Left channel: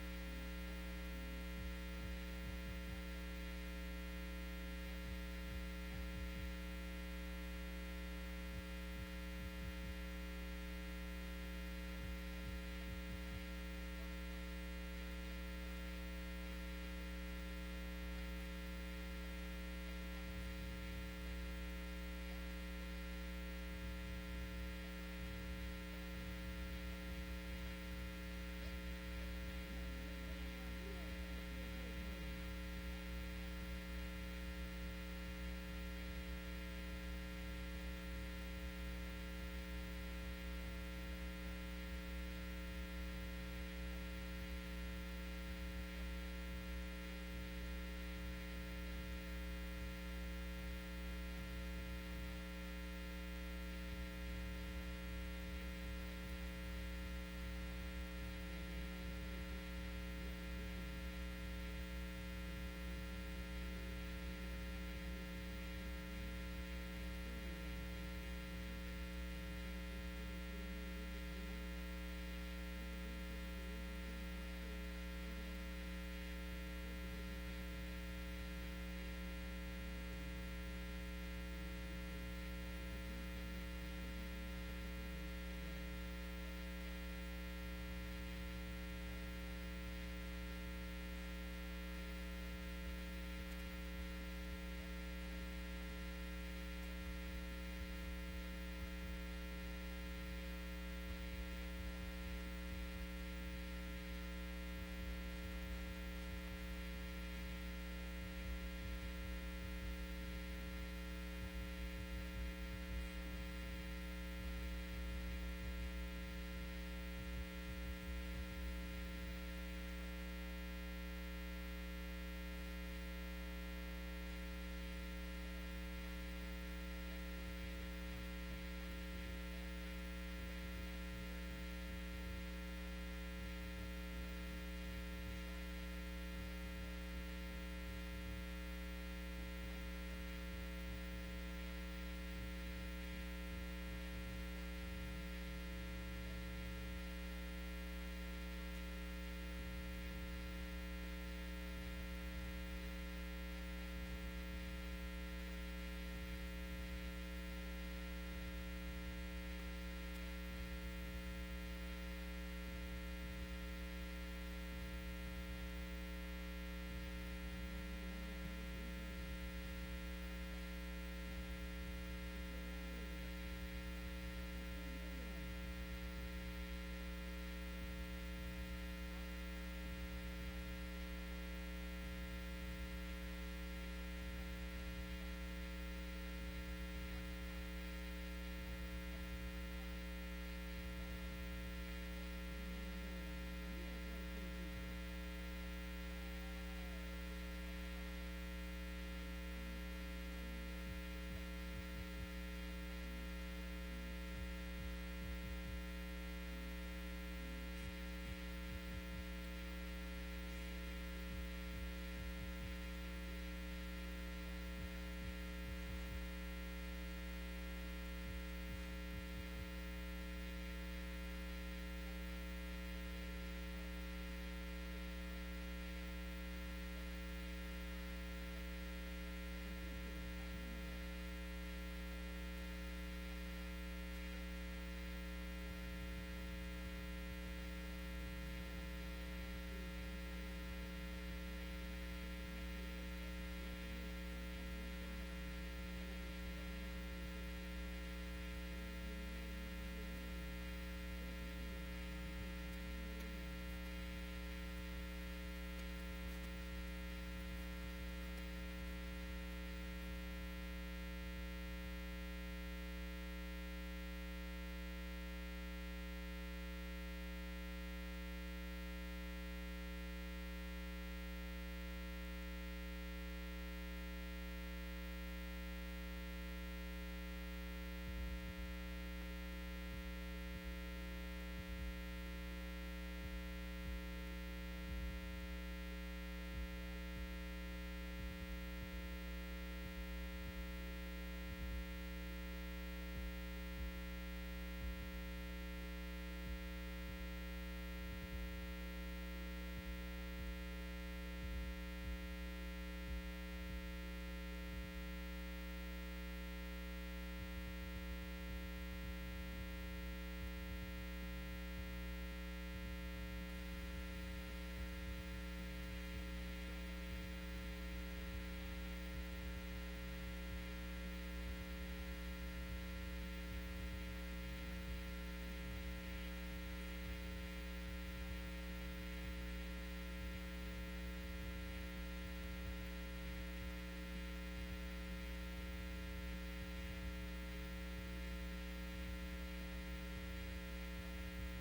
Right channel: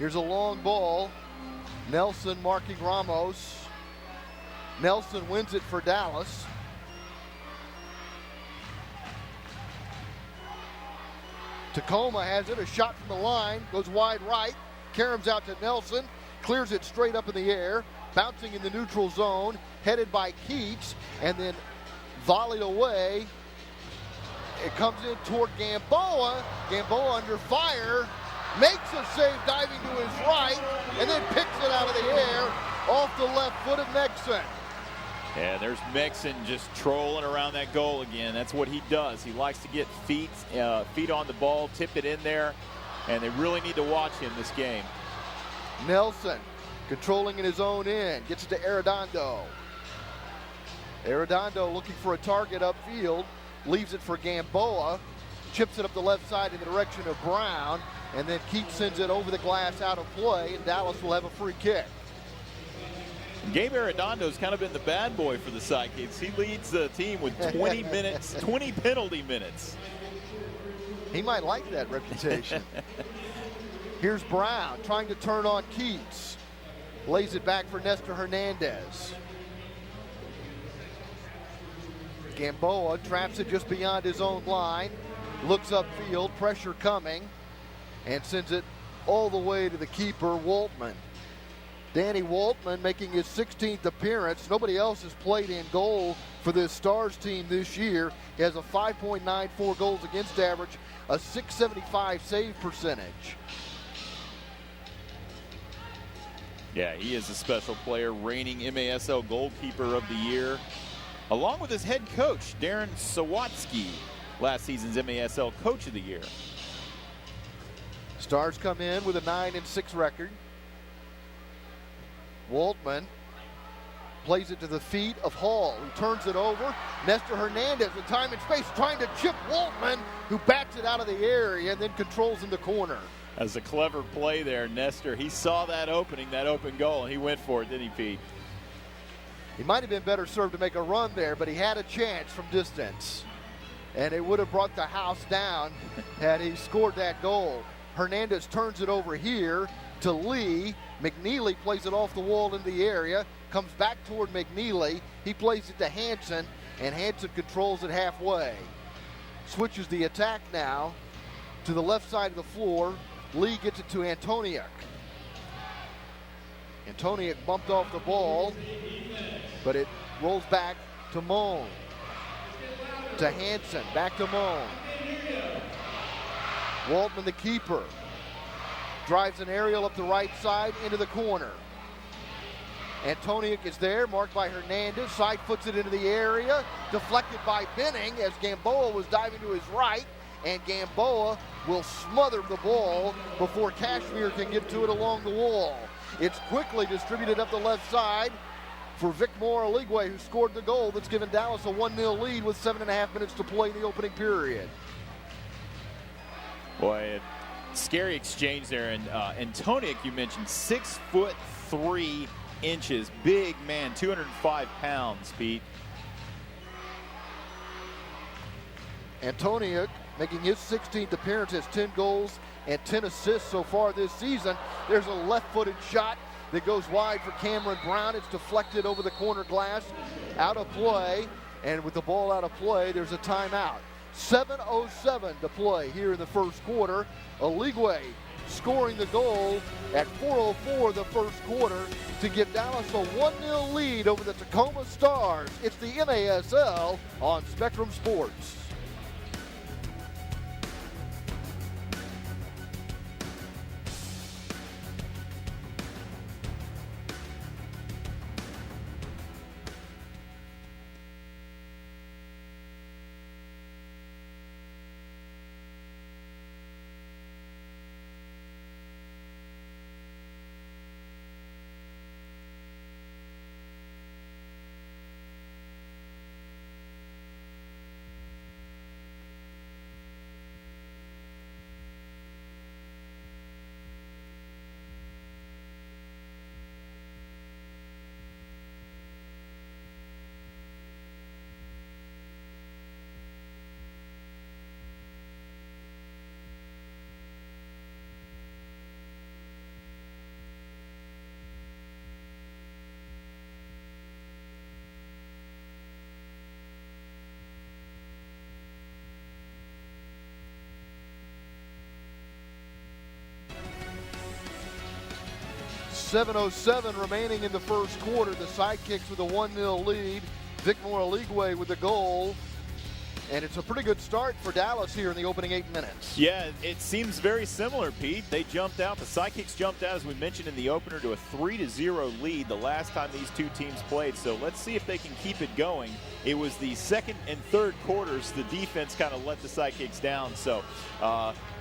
Here's a long ball. Nelson marking Ramos. Nelson wins it for Dallas. Tacoma has it, a shot from the line, goes wide right. Caroms out to Nelson, clears it straight up in the air, bouncing in the neutral zone, headed by Keats, and then volleyed away. It comes in toward Gamboa. Gamboa under fire, makes a save diving to his right, and then picks it out of the air off the left foot of Nexon. Yeah, there's Mixon just trolling around that goal again. That's what he does. He likes to get feet on the ball, tip it in there, and they really need to watch him this game. Nelson controlling in his own end, gets it to Arredondo. Arredondo looking for a target upfield, leaves it for Gamboa, chips it up the left side in the direction of Brown, and then Keats sends it over the glass out of play, and Dallas will have a free kick. Gabe Arredondo's kind of been the bad boy for the Sidekicks. He leads the team with 20 minutes, 20 penalty minutes. He might like that reputation. Here's Brown trying to turn on Keats. Lays it back for Nestor Hernandez. Gamboa traps it just beyond his own line. Looks upfield, pressure coming, and sends it all the way to the keeper, Waltman. Danny Waltman making his 16th appearance. Nobody else has played in goal for this Stars team this year. He has a 5.94 goals against average, a .675 save percentage. Yeah, he is a special player, reigning MASL goalkeeper of the year, along with his head coach, Darren Sawatsky, last season's MASL coach of the year. Stars come in with a 9-6 record. Waltman plays it to the feet of Hall, who turns it over. Nestor Hernandez with time and space trying to chip Waltman, who bats it out of the area and then controls in the corner. As a clever play there, Nestor, he saw that opening, that open goal, and he went for it, didn't he, Pete? He might have been better served to make a run there, but he had a chance from distance. And it would have brought the house down had he scored that goal. Hernandez turns it over here to Lee. McNeely plays it off the wall in the area, comes back toward McNeely. He plays it to Hanson, and Hanson controls it halfway. Switches the attack now to the left side of the floor. Lee gets it to Antoniuk. Antoniuk bumped off the ball, but it rolls back to Moan. To Hanson, back to Moan. Waltman, the keeper, drives an aerial up the right side into the corner. Antoniuk is there, marked by Hernandez. Side puts it into the area, deflected by Benning as Gamboa was diving to his right, and Gamboa will smother the ball before Kashmir can get to it along the wall. It's quickly distributed up the left side for Vic Moraligwe, who scored the goal that's given Dallas a 1-0 lead with 7.5 minutes to play in the opening period. Boy, scary exchange there. And Antoniuk, you mentioned, 6'3", big man, 205 pounds, Pete. Antoniuk making his 16th appearance, has 10 goals and 10 assists so far this season. There's a left-footed shot that goes wide for Cameron Brown. It's deflected over the corner glass, out of play, and with the ball out of play, there's a timeout. 7:07 to play here in the first quarter. Oligwe scoring the goal at 4:04 the first quarter to give Dallas a 1-0 lead over the Tacoma Stars. It's the MASL on Spectrum Sports. 7:07 remaining in the first quarter. The Sidekicks with a 1-0 lead. Vic Moraligwe with the goal. And it's a pretty good start for Dallas here in the opening 8 minutes. Yeah, it seems very similar, Pete. They jumped out. The Sidekicks jumped out, as we mentioned in the opener, to a 3-0 lead the last time these two teams played. So let's see if they can keep it going. It was the second and third quarters the defense kind of let the Sidekicks down. So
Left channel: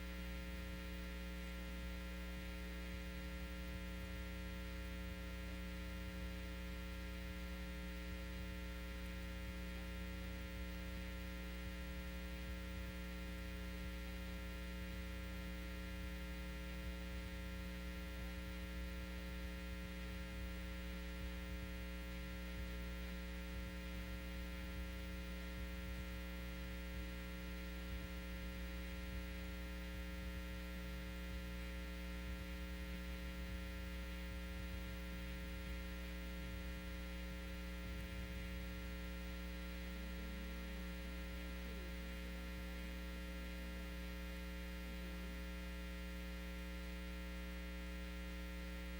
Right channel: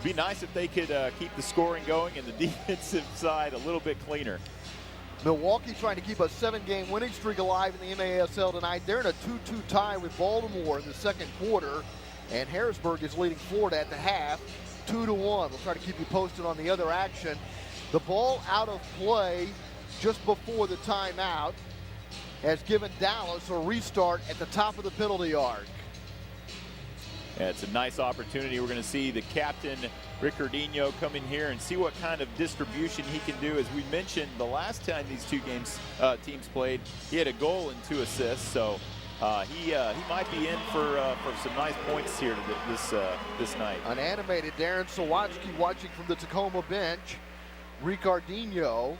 be nice if they could keep the scoring going and the defensive side a little bit cleaner. Milwaukee trying to keep a 7-game winning streak alive in the MASL tonight. They're in a 2-2 tie with Baltimore in the second quarter, and Harrisburg is leading Florida at the half, 2-1. We'll try to keep you posted on the other action. The ball out of play just before the timeout has given Dallas a restart at the top of the penalty arc. Yeah, it's a nice opportunity. We're going to see the captain, Ricardinho, come in here and see what kind of distribution he can do. As we mentioned, the last time these two teams played, he had a goal and 2 assists. So he might be in for some nice points here this night. Unanimated Darren Sawatsky watching from the Tacoma bench. Ricardinho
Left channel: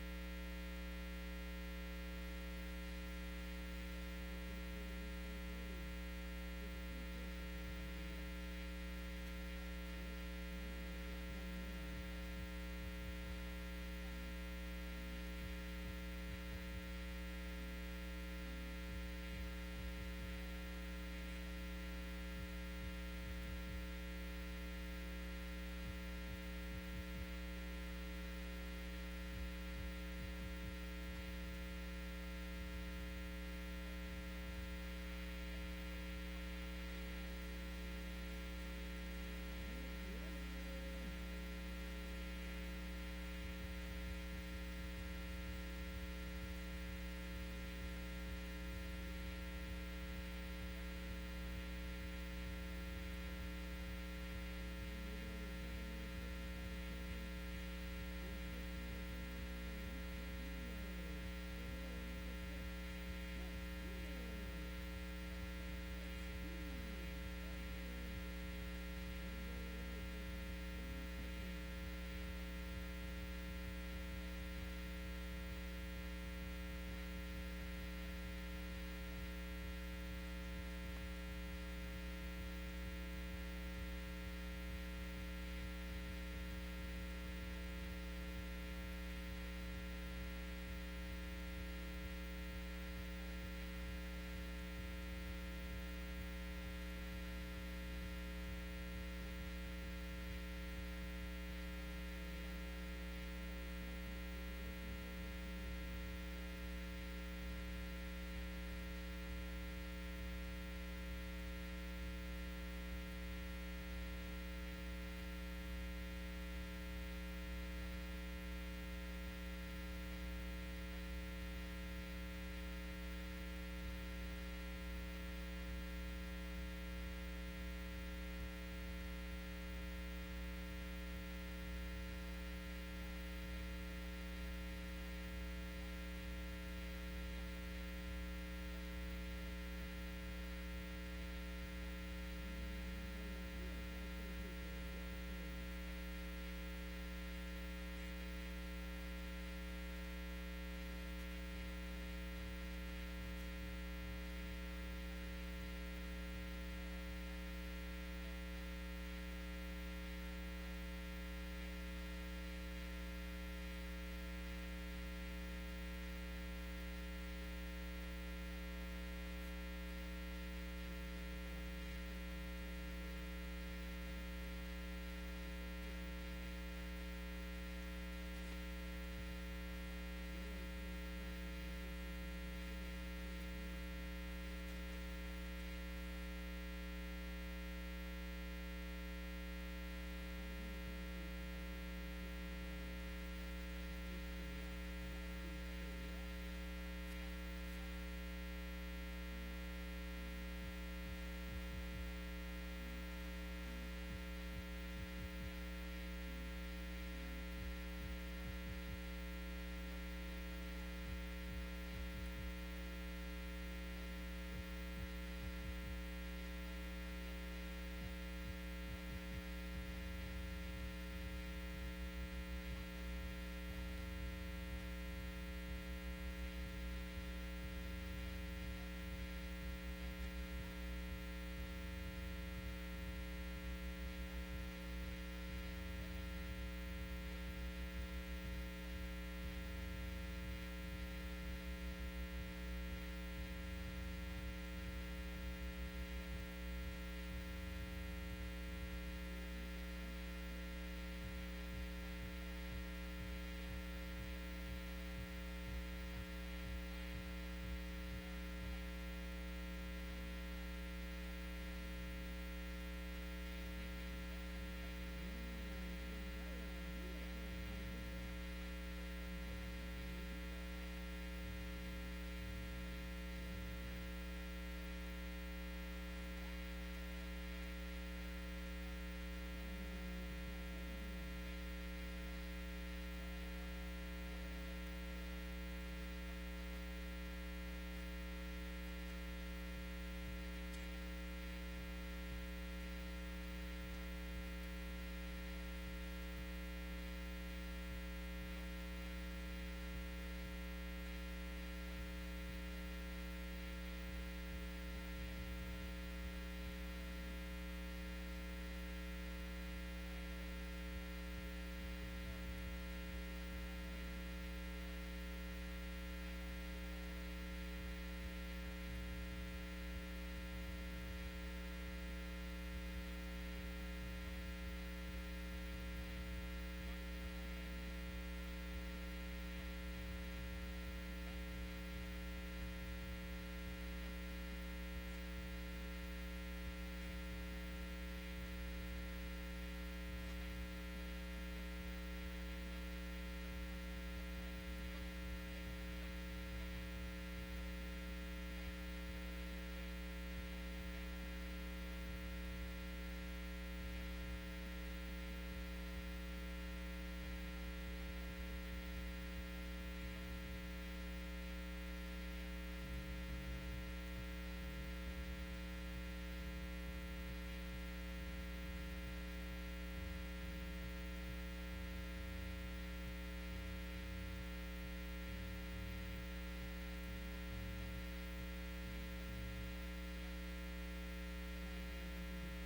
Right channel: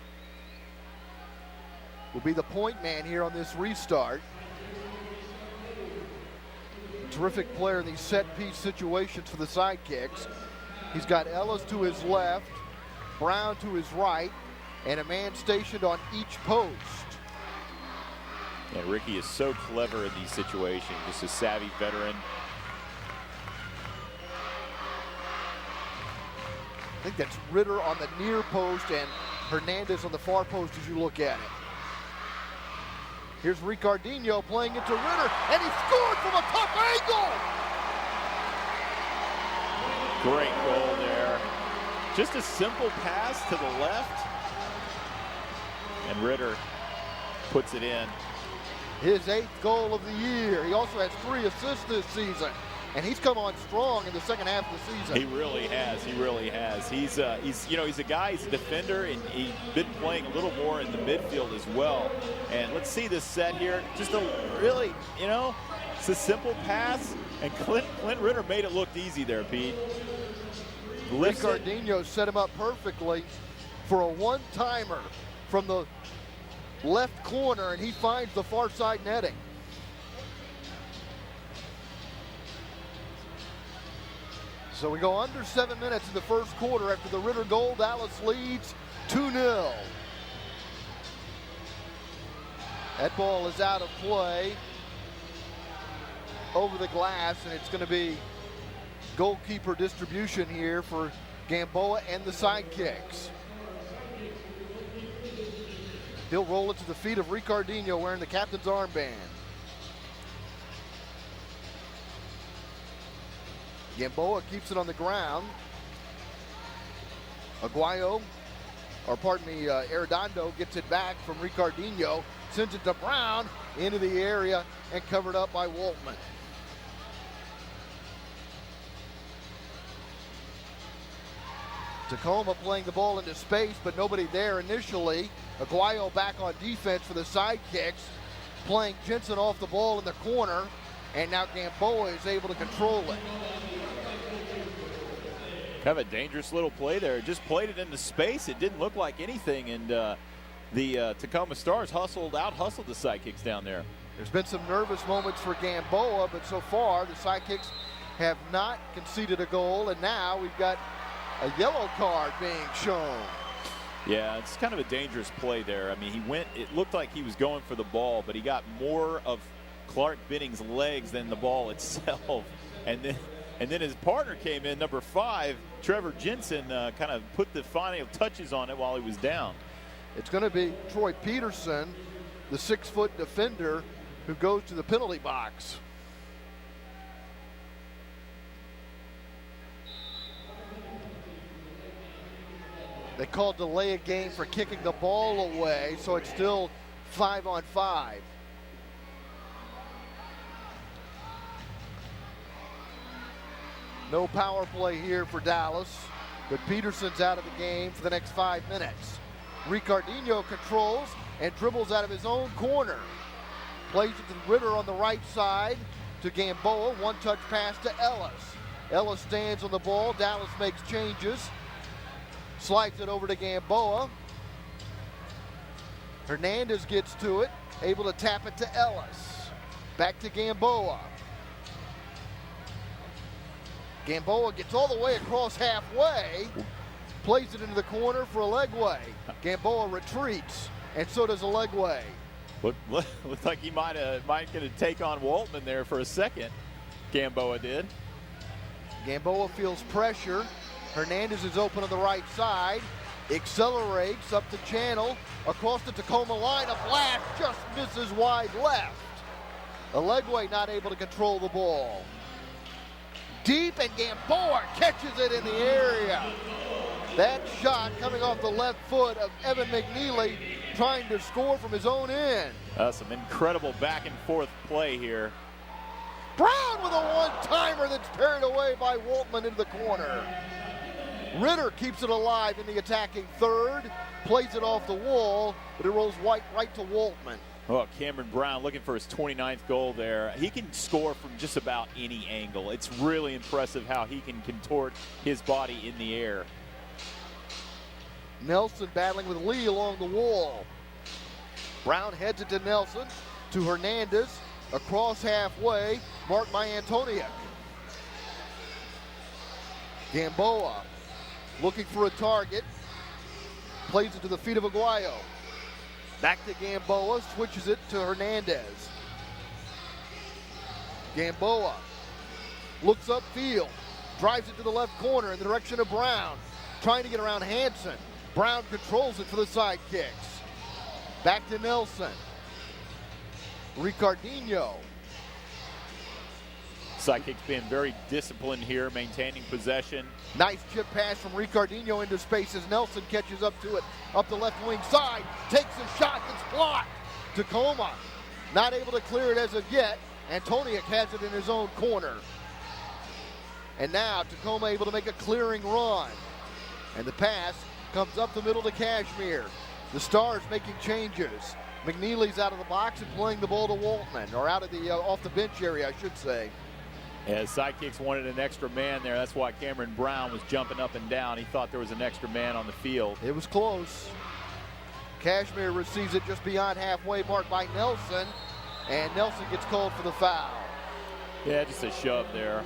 will be the point man here on this restart. Terrific player in these set-piece situations for the Sidekicks. He's got Ellis to his left, Brown to his right, and a man stationed on each post. Yeah, Ricky is so clever in these situations, just a savvy veteran. I think that's Ritter on the near post and Hernandez on the far post as you look at it. Here's Ricardinho playing into Ritter, and he scored from a tough angle! Great goal there. Just a simple pass to the left, and Ritter puts it in. His 8th goal of the year. He also has 3 assists this season, and he's come on strong in the second half of the season. He really has. He really has. He's a guy. He's a defender, and he's been playing a little more in the midfield as well. And let's see this set here. Just a really, it's a simple pass, and Clint Ritter made it look easy there, Pete. Ricardinho set him up perfectly for a one-timer from the left corner, and he finds the far side netting. So we go under 7 minutes in the first quarter after the Ritter goal. Dallas leads 2-0. That ball is out of play over the glass, and it's going to be goalkeeper distribution here for Gamboa and the Sidekicks. He'll roll it to the feet of Ricardinho wearing the captain's armband. Gamboa keeps it on the ground. Arredondo gets it back from Ricardinho, sends it to Brown into the area and covered up by Waltman. Tacoma playing the ball into space, but nobody there initially. Aguayo back on defense for the Sidekicks, playing Jensen off the ball in the corner, and now Gamboa is able to control it. Kind of a dangerous little play there. Just played it into space. It didn't look like anything, and the Tacoma Stars out-hustled the Sidekicks down there. There's been some nervous moments for Gamboa, but so far the Sidekicks have not conceded a goal, and now we've got a yellow card being shown. Yeah, it's kind of a dangerous play there. I mean, it looked like he was going for the ball, but he got more of Clark Benning's legs than the ball itself. And then his partner came in, number 5, Trevor Jensen, kind of put the final touches on it while he was down. It's going to be Troy Peterson, the 6-foot defender, who goes to the penalty box. They called delay a game for kicking the ball away, so it's still 5-on-5. No power play here for Dallas, but Peterson's out of the game for the next 5 minutes. Ricardinho controls and dribbles out of his own corner. Plays it to Ritter on the right side to Gamboa. One-touch pass to Ellis. Ellis stands on the ball. Dallas makes changes. Slides it over to Gamboa. Hernandez gets to it, able to tap it to Ellis. Back to Gamboa. Gamboa gets all the way across halfway, plays it into the corner for a leg way. Gamboa retreats, and so does a leg way. Looked like he might going to take on Waltman there for a second. Gamboa did. Gamboa feels pressure. Hernandez is open on the right side. Accelerates up the channel, across the Tacoma line. A blast just misses wide left. Alegwe not able to control the ball. Deep, and Gamboa catches it in the area. That shot coming off the left foot of Evan McNeely, trying to score from his own end. Some incredible back and forth play here. Brown with a one-timer that's parried away by Waltman into the corner. Ritter keeps it alive in the attacking third, plays it off the wall, but it rolls right to Waltman. Oh, Cameron Brown looking for his 29th goal there. He can score from just about any angle. It's really impressive how he can contort his body in the air. Nelson battling with Lee along the wall. Brown heads it to Nelson, to Hernandez, across halfway, marked by Antonia. Gamboa looking for a target, plays it to the feet of Aguayo. Back to Gamboa, switches it to Hernandez. Gamboa looks upfield, drives it to the left corner in the direction of Brown, trying to get around Hanson. Brown controls it for the Sidekicks. Back to Nelson. Ricardinho. Sidekicks being very disciplined here, maintaining possession. Nice chip pass from Ricardinho into space as Nelson catches up to it, up the left wing side, takes a shot that's blocked. Tacoma not able to clear it as of yet. Antoniuk has it in his own corner. And now Tacoma able to make a clearing run. And the pass comes up the middle to Kashmir. The Stars making changes. McNeely's out of the box and playing the ball to Waltman, or out of the off the bench area, I should say. As Sidekicks wanted an extra man there, that's why Cameron Brown was jumping up and down. He thought there was an extra man on the field. It was close. Kashmir receives it just beyond halfway, marked by Nelson, and Nelson gets called for the foul. Yeah, just a shove there.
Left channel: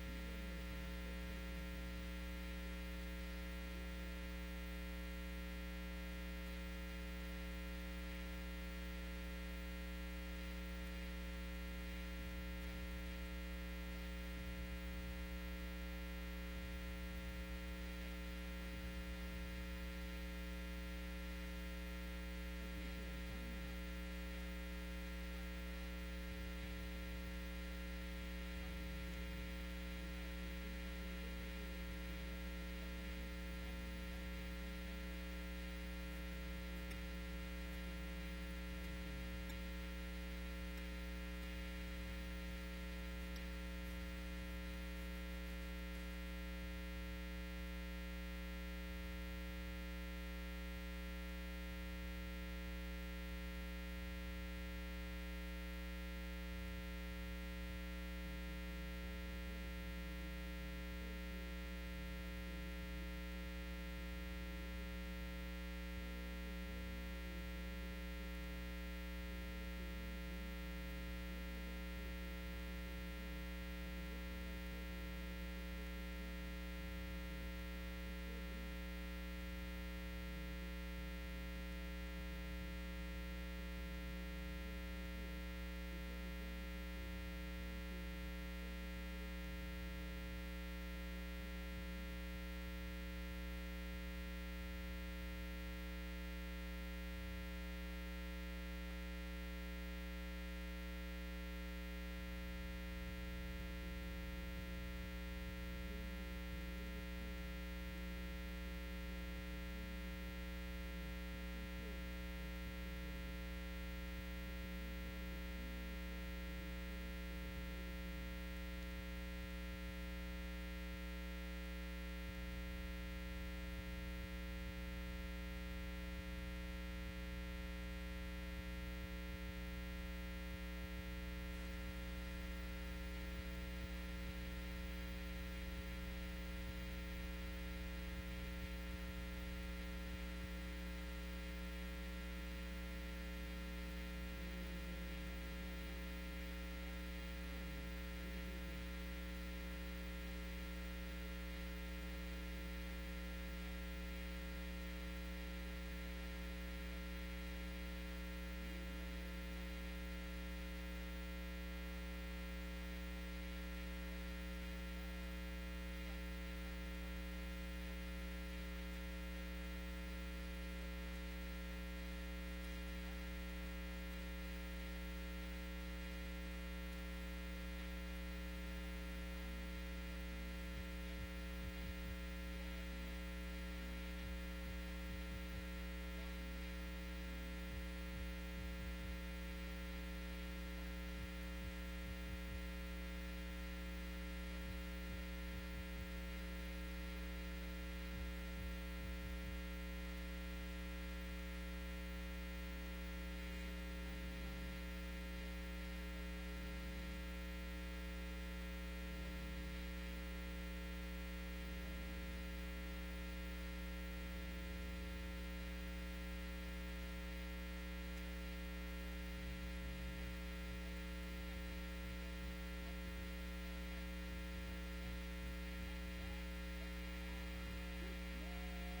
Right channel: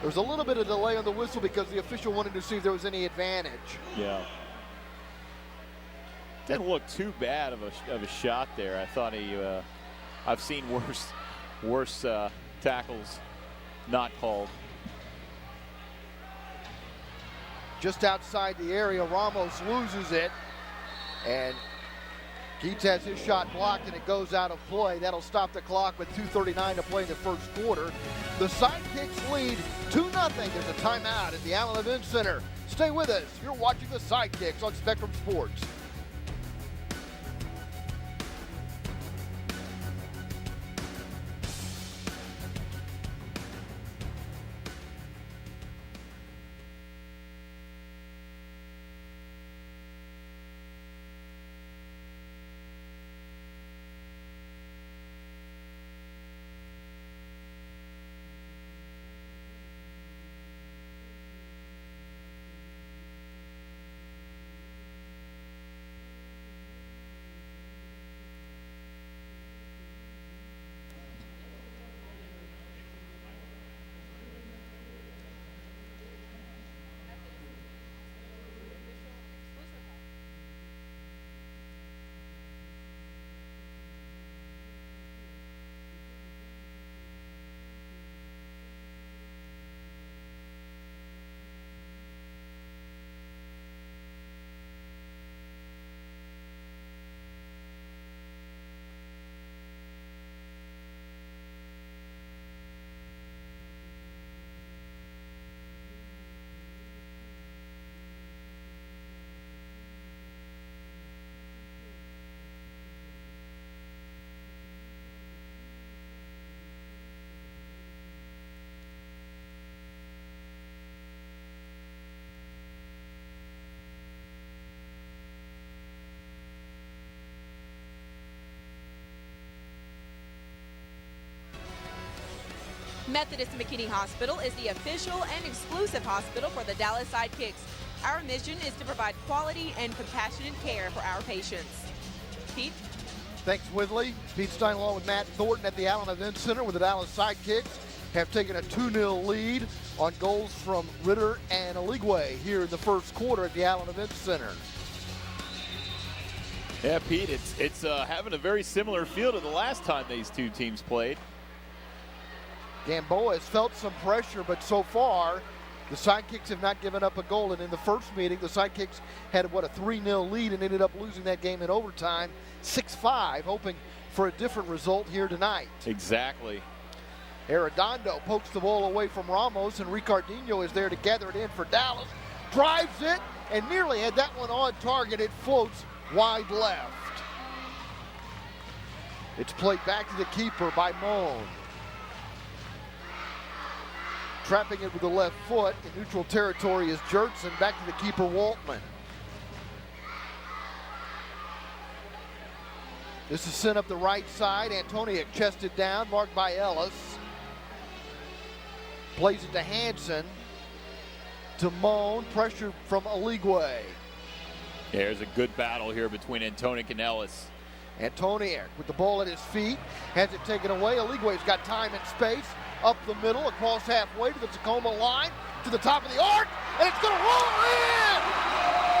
There was a little bit of delay on the whistle because the official wanted to see if there was any advantage. Yeah. Didn't look too bad of a shot there. I thought I've seen worse tackles not called. Just outside the area, Ramos loses it, and Keats has his shot blocked, and it goes out of play. That'll stop the clock with 2:39 to play in the first quarter. The Sidekicks lead 2-0. There's a timeout at the Allen Event Center. Stay with us. You're watching the Sidekicks on Spectrum Sports. Methodist McKinney Hospital is the official and exclusive hospital for the Dallas Sidekicks. Our mission is to provide quality and compassionate care for our patients. Pete? Thanks, Whitley. Pete Stein along with Matt Thornton at the Allen Event Center, with the Dallas Sidekicks have taken a 2-0 lead on goals from Ritter and Aligwe here in the first quarter at the Allen Event Center. Yeah, Pete, it's having a very similar feel to the last time these two teams played. Gamboa has felt some pressure, but so far the Sidekicks have not given up a goal. And in the first meeting, the Sidekicks had, a 3-0 lead and ended up losing that game in overtime 6-5, hoping for a different result here tonight. Exactly. Arredondo pokes the ball away from Ramos, and Ricardinho is there to gather it in for Dallas. Drives it, and nearly had that one on target. It floats wide left. It's played back to the keeper by Moan. Trapping it with the left foot in neutral territory is Jertson. Back to the keeper, Waltman. This is sent up the right side. Antoniuk chested down, marked by Ellis. Plays it to Hansen. To Moan, pressure from Aligwe. There's a good battle here between Antoniuk and Ellis. Antoniuk with the ball at his feet, has it taken away. Aligwe's got time and space. Up the middle, across halfway to the Tacoma line, to the top of the arc, and it's going to roll in!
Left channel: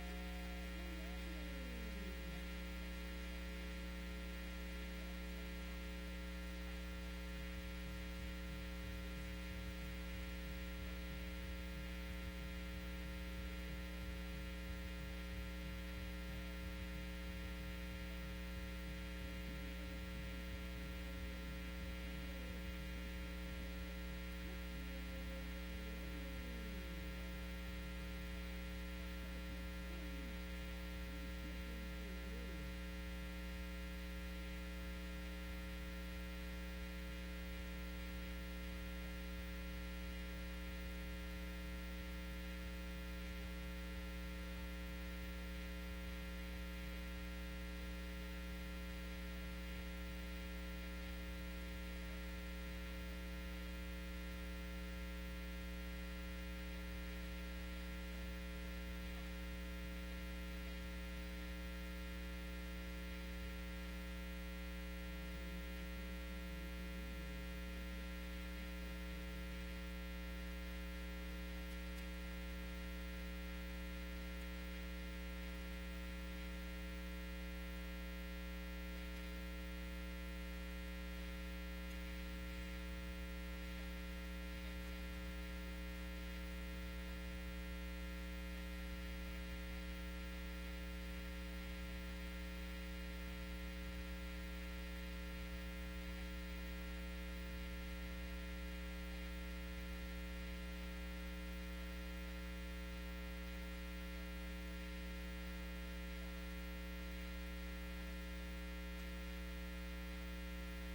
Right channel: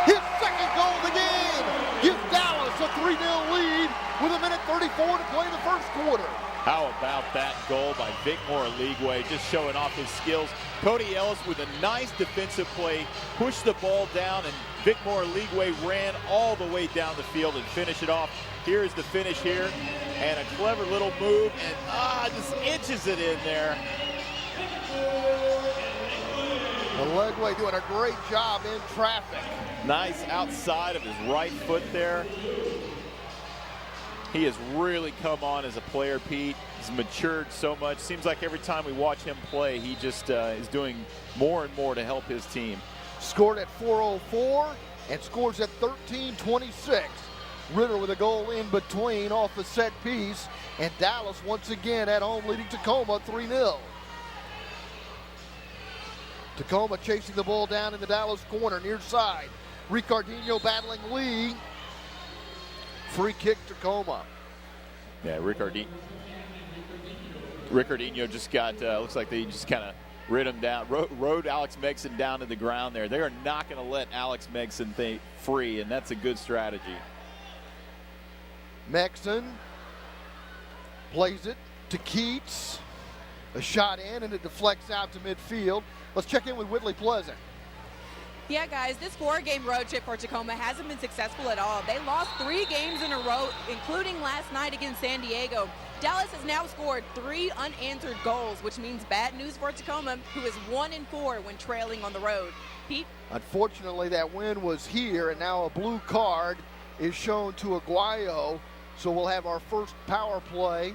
His second goal of the game gives Dallas a 3-0 lead with 1:34 to play in the first quarter. How about that goal by Vicmore Aligwe, just showing off his skills. Cody Ellis with a nice defensive play, pushed the ball down, and Vicmore Aligwe ran all the way down the field and finished it off. Here's the finish here, and a clever little move, and just inches it in there. Aligwe doing a great job in traffic. Nice outside of his right foot there. He has really come on as a player, Pete. He's matured so much. Seems like every time we watch him play, he just is doing more and more to help his team. Scored at 4:04 and scores at 13:26. Ritter with a goal in between off the set piece, and Dallas once again at home leading Tacoma 3-0. Tacoma chasing the ball down in the Dallas corner near side. Ricardinho battling Lee. Free kick Tacoma. Yeah, Ricardinho just got, looks like they just kind of rid him down, rode Alex Megson down to the ground there. They are not going to let Alex Megson free, and that's a good strategy. Megson plays it to Keats. A shot in, and it deflects out to midfield. Let's check in with Whitley Pleasant. Yeah, guys, this 4-game road trip for Tacoma hasn't been successful at all. They lost 3 games in a row, including last night against San Diego. Dallas has now scored 3 unanswered goals, which means bad news for Tacoma, who is 1-4 when trailing on the road. Pete? Unfortunately, that win was here, and now a blue card is shown to Aguayo, so we'll have our first power play.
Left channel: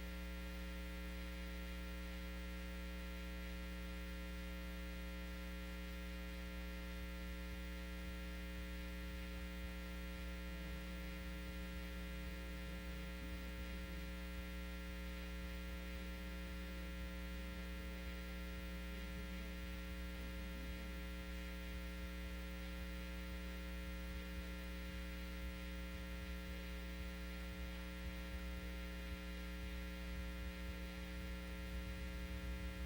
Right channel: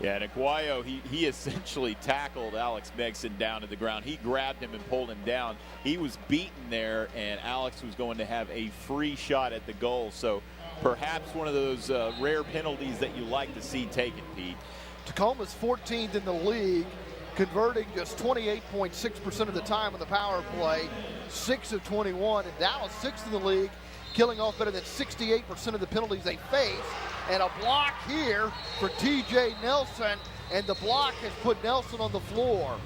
Yeah, and Aguayo, he essentially tackled Alex Megson down to the ground. He grabbed him and pulled him down. He was beaten there, and Alex was going to have a free shot at the goal. So perhaps one of those rare penalties that you like to see taken, Pete. Tacoma's 14th in the league, converting just 28.6% of the time on the power play, 6 of 21. And Dallas 6th in the league, killing off better than 68% of the penalties they face. And a block here for TJ Nelson, and the block has put Nelson on the floor.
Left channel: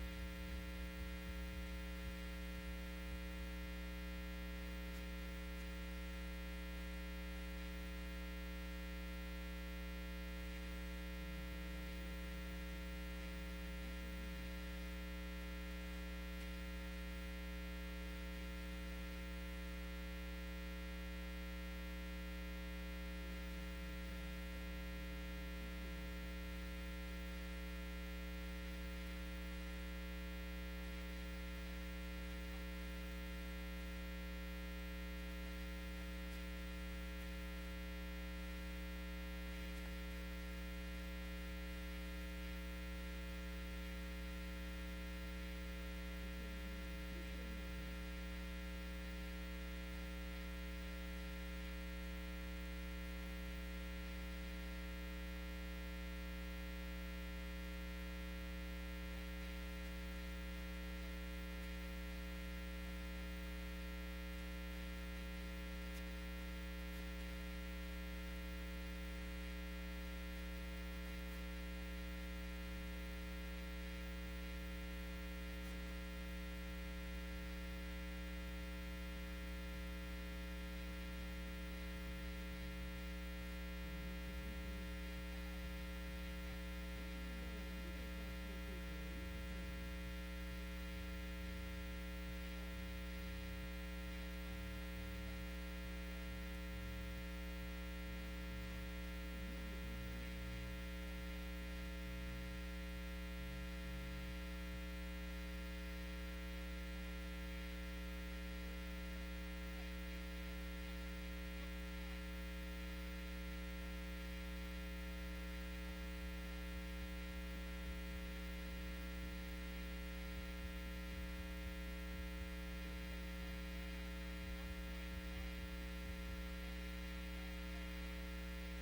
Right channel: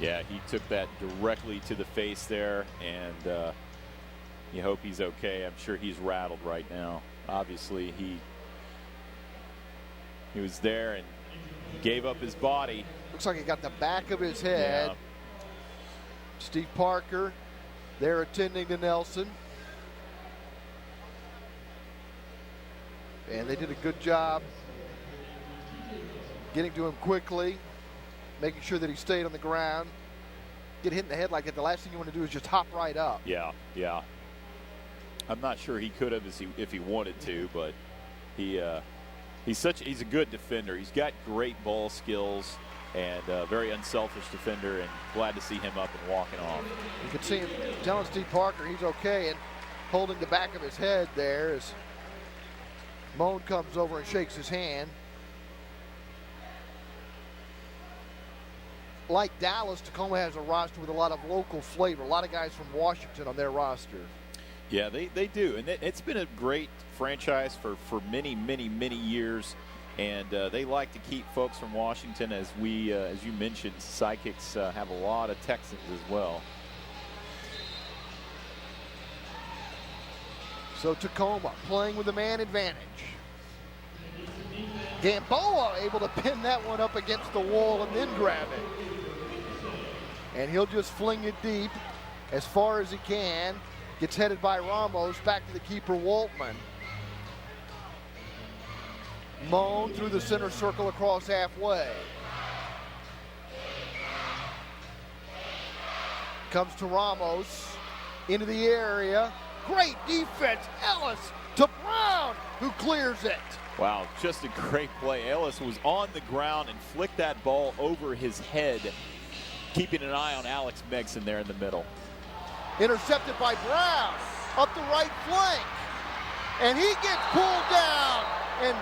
Yeah, he took that directly to the face there, and you hope he's okay. I'm sure he's rattled right now. Obviously, he was there and gave up his body. Looks like he got the back of his head. Yeah. Steve Parker there attending to Nelson. And they did a good job getting to him quickly, making sure that he stayed on the ground. Get hit in the head like that, the last thing you want to do is just hop right up. Yeah. I'm not sure he could have if he wanted to, but he's a good defender. He's got great ball skills and a very unselfish defender, and glad to see him up and walking off. You can see him telling Steve Parker he's okay and holding the back of his head there as Moan comes over and shakes his hand. like Dallas, Tacoma has a roster with a lot of local flavor. A lot of guys from Washington on their roster. Yeah, they do. And it's been a great franchise for many, many, many years. And they like to keep folks from Washington, as you mentioned, Sidekicks have a lot of Texans as well. So Tacoma playing with a man advantage. Gamboa able to pin that one up against the wall and then grab it. And he'll just fling it deep as far as he can. Gets headed by Ramos, back to the keeper, Waltman. Moan through the center circle across halfway. Comes to Ramos, into the area. Great defense, Ellis to Brown, who clears it. Wow, just a great play. Ellis was on the ground and flicked that ball over his head, keeping an eye on Alex Megson there in the middle. Intercepted by Brown, up the right flank. And he gets pulled down, and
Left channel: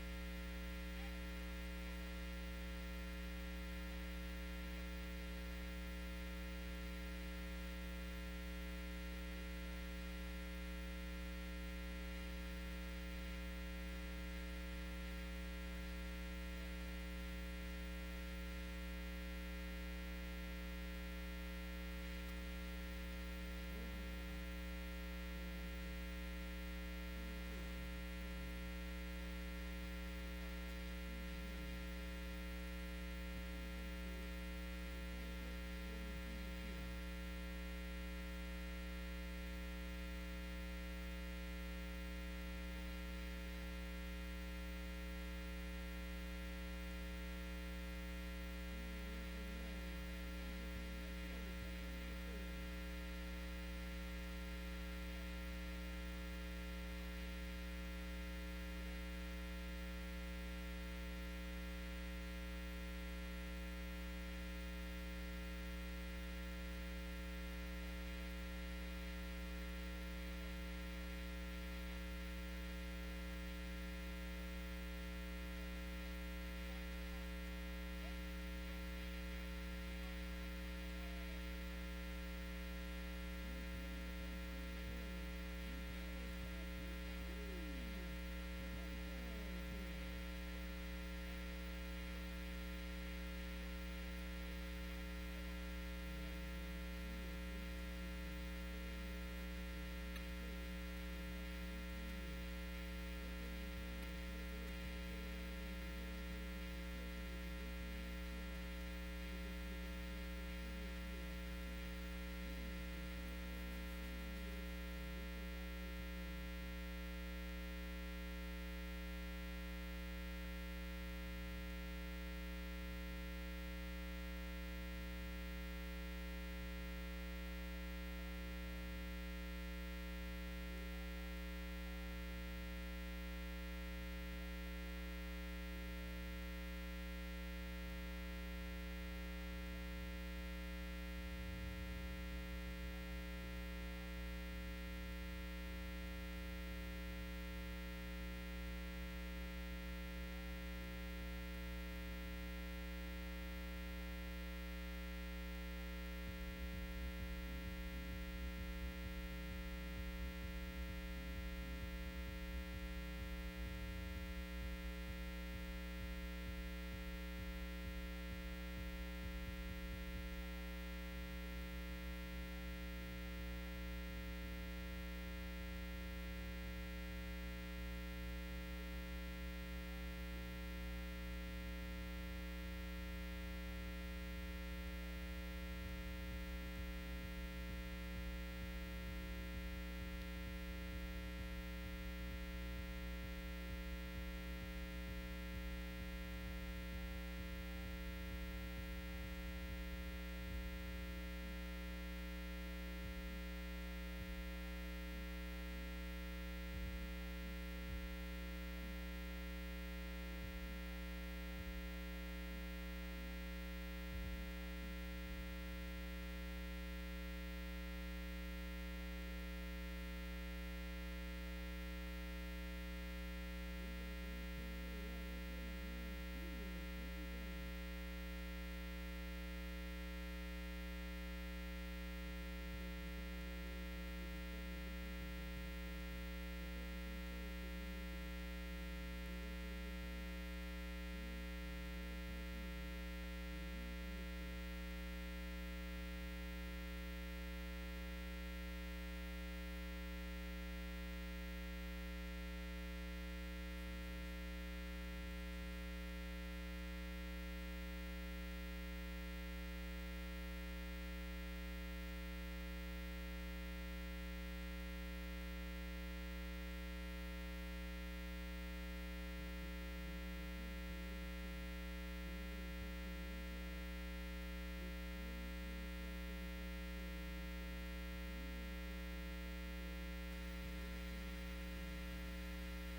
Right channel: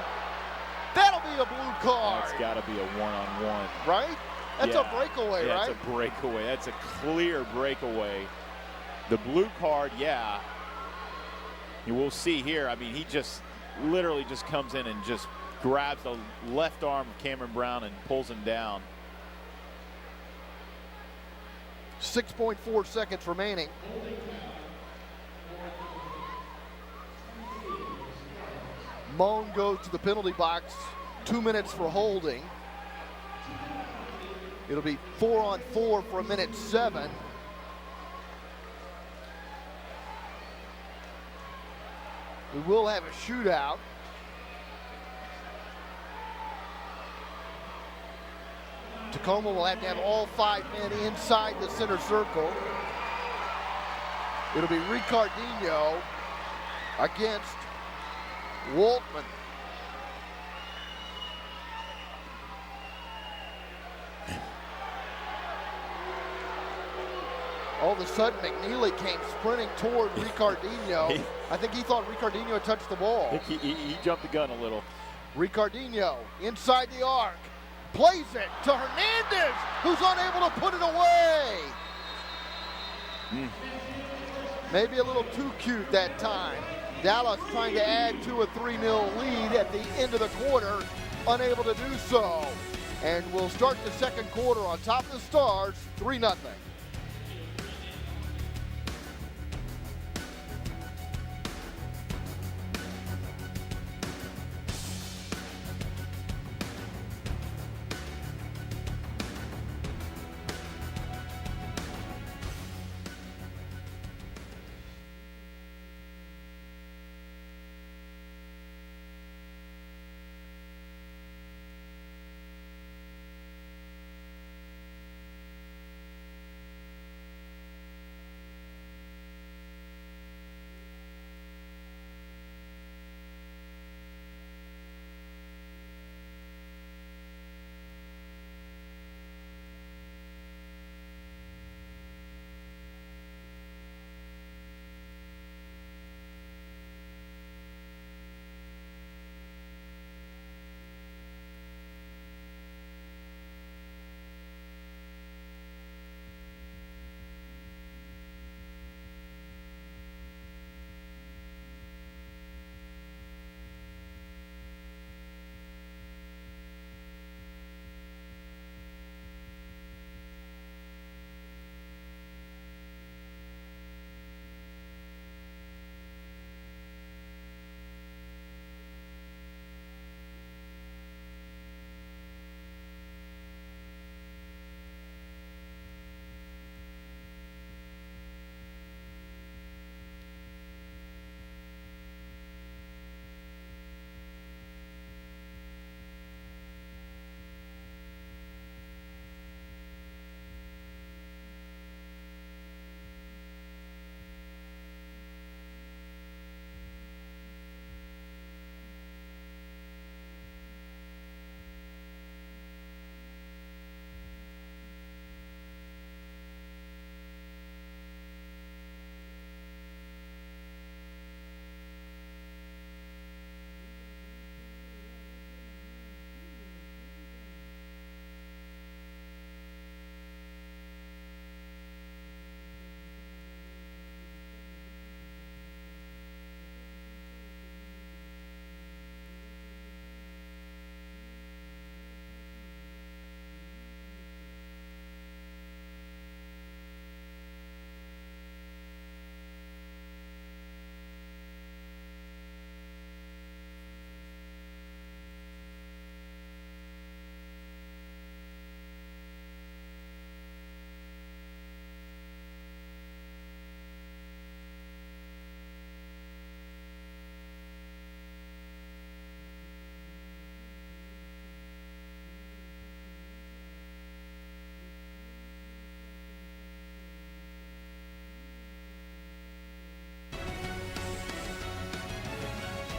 that'll be a blue card. That's got to be a one-on-one. Right? That's a breakaway, right? That's a breakaway. That's a clear breakaway. The blue card, yeah. You will see here, I mean, he just literally just comes in and just grabs the left arm of Cameron Brown and pulls him down. 6.4 seconds remaining. Moan goes to the penalty box. 2 minutes for holding. It'll be 4-on-4 for a minute 7. We will have a shootout. Tacoma will have to have all 5 men inside the center circle. It'll be Ricardinho against Waltman. All of a sudden, McNeely came sprinting toward Ricardinho. I think he thought Ricardinho had touched the ball. He jumped the gun a little. Ricardinho inside the arc. Plays it to Hernandez, who's unable to put it away. Maybe a little too cute that time. Dallas trying to add to a 3-0 lead at the end of the quarter, unable to do so. And we'll start the second quarter on top of the Stars, 3-0.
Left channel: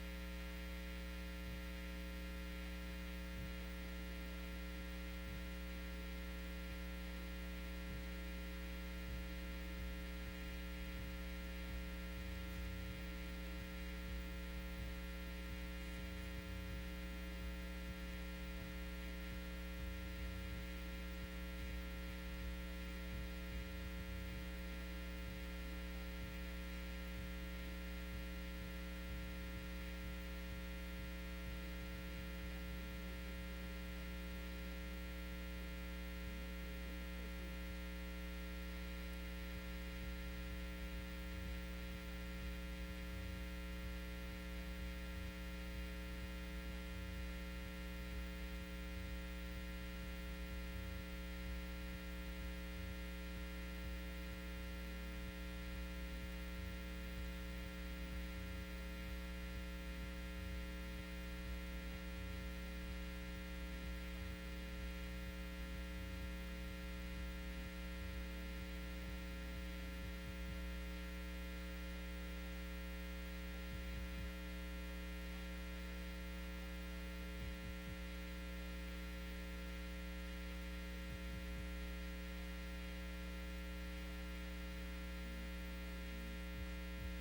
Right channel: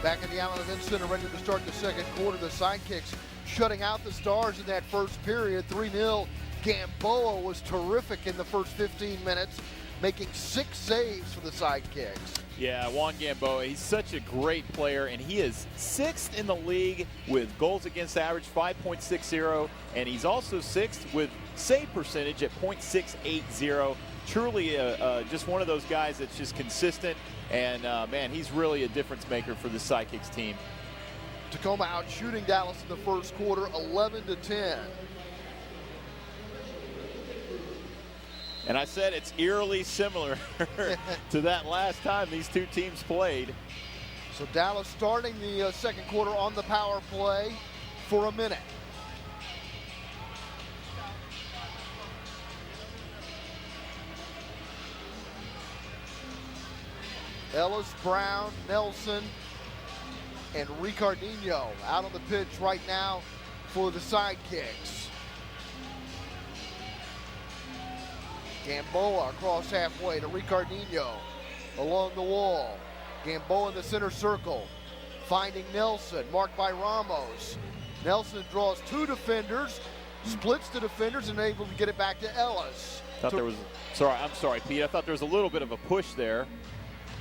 Back in the Allen Event Center, ready to start the second quarter. The Sidekicks shutting out the Stars in that first period. 3-0. Gamboa was terrific in the first 15 minutes, making 6 saves for the Sidekicks. Yeah, Juan Gamboa, he's such a great player, and he is 6th in the league with goals against average, 5.60, and he's also 6th with save percentage at .680. Truly just one of those guys that's just consistent, and man, he's really a difference maker for the Sidekicks team. Tacoma out shooting Dallas in the first quarter, 11-10. And I said it's eerily similar to that last time these two teams played. So Dallas starting the second quarter on the power play for a minute. Ellis, Brown, Nelson, and Ricardinho out on the pitch right now for the Sidekicks. Gamboa across halfway to Ricardinho along the wall. Gamboa in the center circle, finding Nelson, marked by Ramos. Nelson draws 2 defenders, splits the defenders, and able to get it back to Ellis. I'm sorry, Pete. I thought there was a little bit of a push there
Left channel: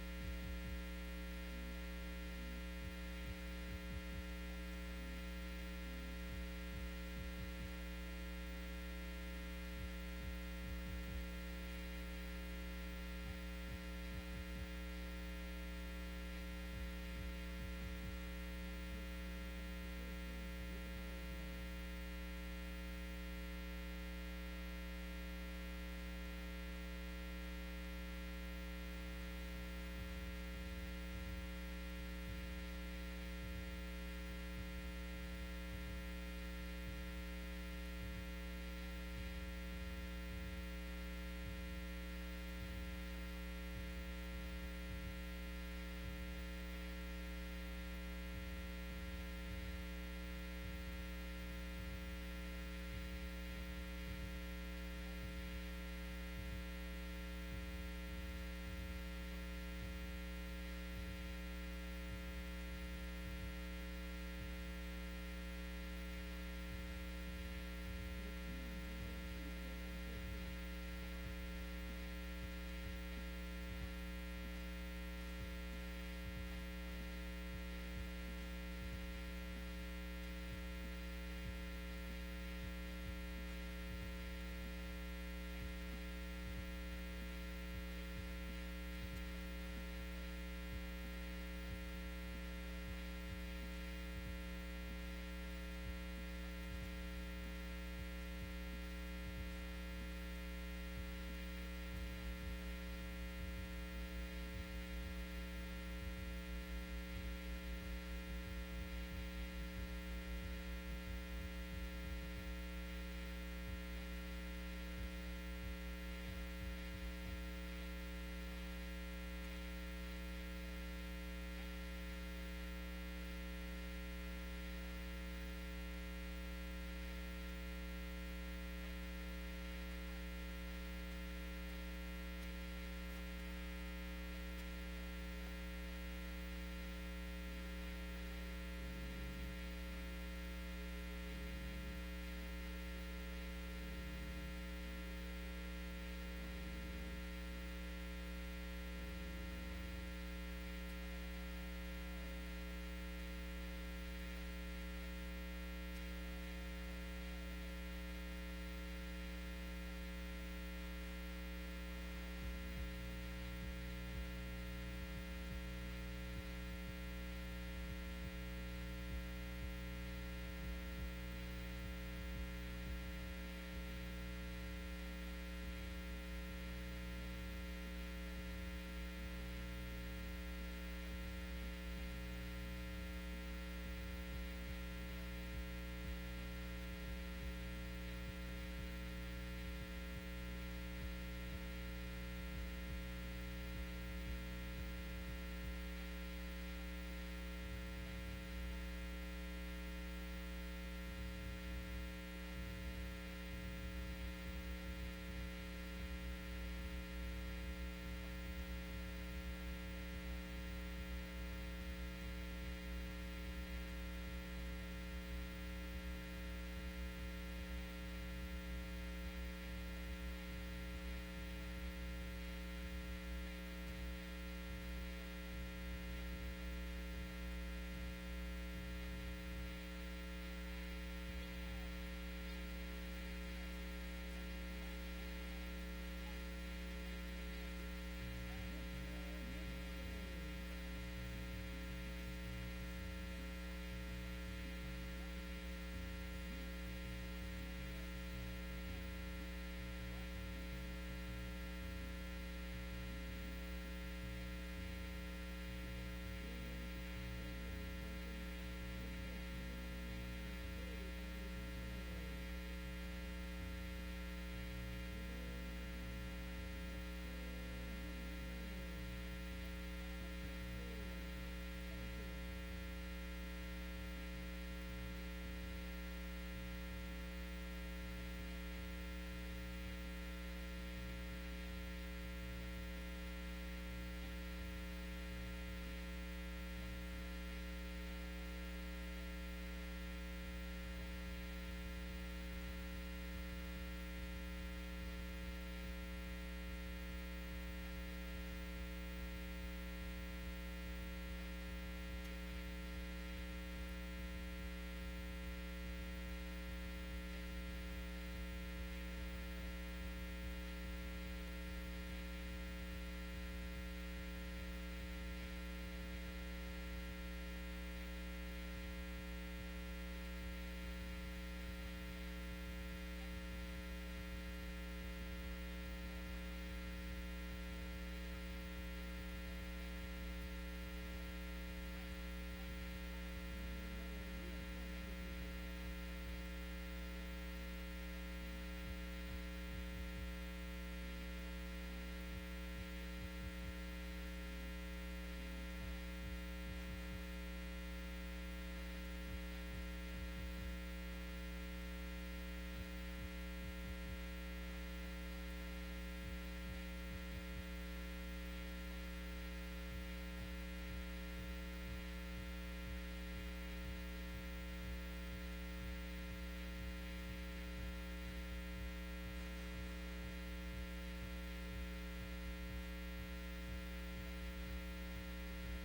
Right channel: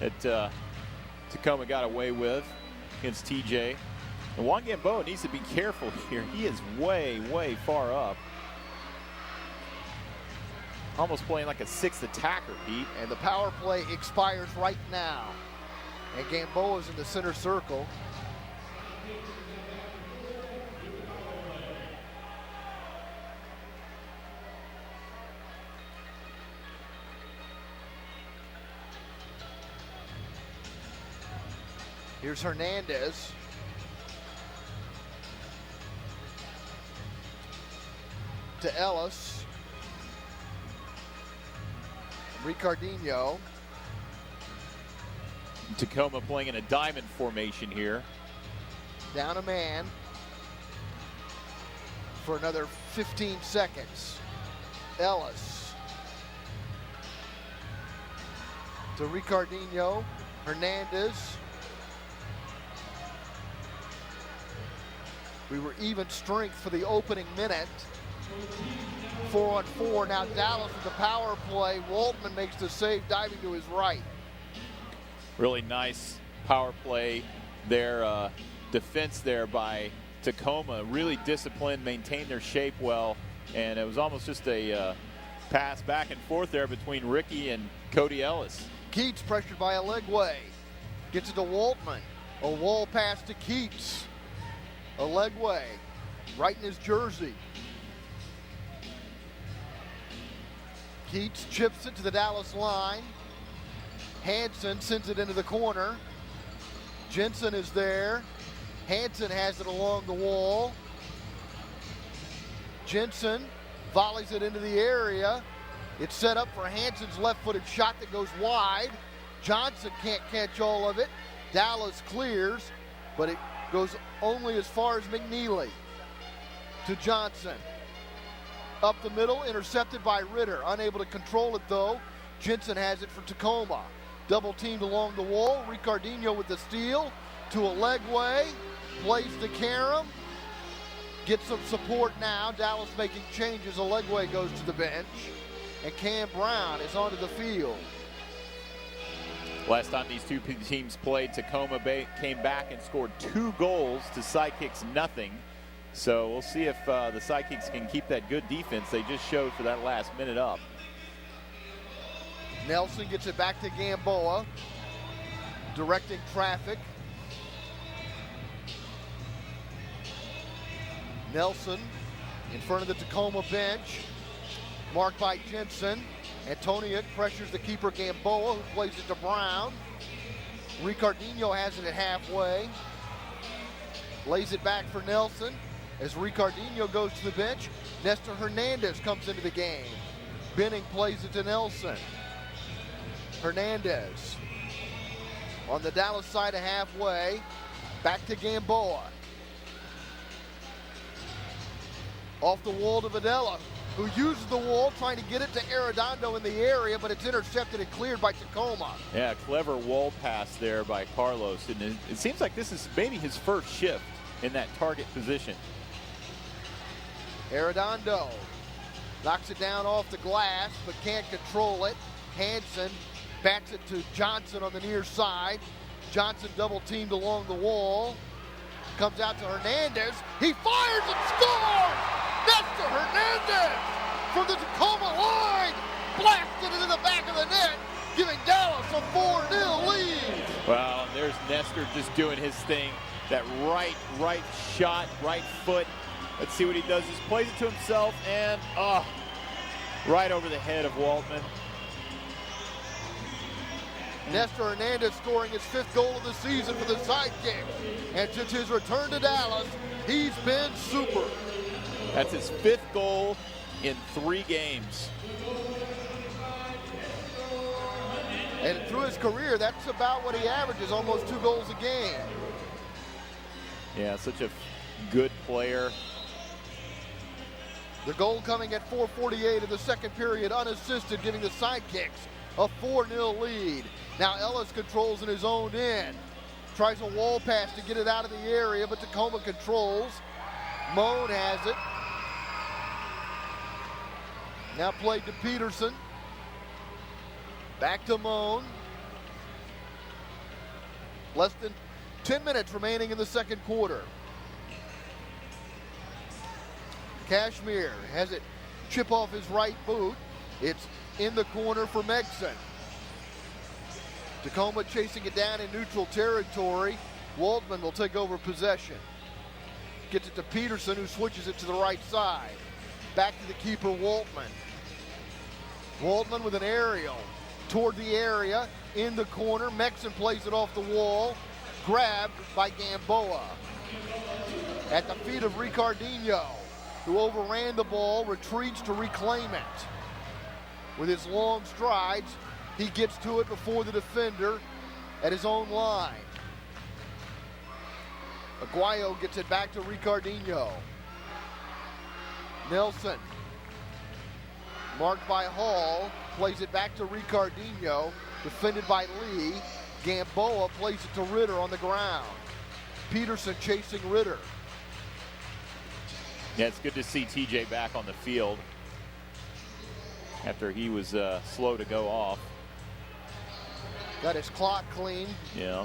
that Tacoma got away with against TJ. And Juan Gamboa needs to be careful here. He is way, way far up. Almost playing like a 6th attacker, Pete. And the power play expires right now. And Gamboa's in the center circle. Here's Hernandez. To Ellis. Ricardinho. Tacoma playing in a diamond formation here. Down a man for another 15 seconds. Ellis. To Ricardinho. Hernandez. We were even strength for the opening minute. 4-on-4. Now Dallas with the power play. Waltman makes the save, diving to his right. Really nice power play there. Defense there by Tacoma. Really disciplined, maintained their shape well, and it was almost just a pass back and forth there between Ricky and Cody Ellis. Keats pressured by Alegwe. Gets it to Waltman. A wall pass to Keats. Alegwe right in his jersey. Keats chips it to the Dallas line. Hansen sends it into the corner. Jensen is there. Hansen has it along the wall. Jensen volleys it into the area. It's set up for Hansen's left-footed shot that goes wide. Johnson can't catch all of it. Dallas clears, but it goes only as far as McNeely. To Johnson. Up the middle, intercepted by Ritter. Unable to control it though. Jensen has it for Tacoma. Double teamed along the wall. Ricardinho with the steal to Alegwe. Plays to Karam. Gets some support now. Dallas making changes. Alegwe goes to the bench. And Cam Brown is onto the field. Last time these two teams played, Tacoma came back and scored 2 goals to Sidekicks nothing. So we'll see if the Sidekicks can keep that good defense they just showed for that last minute up. Nelson gets it back to Gamboa, directing traffic. Nelson in front of the Tacoma bench, marked by Jensen. Antoniuk pressures the keeper Gamboa, who plays it to Brown. Ricardinho has it at halfway. Lays it back for Nelson. As Ricardinho goes to the bench, Nestor Hernandez comes into the game. Benning plays it to Nelson. Hernandez on the Dallas side of halfway. Back to Gamboa. Off the wall to Videla. who uses the wall, trying to get it to Arredondo in the area, but it's intercepted and cleared by Tacoma. Yeah, clever wall pass there by Carlos. And it seems like this is maybe his first shift in that target position. Arredondo knocks it down off the glass, but can't control it. Hansen bats it to Johnson on the near side. Johnson double teamed along the wall. Comes out to Hernandez. He fires and scores! Nestor Hernandez from the Tacoma line blasted it in the back of the net, giving Dallas a 4-0 lead. Well, there's Nestor just doing his thing. That right shot, right foot. Let's see what he does. He plays it to himself and right over the head of Waldman. Nestor Hernandez scoring his 5th goal of the season for the Sidekicks. And since his return to Dallas, he's been super. That's his 5th goal in 3 games. And through his career, that's about what he averages, almost 2 goals a game. Yeah, such a good player. The goal coming at 4:48 in the second period, unassisted, giving the Sidekicks a 4-0 lead. Now Ellis controls in his own end. Tries a wall pass to get it out of the area, but Tacoma controls. Moan has it. Now played to Peterson. Back to Moan. Less than 10 minutes remaining in the second quarter. Cashmere has it chip off his right boot. It's in the corner for Megson. Tacoma chasing it down in neutral territory. Waldman will take over possession. Gets it to Peterson, who switches it to the right side. Back to the keeper, Waldman. Waldman with an aerial toward the area, in the corner. Megson plays it off the wall. Grabbed by Gamboa. At the feet of Ricardinho, who overran the ball, retreats to reclaim it. With his long strides, he gets to it before the defender at his own line. Aguayo gets it back to Ricardinho. Nelson, marked by Hall, plays it back to Ricardinho, defended by Lee. Gamboa plays it to Ritter on the ground. Peterson chasing Ritter. Yeah, it's good to see TJ back on the field after he was slow to go off. Got his clock clean. Yeah.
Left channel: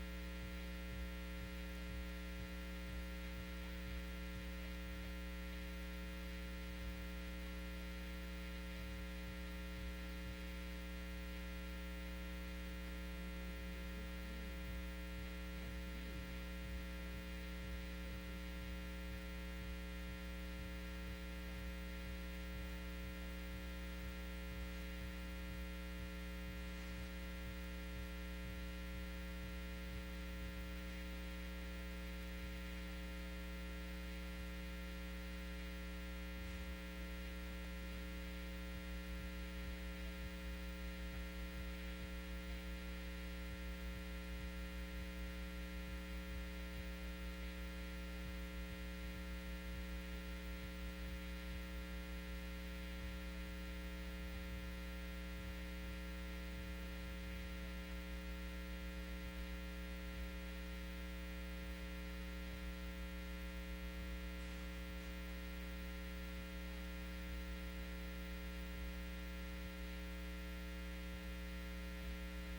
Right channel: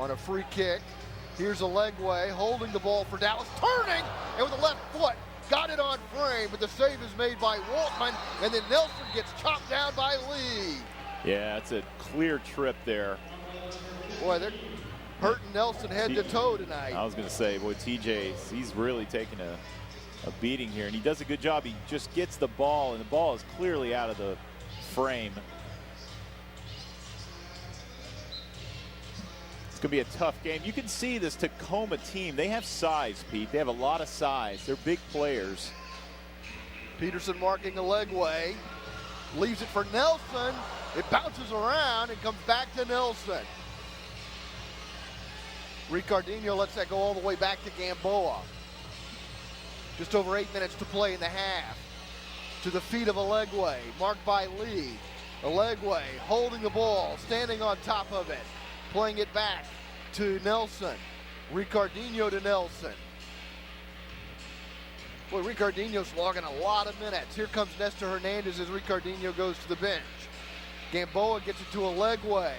On a free kick. Here's a leg way, holding the ball for Dallas, turning, and with the left foot, got it on frame, but the save is made by Waltman, and then Nelson gets chopped down by Lee. Yeah, it's a clear trip there. Boy, they're hurting Nelson head to toe tonight. I was going to say, boy, TJ, he's really taking a beating here, and he does a good job. He just gets the ball, and the ball is clearly out of the frame. It's going to be a tough game. You can see this Tacoma team. They have size, Pete. They have a lot of size. They're big players. Peterson marking a leg way. Leaves it for Nelson. It bounces around and comes back to Nelson. Ricardinho lets that go all the way back to Gamboa. Just over 8 minutes to play in the half. To the feet of Alegwe, marked by Lee. Alegwe holding the ball, standing on top of it. Playing it back to Nelson. Ricardinho to Nelson. Boy, Ricardinho's logging a lot of minutes. Here comes Nestor Hernandez as Ricardinho goes to the bench. Gamboa gets it to Alegwe.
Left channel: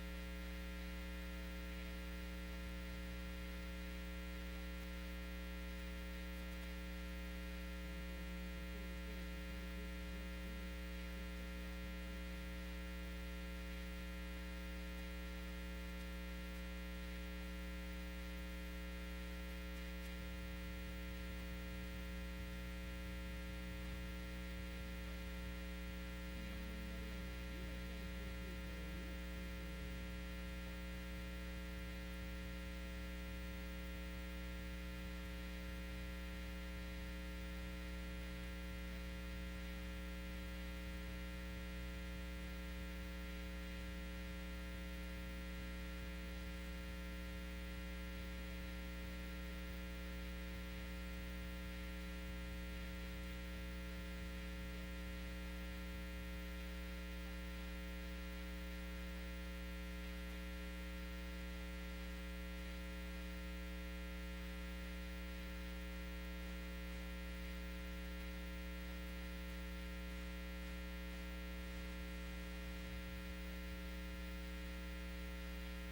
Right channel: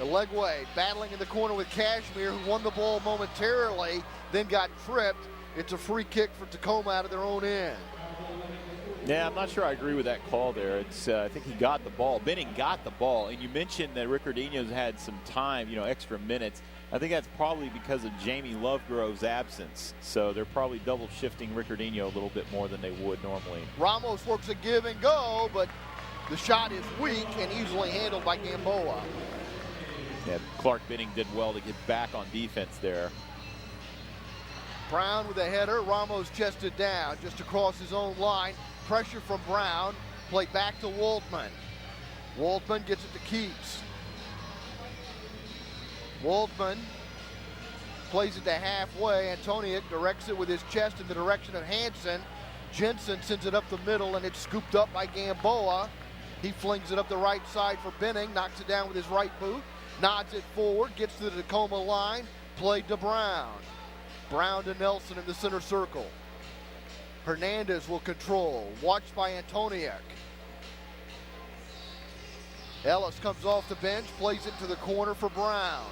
Alegwe battling in the corner with Cashmere, who won the ball momentarily, then got tripped. It's a free kick for Tacoma out of their own end. Yeah, I'm not sure I agree with that call there. It's I think he got the ball. Benning got the ball, and you mentioned that Ricardinho's had some time, extra minutes. I think that's probably because of Jamie Lovegrove's absence. So they're probably double shifting Ricardinho a little bit more than they would normally. Ramos works a give and go, but the shot is weak and easily handled by Gamboa. Yeah, Clark Benning did well to get back on defense there. Brown with a header. Ramos chested down just across his own line. Pressure from Brown. Played back to Waldman. Waldman gets it to Keats. Waldman plays it to halfway. Antoniuk directs it with his chest in the direction of Hansen. Jensen sends it up the middle, and it's scooped up by Gamboa. He flings it up the right side for Benning, knocks it down with his right boot, nods it forward, gets to the Tacoma line, played to Brown. Brown to Nelson in the center circle. Hernandez will control, watched by Antoniuk. Ellis comes off the bench, plays it to the corner for Brown.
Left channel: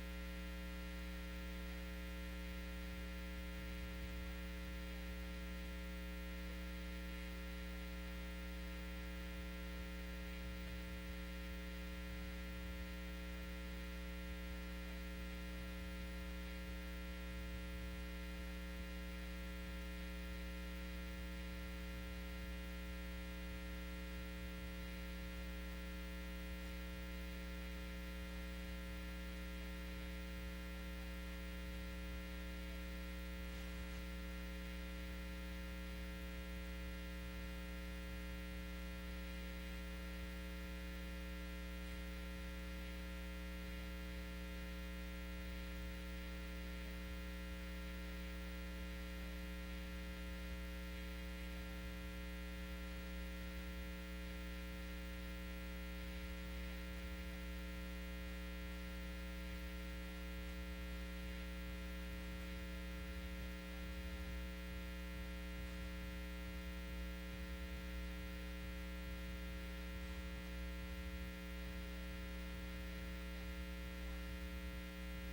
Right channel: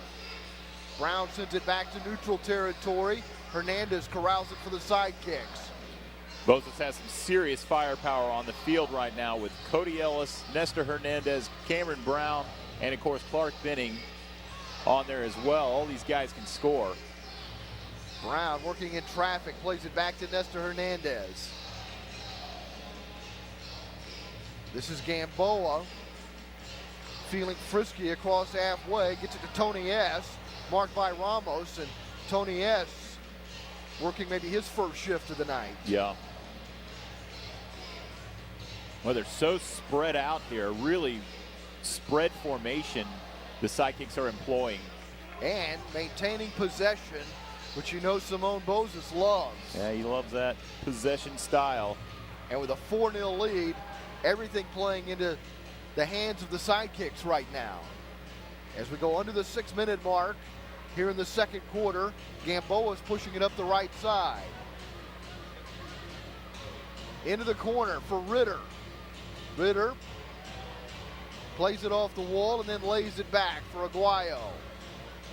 Brown sends it back to neutral territory. Hernandez corrals it for the Sidekicks. Bozos has some serious firepower on the field right now with Cody Ellis, Nestor Hernandez, Cameron Brown, and of course Clark Benning on there as well. All these guys can score. Brown working in traffic, plays it back to Nestor Hernandez. This is Gamboa, feeling frisky across halfway, gets it to Tony S., marked by Ramos, and Tony S. working maybe his first shift of the night. Yeah. Well, they're so spread out here, really spread formation the Sidekicks are employing. And maintaining possession, which you know Simone Bozos loves. Yeah, he loves that possession style. And with a 4-0 lead, everything playing into the hands of the Sidekicks right now. As we go under the 6-minute mark here in the second quarter, Gamboa is pushing it up the right side. Into the corner for Ritter. Ritter plays it off the wall and then lays it back for Aguayo.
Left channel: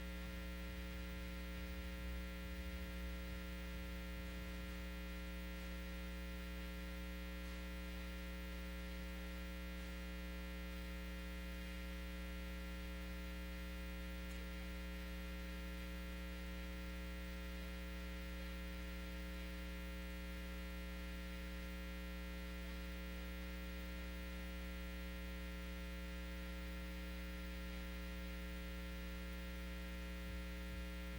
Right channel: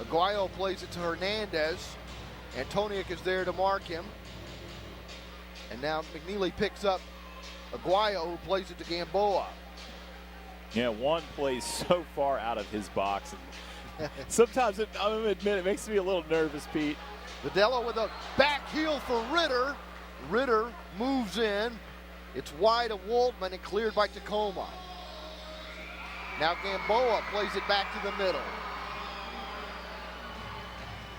Aguayo plays it to Hernandez. Antoniuk is there to mark him. And now McNeely picks up Aguayo, who plays it to Gamboa. Yeah, one plays so far out of his box. Sometimes, I'm going to admit, it makes me a little nervous, Pete. Videla with a back heel for Ritter. Ritter moves in. It's wide of Waltman and cleared by Tacoma. Now Gamboa plays it back to the middle.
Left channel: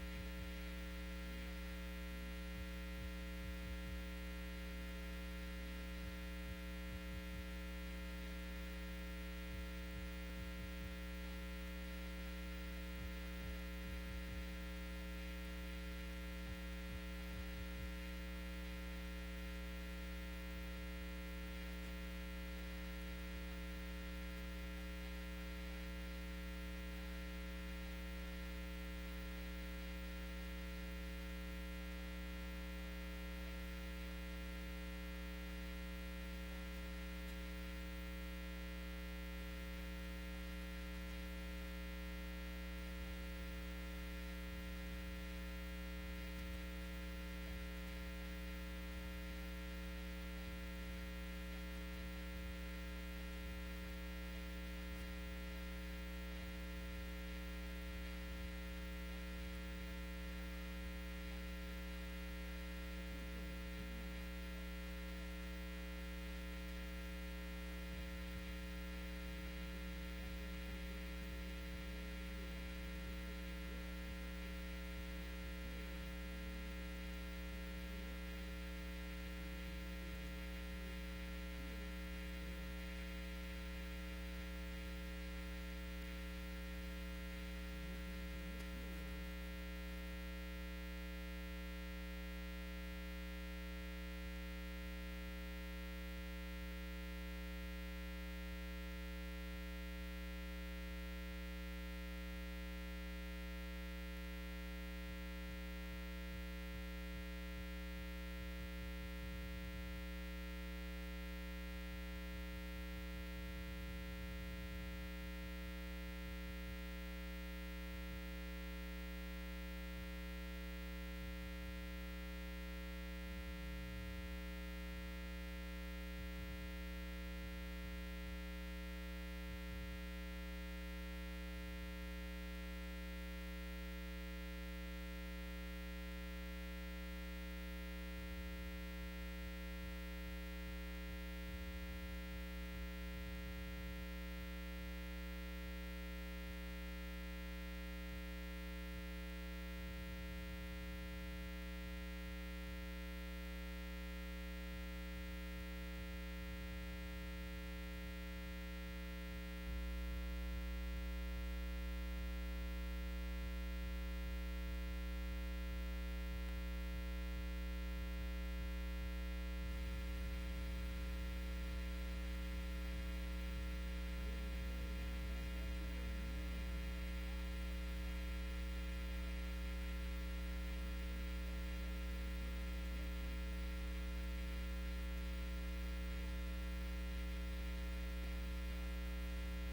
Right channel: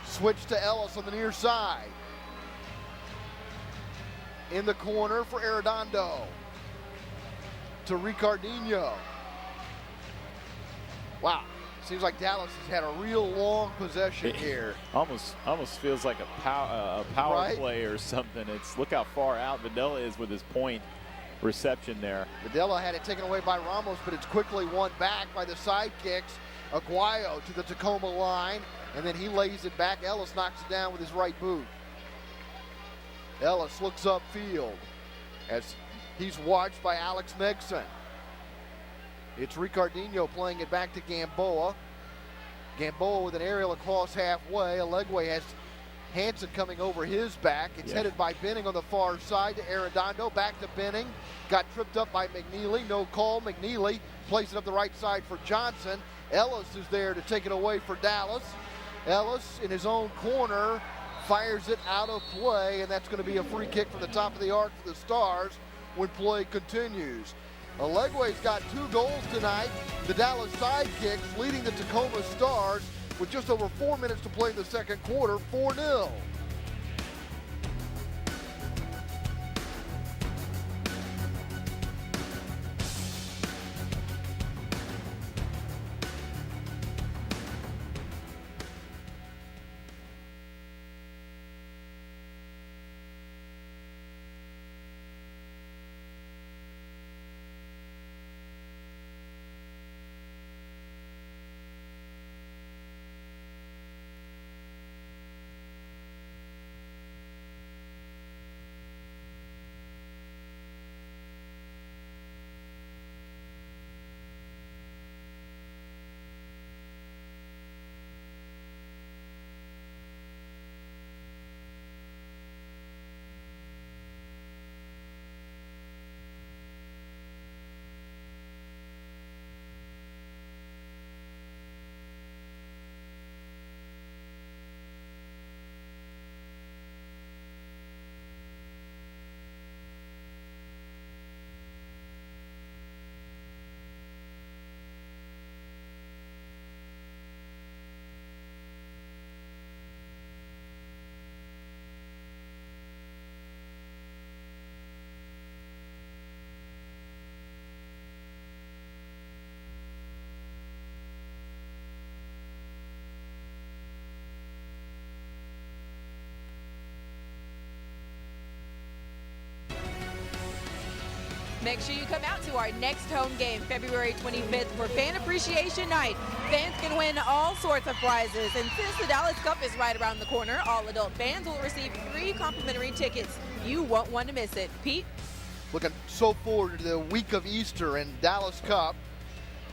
Switch to Ellis on the near side. In the corner for Arredondo. To Ricardinho. Wow. Seems like Dallas has had a real long possession here. Almost feels like a power right? play or something. It's look how far out Videla is with his point reception there. Videla had it taken away by Ramos, but it's quickly won back by the Sidekicks. Aguayo to the Tacoma line, and then he lays it back. Ellis knocks it down with his right boot. Ellis looks upfield as he's watched by Alex Megson. It's Ricardinho playing it back to Gamboa. Gamboa with an aerial across halfway. Alegwe has Hansen coming over his back. It's headed by Benning on the far side to Arredondo. Back to Benning. Got tripped up by McNeely. No call. McNeely plays it up the right side for Johnson. Ellis is there to take it away for Dallas. Ellis in his own corner fires it out of play, and that's going to be a free kick from the top of the arc for the Stars when play continues. Alegwe's got 2 goals tonight. The Dallas Sidekicks leading the Tacoma Stars with just over 4 minutes to play in the second quarter, 4-0. Make sure you come out to our next home game, February 25th, for Fan Appreciation Night. Fans can win all sorts of prizes, and since the Dallas Cup is right around the corner, all adult fans will receive free complimentary tickets. You won't want to miss it. Pete? Looking so forward to the week of Easter and Dallas Cup,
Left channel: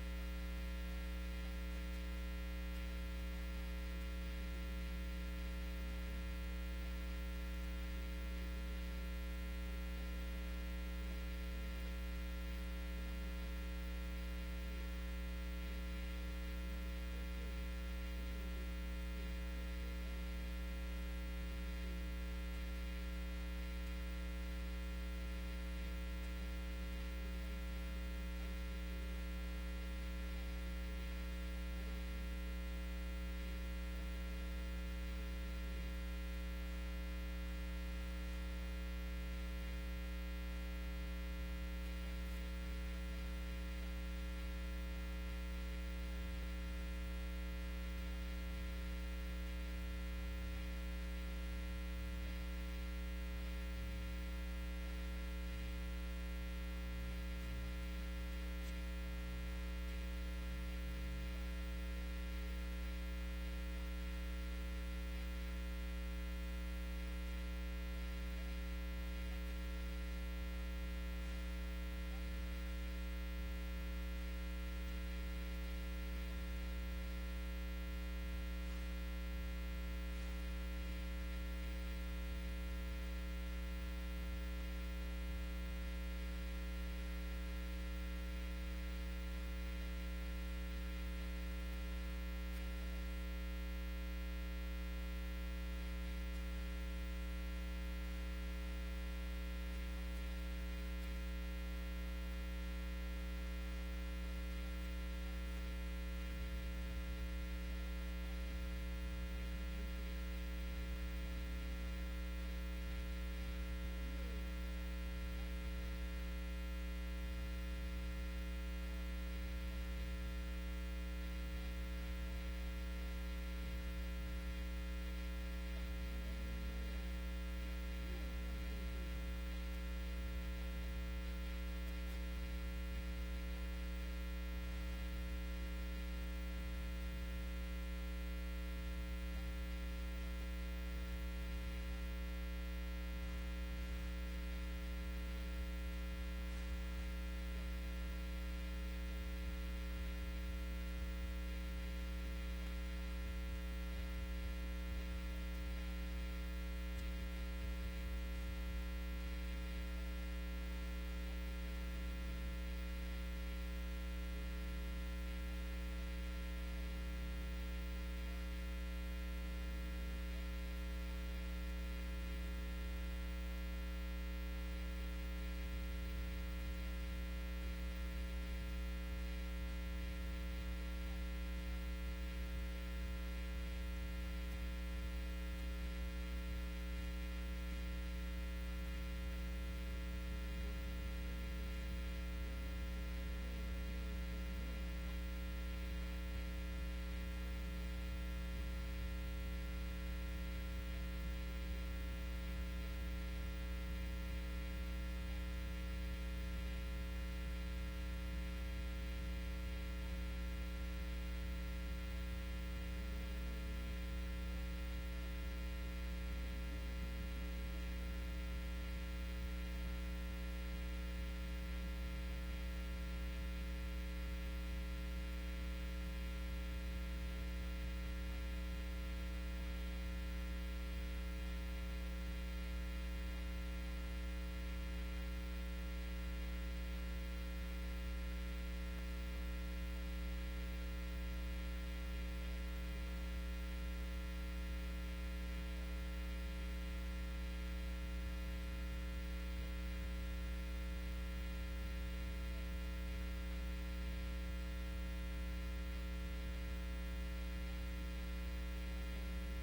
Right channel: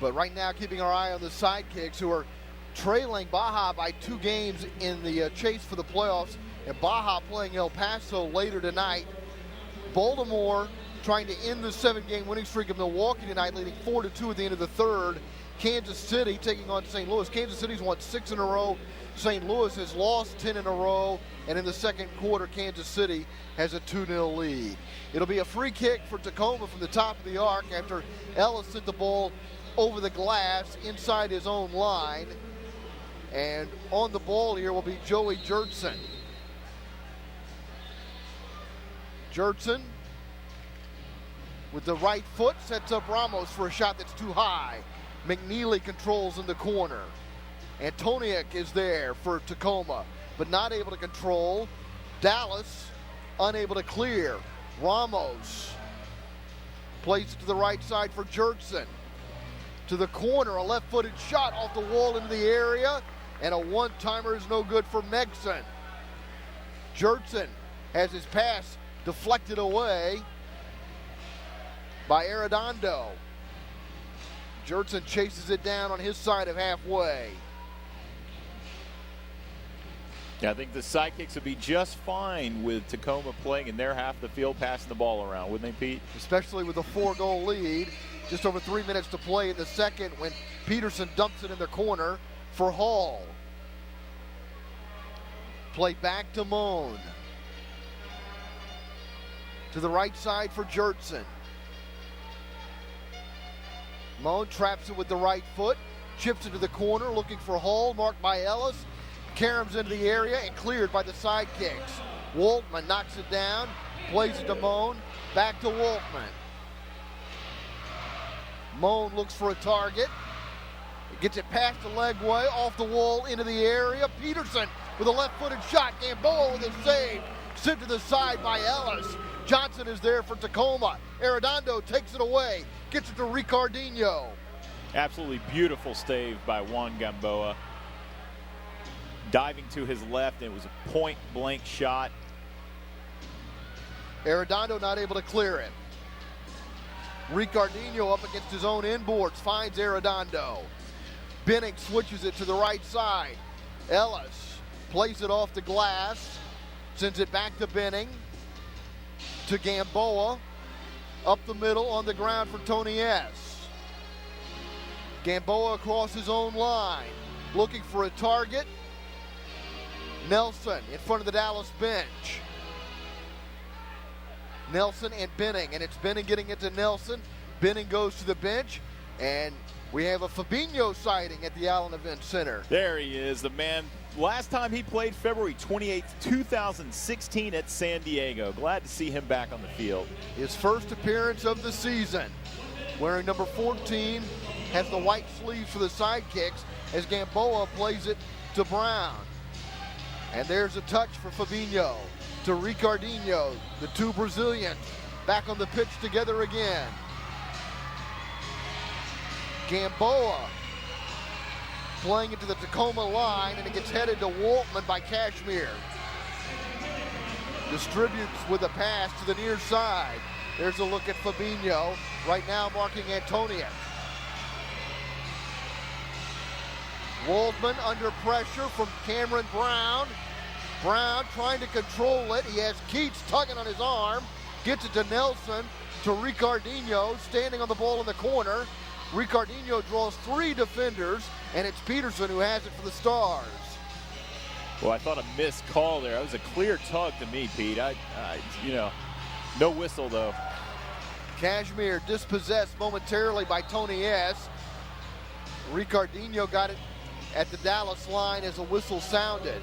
but right now keeping our eye on the Sidekicks, who are trailing Baja by 2 games in the chase for the playoffs, and Baja playing El Paso later tonight. Baltimore trying to end the 7-game winning streak of Milwaukee tonight, leading 4-2 at the end of the third. Kansas City taking on St. Louis. Kansas City's won 6 in a row. St. Louis has lost 10 in a row. And in the second quarter, Kansas City has a 2-0 lead. It'll be a free kick for Tacoma from the top of the arc after Ellis hit the ball over the glass inside his own line. And on the ball here will be Joey Jurtson. Jurtson with the right foot sets up Ramos for a shot that's too high. McNeely controls in the corner. Antoniuk is there for Tacoma, but not able to control. Dallas unable to clear. Ramos plays it to the right side for Jurtson. To the corner, a left-footed shot off the wall into the area, and a one-timer is no good for Megson. Jurtson has his pass deflected away by Arredondo. Jurtson chases it down on his side of halfway. Yeah, I think the Sidekicks would be just fine with Tacoma playing in their half of the field, passing the ball around, wouldn't they, Pete? Especially with a 4-goal lead. Just over 3 minutes to play in the second when Peterson dumps it in the corner for Hall. Play back to Moan. To the right side for Jurtson. Moan traps it with the right foot, chips it to the corner, looking for Hall, marked by Ellis. Caroms into the area and cleared by the Sidekicks. Waltman knocks it down, plays it to Moan, back to Waltman. Moan looks for a target, gets it past the leg way, off the wall, into the area. Peterson with a left-footed shot. Gamboa with a save, sent to the side by Ellis. Johnson is there for Tacoma. Arredondo takes it away, gets it to Ricardinho. Absolutely beautiful save by Juan Gamboa. Diving to his left, and it was a point-blank shot. Arredondo not able to clear it. Ricardinho up against his own inboards, finds Arredondo. Benning switches it to the right side. Ellis plays it off the glass, sends it back to Benning. To Gamboa, up the middle on the ground for Tony S. Gamboa across his own line, looking for a target. Nelson in front of the Dallas bench. Nelson and Benning, and it's Benning getting it to Nelson. Benning goes to the bench, and we have a Fabinho sighting at the Allen Event Center. There he is, the man. Last time he played February 28th, 2016 at San Diego. Glad to see him back on the field. His first appearance of the season. Wearing number 14, has the white sleeves for the Sidekicks as Gamboa plays it to Brown. And there's a touch for Fabinho to Ricardinho. The two Brazilians back on the pitch together again. Gamboa playing it to the Tacoma line, and it gets headed to Waltman by Cashmere. Distributes with a pass to the near side. There's a look at Fabinho, right now marking Antonia. Waldman under pressure from Cameron Brown. Brown trying to control it. He has Keats tugging on his arm. Gets it to Nelson, to Ricardinho, standing on the ball in the corner. Ricardinho draws 3 defenders, and it's Peterson who has it for the Stars. Well, I thought a missed call there. That was a clear tug to me, Pete. No whistle, though. Cashmere dispossessed momentarily by Tony S. Ricardinho got it at the Dallas line as a whistle sounded.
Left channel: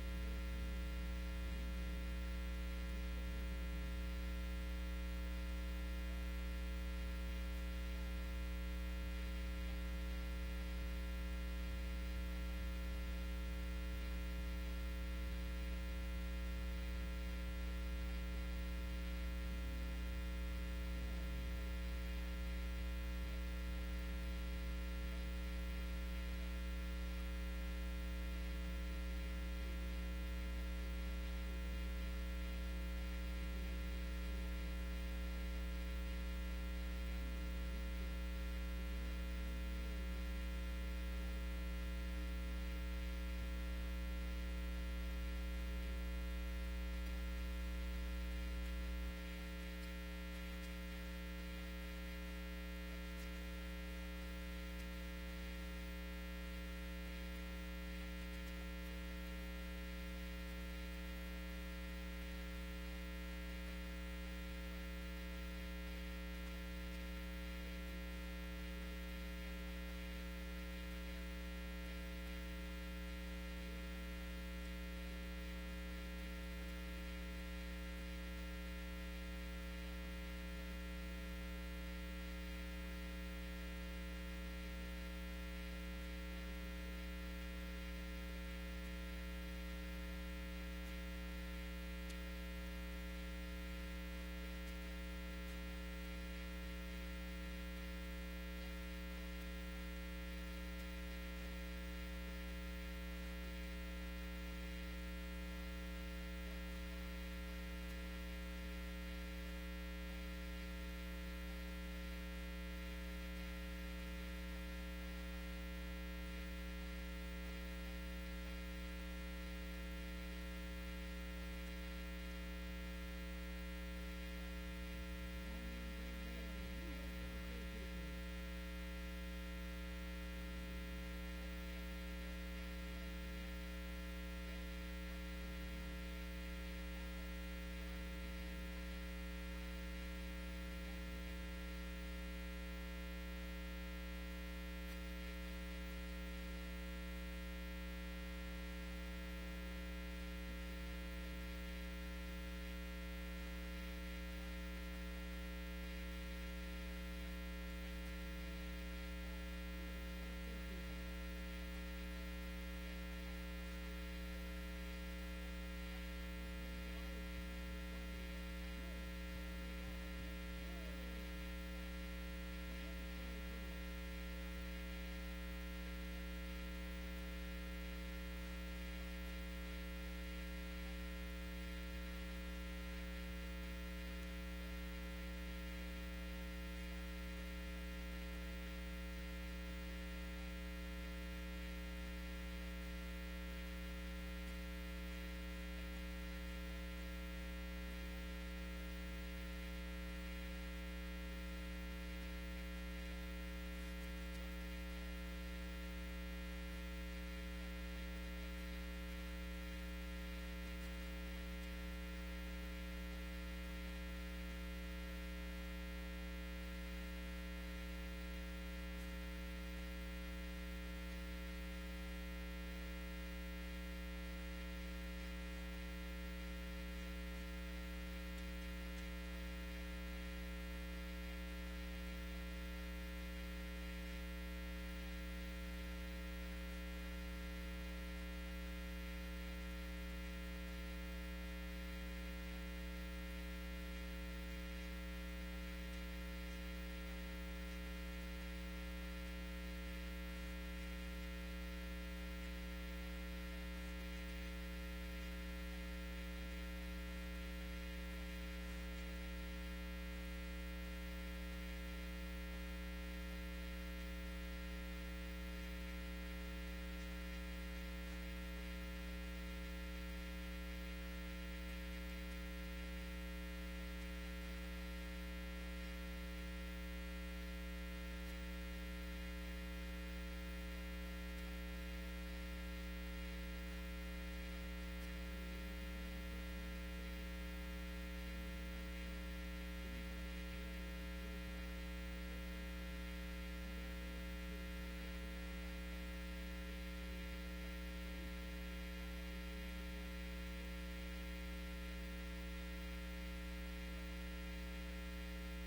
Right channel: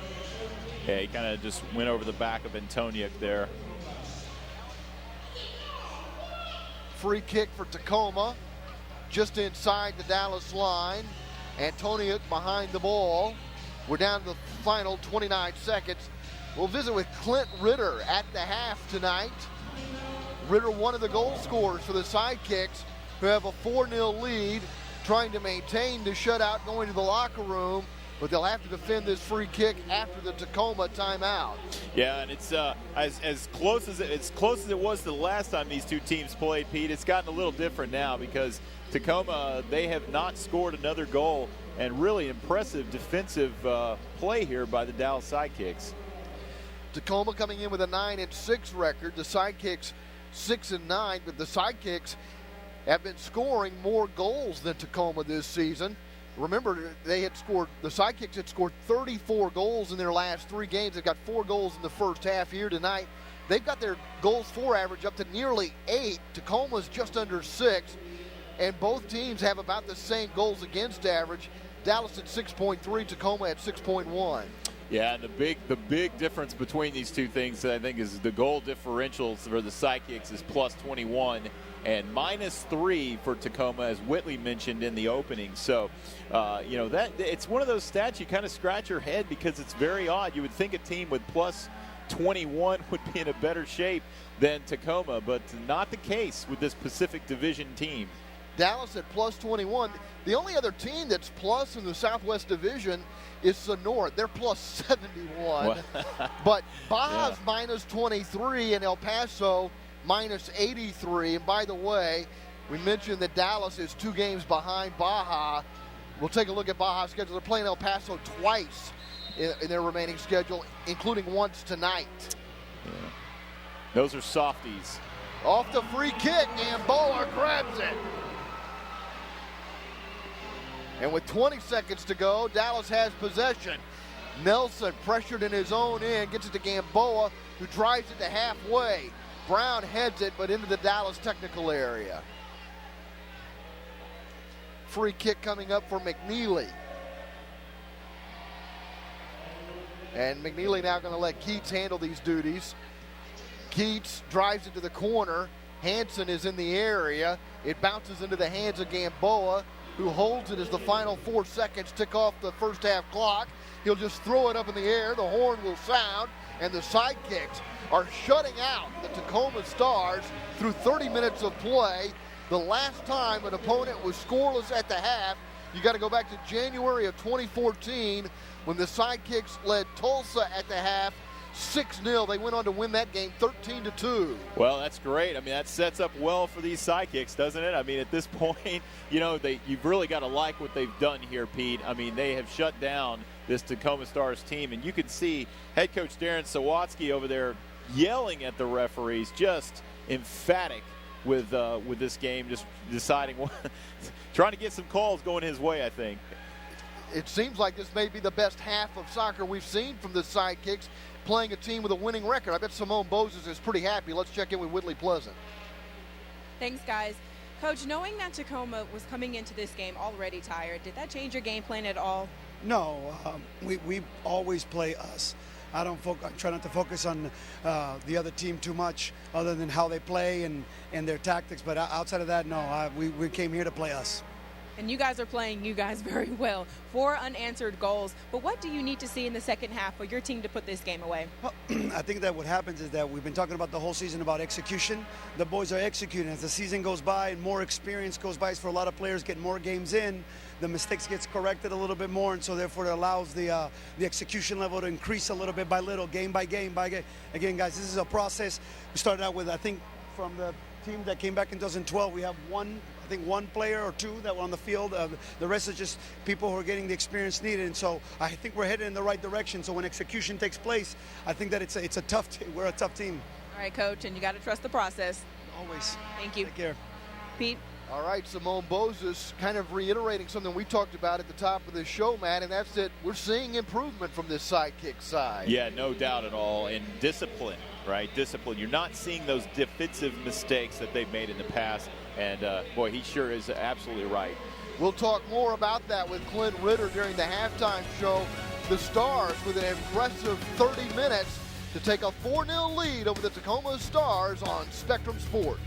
Yeah, he kind of just went over the back of Antoniuk there. Free kick for Tacoma, just inside the Dallas line. Antoniuk behind the ball. We're down to the final 29 seconds. We'll visit with Clint Ritter at the half tonight. Ritter, one of the goal scorers for the Sidekicks, who have a 4-0 lead, trying to maintain the shutout going to the locker room, but they'll have to defend this free kick after the Tacoma timeout. Yeah, and it's as close as it was to the last time these two teams played, Pete. It's gotten a little different now because Tacoma, they have not scored another goal, and really impressive defensive play here by the Dallas Sidekicks. Tacoma coming in with a 9-6 record. The Sidekicks 6-9, but the Sidekicks have been scoring more goals than Tacoma this season. Remember, the Sidekicks had scored 34 goals in their last 3 games. They've got 4 goals in the first half here tonight. They've got their goals for average up to nearly 8. Tacoma's just under 6, and both teams have about the same goals against average. Dallas at 6.3, Tacoma at 6.1. Yeah, and the big difference between these two things, I think, is the goal differentials for the Sidekicks is plus 21 and minus 3 for Tacoma, as Whitley mentioned in the opening. So, you know, that it's one of those stats you kind of scratch your head because it's very odd. You would think a team with plus 21 would be in a better shape than Tacoma, but not the case with this Pacific Division team. Dallas at plus 21. The only other team that's plus in the Southwest Division is Sonora. They're plus 71. But Baja's minus 23 and El Paso minus 83. And by the way, we mentioned that Dallas is 2 games behind Baja. We'll take a look at Baja's schedule. They're playing El Paso twice in their remaining schedule, including once tonight. Yeah. Those are softies. Off the free kick, Gamboa grabs it. And with 20 seconds to go, Dallas has possession. Nelson, pressured in his own end, gets it to Gamboa, who drives it to halfway. Brown heads it, but into the Dallas technical area. Free kick coming up for McNeely. And McNeely now going to let Keats handle these duties. Keats drives it to the corner. Hanson is in the area. It bounces into the hands of Gamboa, who holds it as the final 4 seconds tick off the first half clock. He'll just throw it up in the air. The horn will sound, and the Sidekicks are shutting out the Tacoma Stars through 30 minutes of play. The last time an opponent was scoreless at the half, you got to go back to January of 2014 when the Sidekicks led Tulsa at the half 6-0. They went on to win that game 13-2. Well, that's great. I mean, that sets up well for these Sidekicks, doesn't it? I mean, at this point, you know, you've really got to like what they've done here, Pete. I mean, they have shut down this Tacoma Stars team, and you can see head coach Darren Sawatsky over there yelling at the referees, just emphatic with this game, just deciding what, trying to get some calls going his way, I think. It seems like this may be the best half of soccer we've seen from the Sidekicks, playing a team with a winning record. I bet Simone Bozes is pretty happy. Let's check in with Whitley Pleasant. Thanks, guys. Coach, knowing that Tacoma was coming into this game already tired, did that change your game plan at all? No, we always play us. I try not to focus on the other team too much, other than how they play and their tactics. But outside of that, no, we came here to play us. And you guys are playing you guys very well. 4 unanswered goals. But what do you need to see in the second half for your team to put this game away? Well, I think that what happens is that we've been talking about the whole season about execution. The boys are executing. As the season goes by and more experience goes by for a lot of players, get more games in, the mistakes gets corrected a little bit more, and so therefore it allows the execution level to increase a little bit by little, game by game by game. Again, guys, this is a process. We started out with, I think, from the team that came back in 2012, we have one player or 2 that were on the field. The rest is just people who are getting the experience needed. And so I think we're headed in the right direction. So when execution takes place, I think that it's a tough team. We're a tough team. All right, Coach, and you got to trust the process. Always. Thank you. Take care. Pete? All right, Simone Bozes kind of reiterating something we talked about at the top of the show, Matt, and that's that we're seeing improvement from this Sidekick side. Yeah, no doubt at all. And discipline, right? Discipline. You're not seeing those defensive mistakes that they've made in the past. And, boy, he sure is absolutely right. We'll talk more about that with Clint Ritter during the halftime show. The Stars with an impressive 30 minutes to take a 4-0 lead over the Tacoma Stars on Spectrum Sports.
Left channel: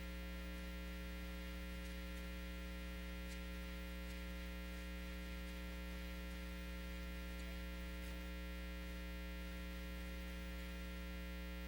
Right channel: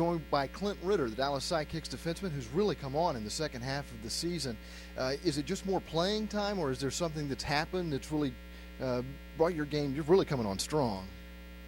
joined by Clint Ritter, the Dallas Sidekicks defenseman, who's really come on in the second half of the season. Is it just more playing time, or is there something that's happened that's really brought your game? You're really coming on strong.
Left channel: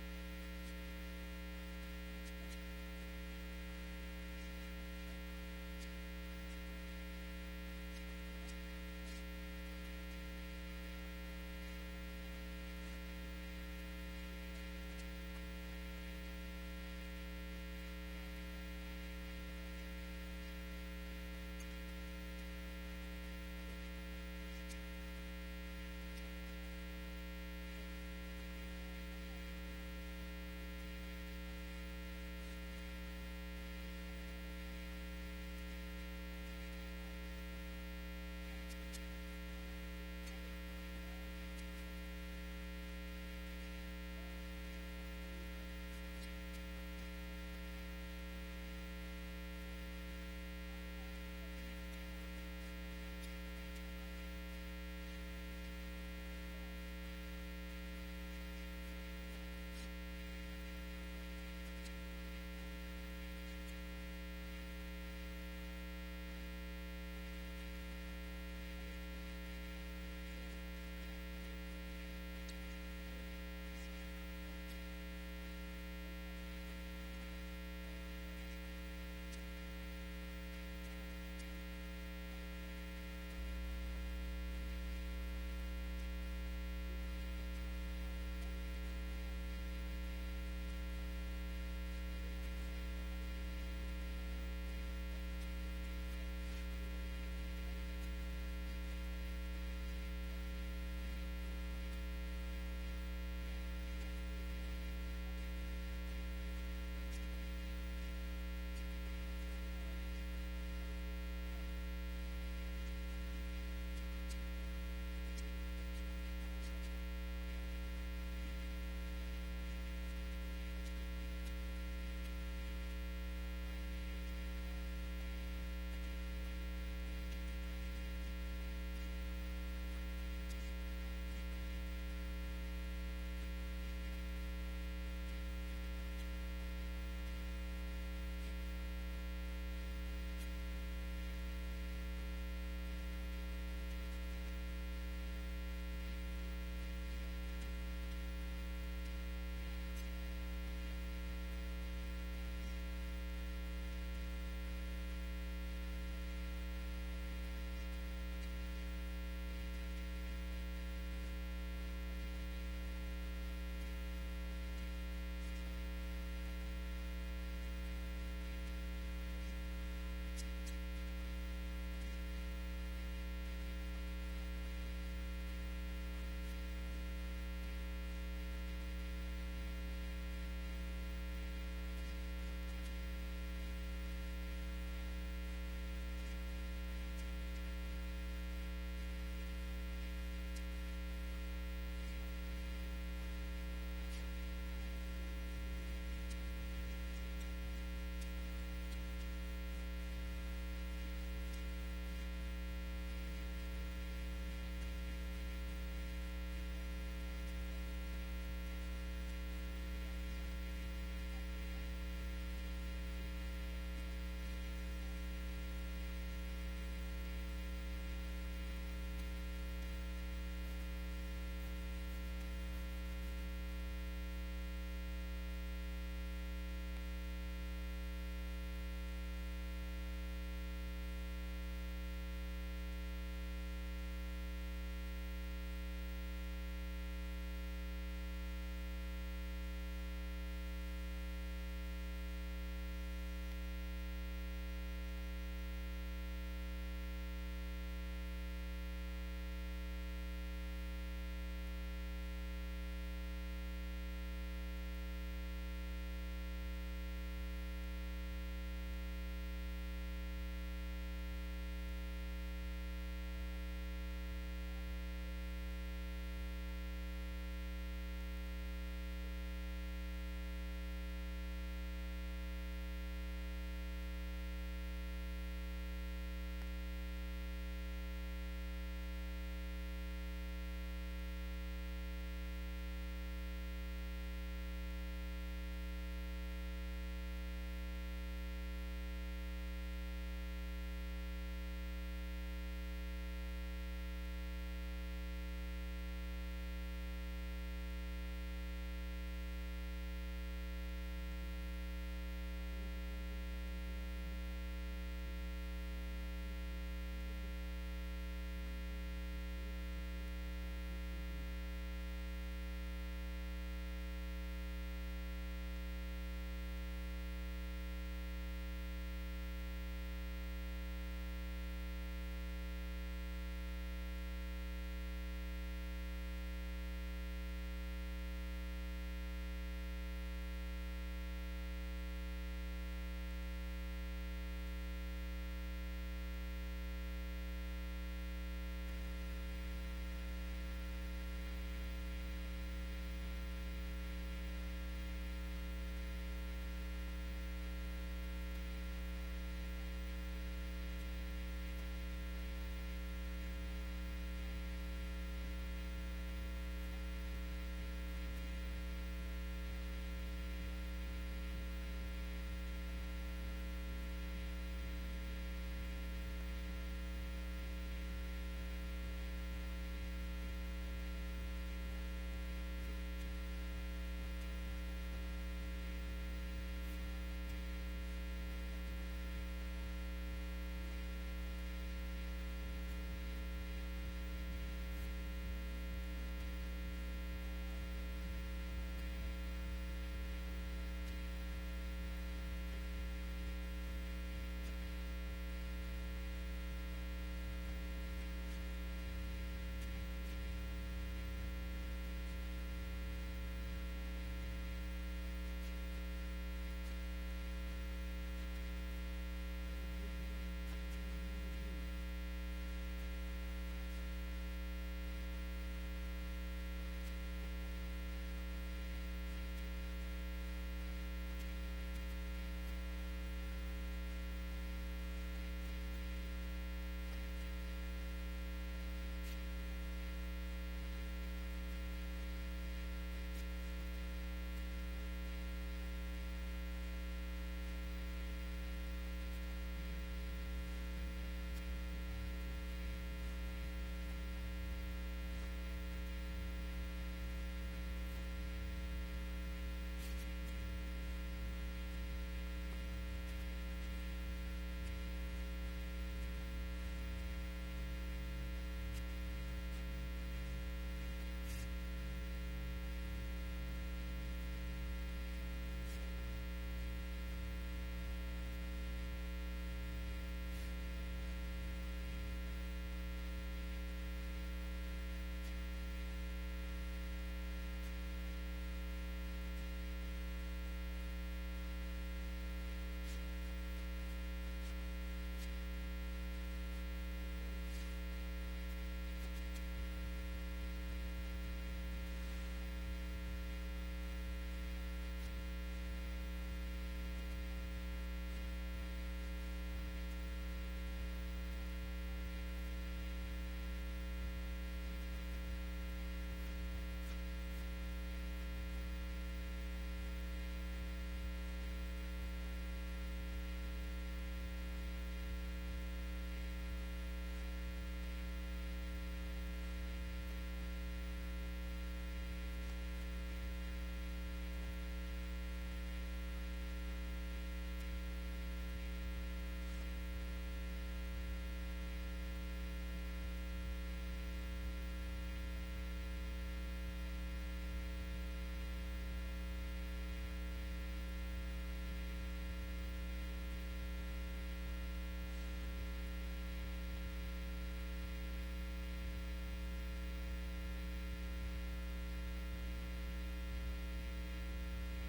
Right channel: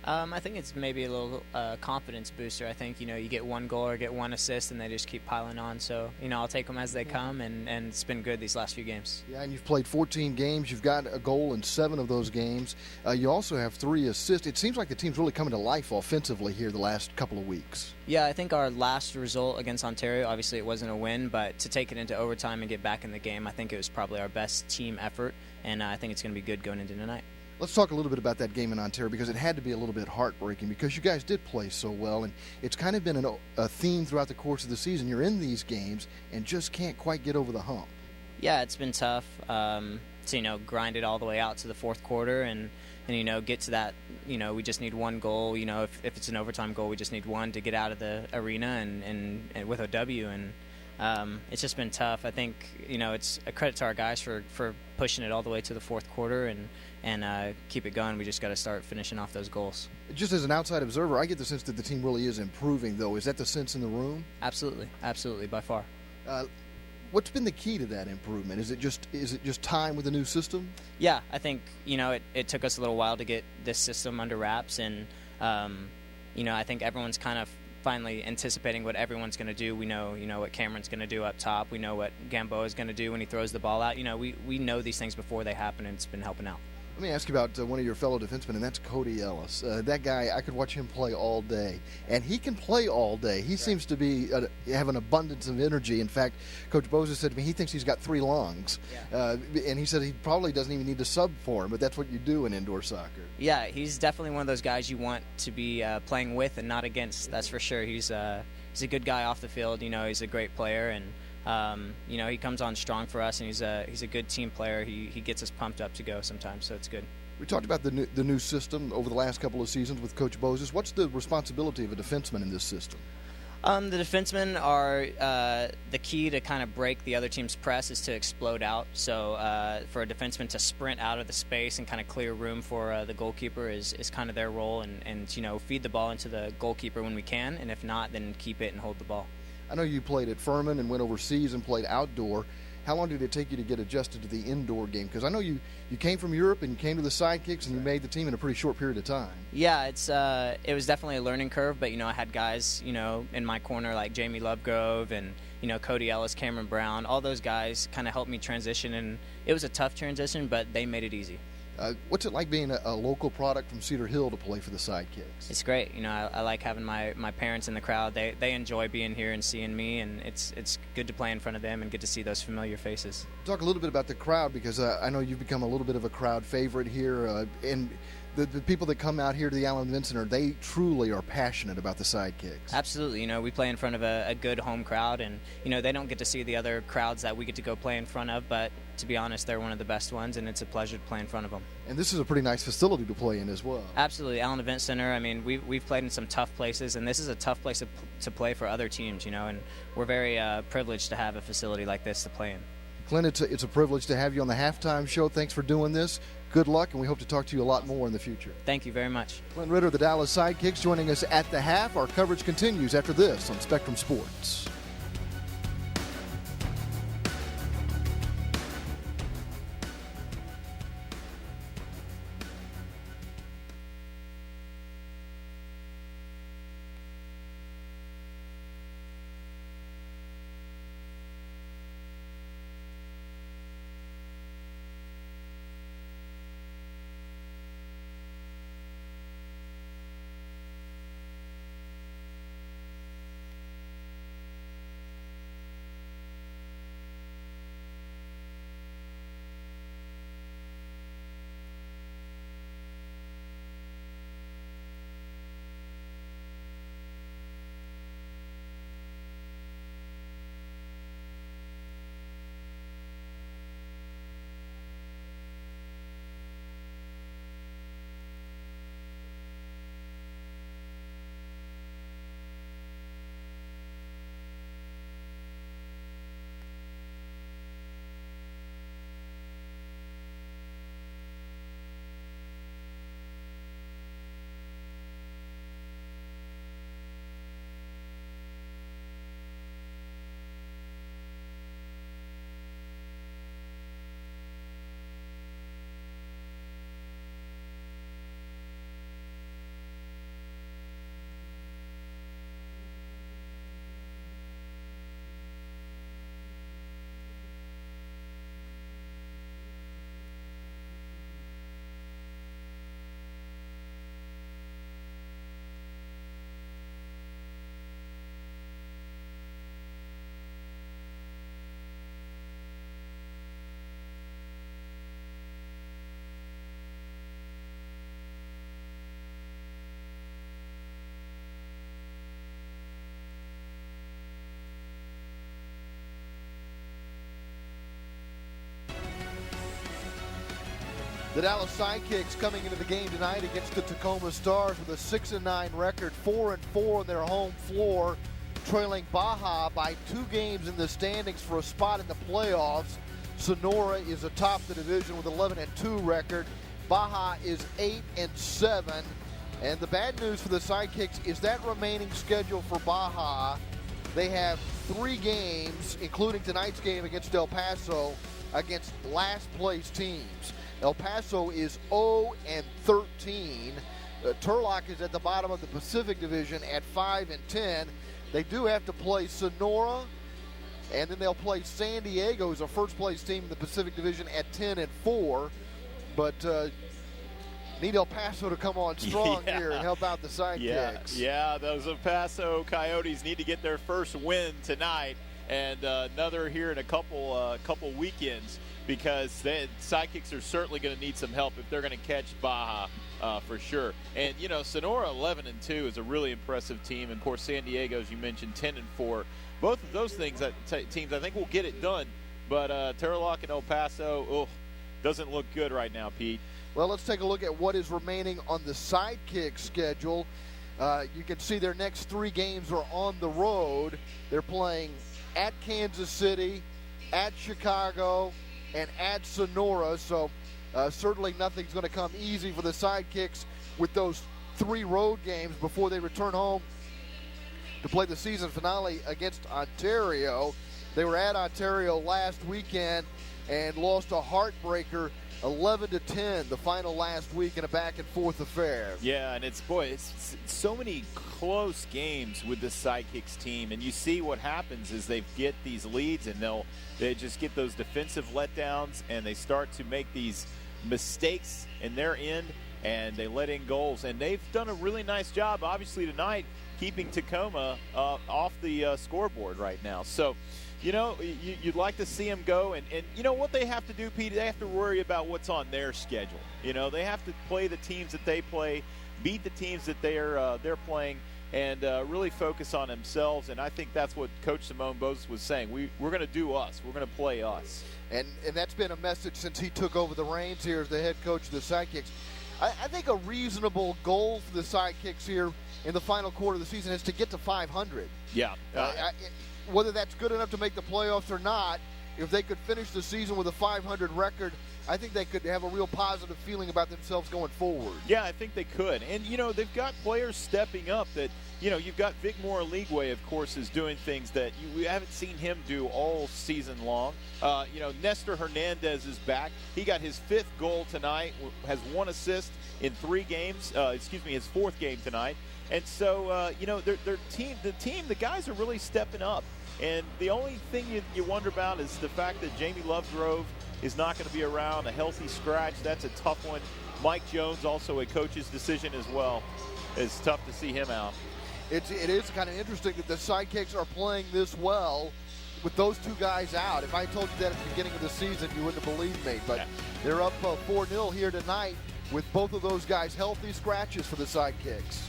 I think it's maybe a little confidence booster. I think, you get one goal or get one assist and they just keep piling on. So, I'll take them as they come, and it's been good these last few games. Yeah, and you've played 14 games. You've got a goal in 7 of those games. You also have 3 assists. It seems like the team's really coming to life offensively here the last couple of weeks. Yeah, I think our last result against Ontario, obviously it wasn't a win, but to take it into overtime and get back in the game, I think it was probably our best team effort, and I think it's going to be good going into tonight. Let's talk a little bit about that game in Ontario, because it had to be a little bit heartbreaking because you guys did play so well, and it's kind of been a theme throughout the course of the season. You're in these games and just can't quite get over the hump. Yeah, it's been tough to grind it all the way out to the fourth quarter and get to that. We just need one goal. If it's an overtime goal, we just need one to get out of the arena and with a W. And it's just been tough. I think it's a credit to our guys for pushing it all the way to the fourth quarter and keep it going. We just got to start finishing off those goals. Just as an outside observer, I get the sense that the team really is improving, though. Is that the sense in the room? Absolutely, by far. What's been the key to that improvement? Is it just time with the new system? Yeah, I think it took us a little while to get this system under wraps, and I think everyone's kind of finally anticipating what everyone's going to do. We know what Cameron's going to do up top. We know what Gamboa is going to do when he throws the ball out. We know these things before they happen, and it's been helping out. Let me ask you about one of your fellow defensemen, and that's Cody Ellis. That guy, I could watch him play all day, and he can play all day. He seems to be have an abundance of energy. In fact, Coach Boza said to me he thinks he's got 3 lungs, and he said he probably doesn't even need to sub for him, but that's what you do in indoor soccer. Yeah, he's definitely one of those guys you want to be playing with and not against. That's for sure. He's a good guy off the field. He's a great player, and he comes on strong for us, and he's a good team player. He gets us pumped up to go sometimes, so it's good. We talked about the new system over the last couple of seasons with Coach Bozes. What's the responsibility of a defenseman in this system? The defensemen are the key to kind of break the other team's press is to explode out. So for a defenseman to sprint out of the space and kind of clear room for the goalkeeper is kind of their role, and feed the ball into the goalkeeper when we can, and if not, then keep it and hold the ball. I know you played at Furman and went overseas and played outdoor. How long did it take you to get adjusted to the indoor game? Because I know you came from Europe and you came to the Sidekicks and you made the team in a pretty short period of time. Yeah, it was definitely a learning curve, but I had guys in my corner like Jamie Lovegrove and Cody Ellis, Cameron Brown. All those guys kind of helped me transition, and it was a tough transition, but they made it easy. What's it like being a local product from Cedar Hill to play for the Sidekicks? It's great. I like having my parents in the crowd. They enjoy being here and seeing me, and it's good to play in front of them and get to see those familiar faces. Talk a little bit about the crowd, because I know you've become a little bit of a crowd favorite here, and the people that come out here to the Allen Event Center, they truly are passionate about the Sidekicks. Absolutely. We play in front of a good home crowd, and they don't get to see the other crowds that we get to go play in front of, but to be honest, they're one of the best ones, and it's a pleasure to play in front of them. And this is a pretty nice facility to play in as well. Absolutely. Allen Event Center, we've played in some tough places, and this is a tough place to play for other teams, and we're very privileged to have a facility like this to play in. Clint, it's a privilege to have you on the Halftime Show. Thanks for doing this. Good luck, and we hope to talk to you a lot more in the future. Thank you very much. Clint Ritter, the Dallas Sidekicks, joining us at the half. Our coverage continues after this on Spectrum Sports. The Dallas Sidekicks coming into the game tonight against the Tacoma Stars with a 6-9 record, 4-4 on their home floor, trailing Baja by 2 games in the standings for a spot in the playoffs. Sonora is atop the division with 11-2 record. Baja is 8-7. And the bad news for the Sidekicks is that remaining schedule for Baja. They have 3 games, including tonight's game against El Paso, against last place teams. El Paso is 0-13. Turlock is at the bottom of the Pacific Division at 5-10. They do have to play Sonora, and then they'll play San Diego, who's a first-place team in the Pacific Division, at 10-4. But need El Paso to come on strong here and help out the Sidekicks. Yeah, those El Paso Coyotes need to get their first win tonight, and another here in a couple weekends, because the Sidekicks are certainly going to need some help if they're going to catch Baja for sure. And, you know, Sonora 11-2 is a really impressive team. And, of course, San Diego, as you mentioned, 10-4. Both of those teams I think will get it done. But Turlock and El Paso, doesn't look good right now, Pete. Well, let's take a look at what is remaining on the Sidekick schedule. You can see their next 3 games are on the road. They're playing at Kansas City, at Chicago, and at Sonora, so certainly nothing's going to come easy for the Sidekicks with those 3 road games before they return home to play the season finale against Ontario. They were at Ontario last weekend and lost a heartbreaker 11-10 the final last week in a back-and-forth affair. Yeah, and it's so many close games with the Sidekicks team, and you see what happens is they get these leads and they just get those defensive letdowns, and they start to make these mistakes in their end, and they let in goals. And they've done a really nice job, obviously, tonight, keeping Tacoma off the scoreboard right now. So, you know, you'd like to see them go. And you know what they have to do, Pete? They have to worry about what's on their schedule. You know, they have to play the teams that they play, beat the teams that they're playing, and really focus on themselves. And I think that's what Coach Simone Bose was saying. We're going to do us. We're going to play us. And that's been a message since he took over the reins here as the head coach of the Sidekicks. I think a reasonable goal for the Sidekicks here in the final quarter of the season is to get to 500. Yeah. Whether that's good enough to make the playoffs or not, if they could finish the season with a 500 record, I think they could have a real positive feeling about themselves going forward. Yeah, I think they could. And, you know, they've got players stepping up that, you know, you've got Vigmore Leagueway, of course, is doing things that we haven't seen him do all season long. You know, Nestor Hernandez is back. He got his 5th goal tonight, has 1 assist in 3 games. His 4th game tonight. And so, you know, the guys are really stepping up. And the only thing you wonder about is the fact that Jamie Lovegrove is not going to be around. A healthy scratch, that's a tough one. Mike Jones, also a coach's decision as well. It's tough to see him out. It is kind of interesting that the Sidekicks are playing this well with those 2 guys out. If I told you that at the beginning of the season, you wouldn't have believed me. But they're up 4-0 here tonight with both of those guys healthy scratches for the Sidekicks.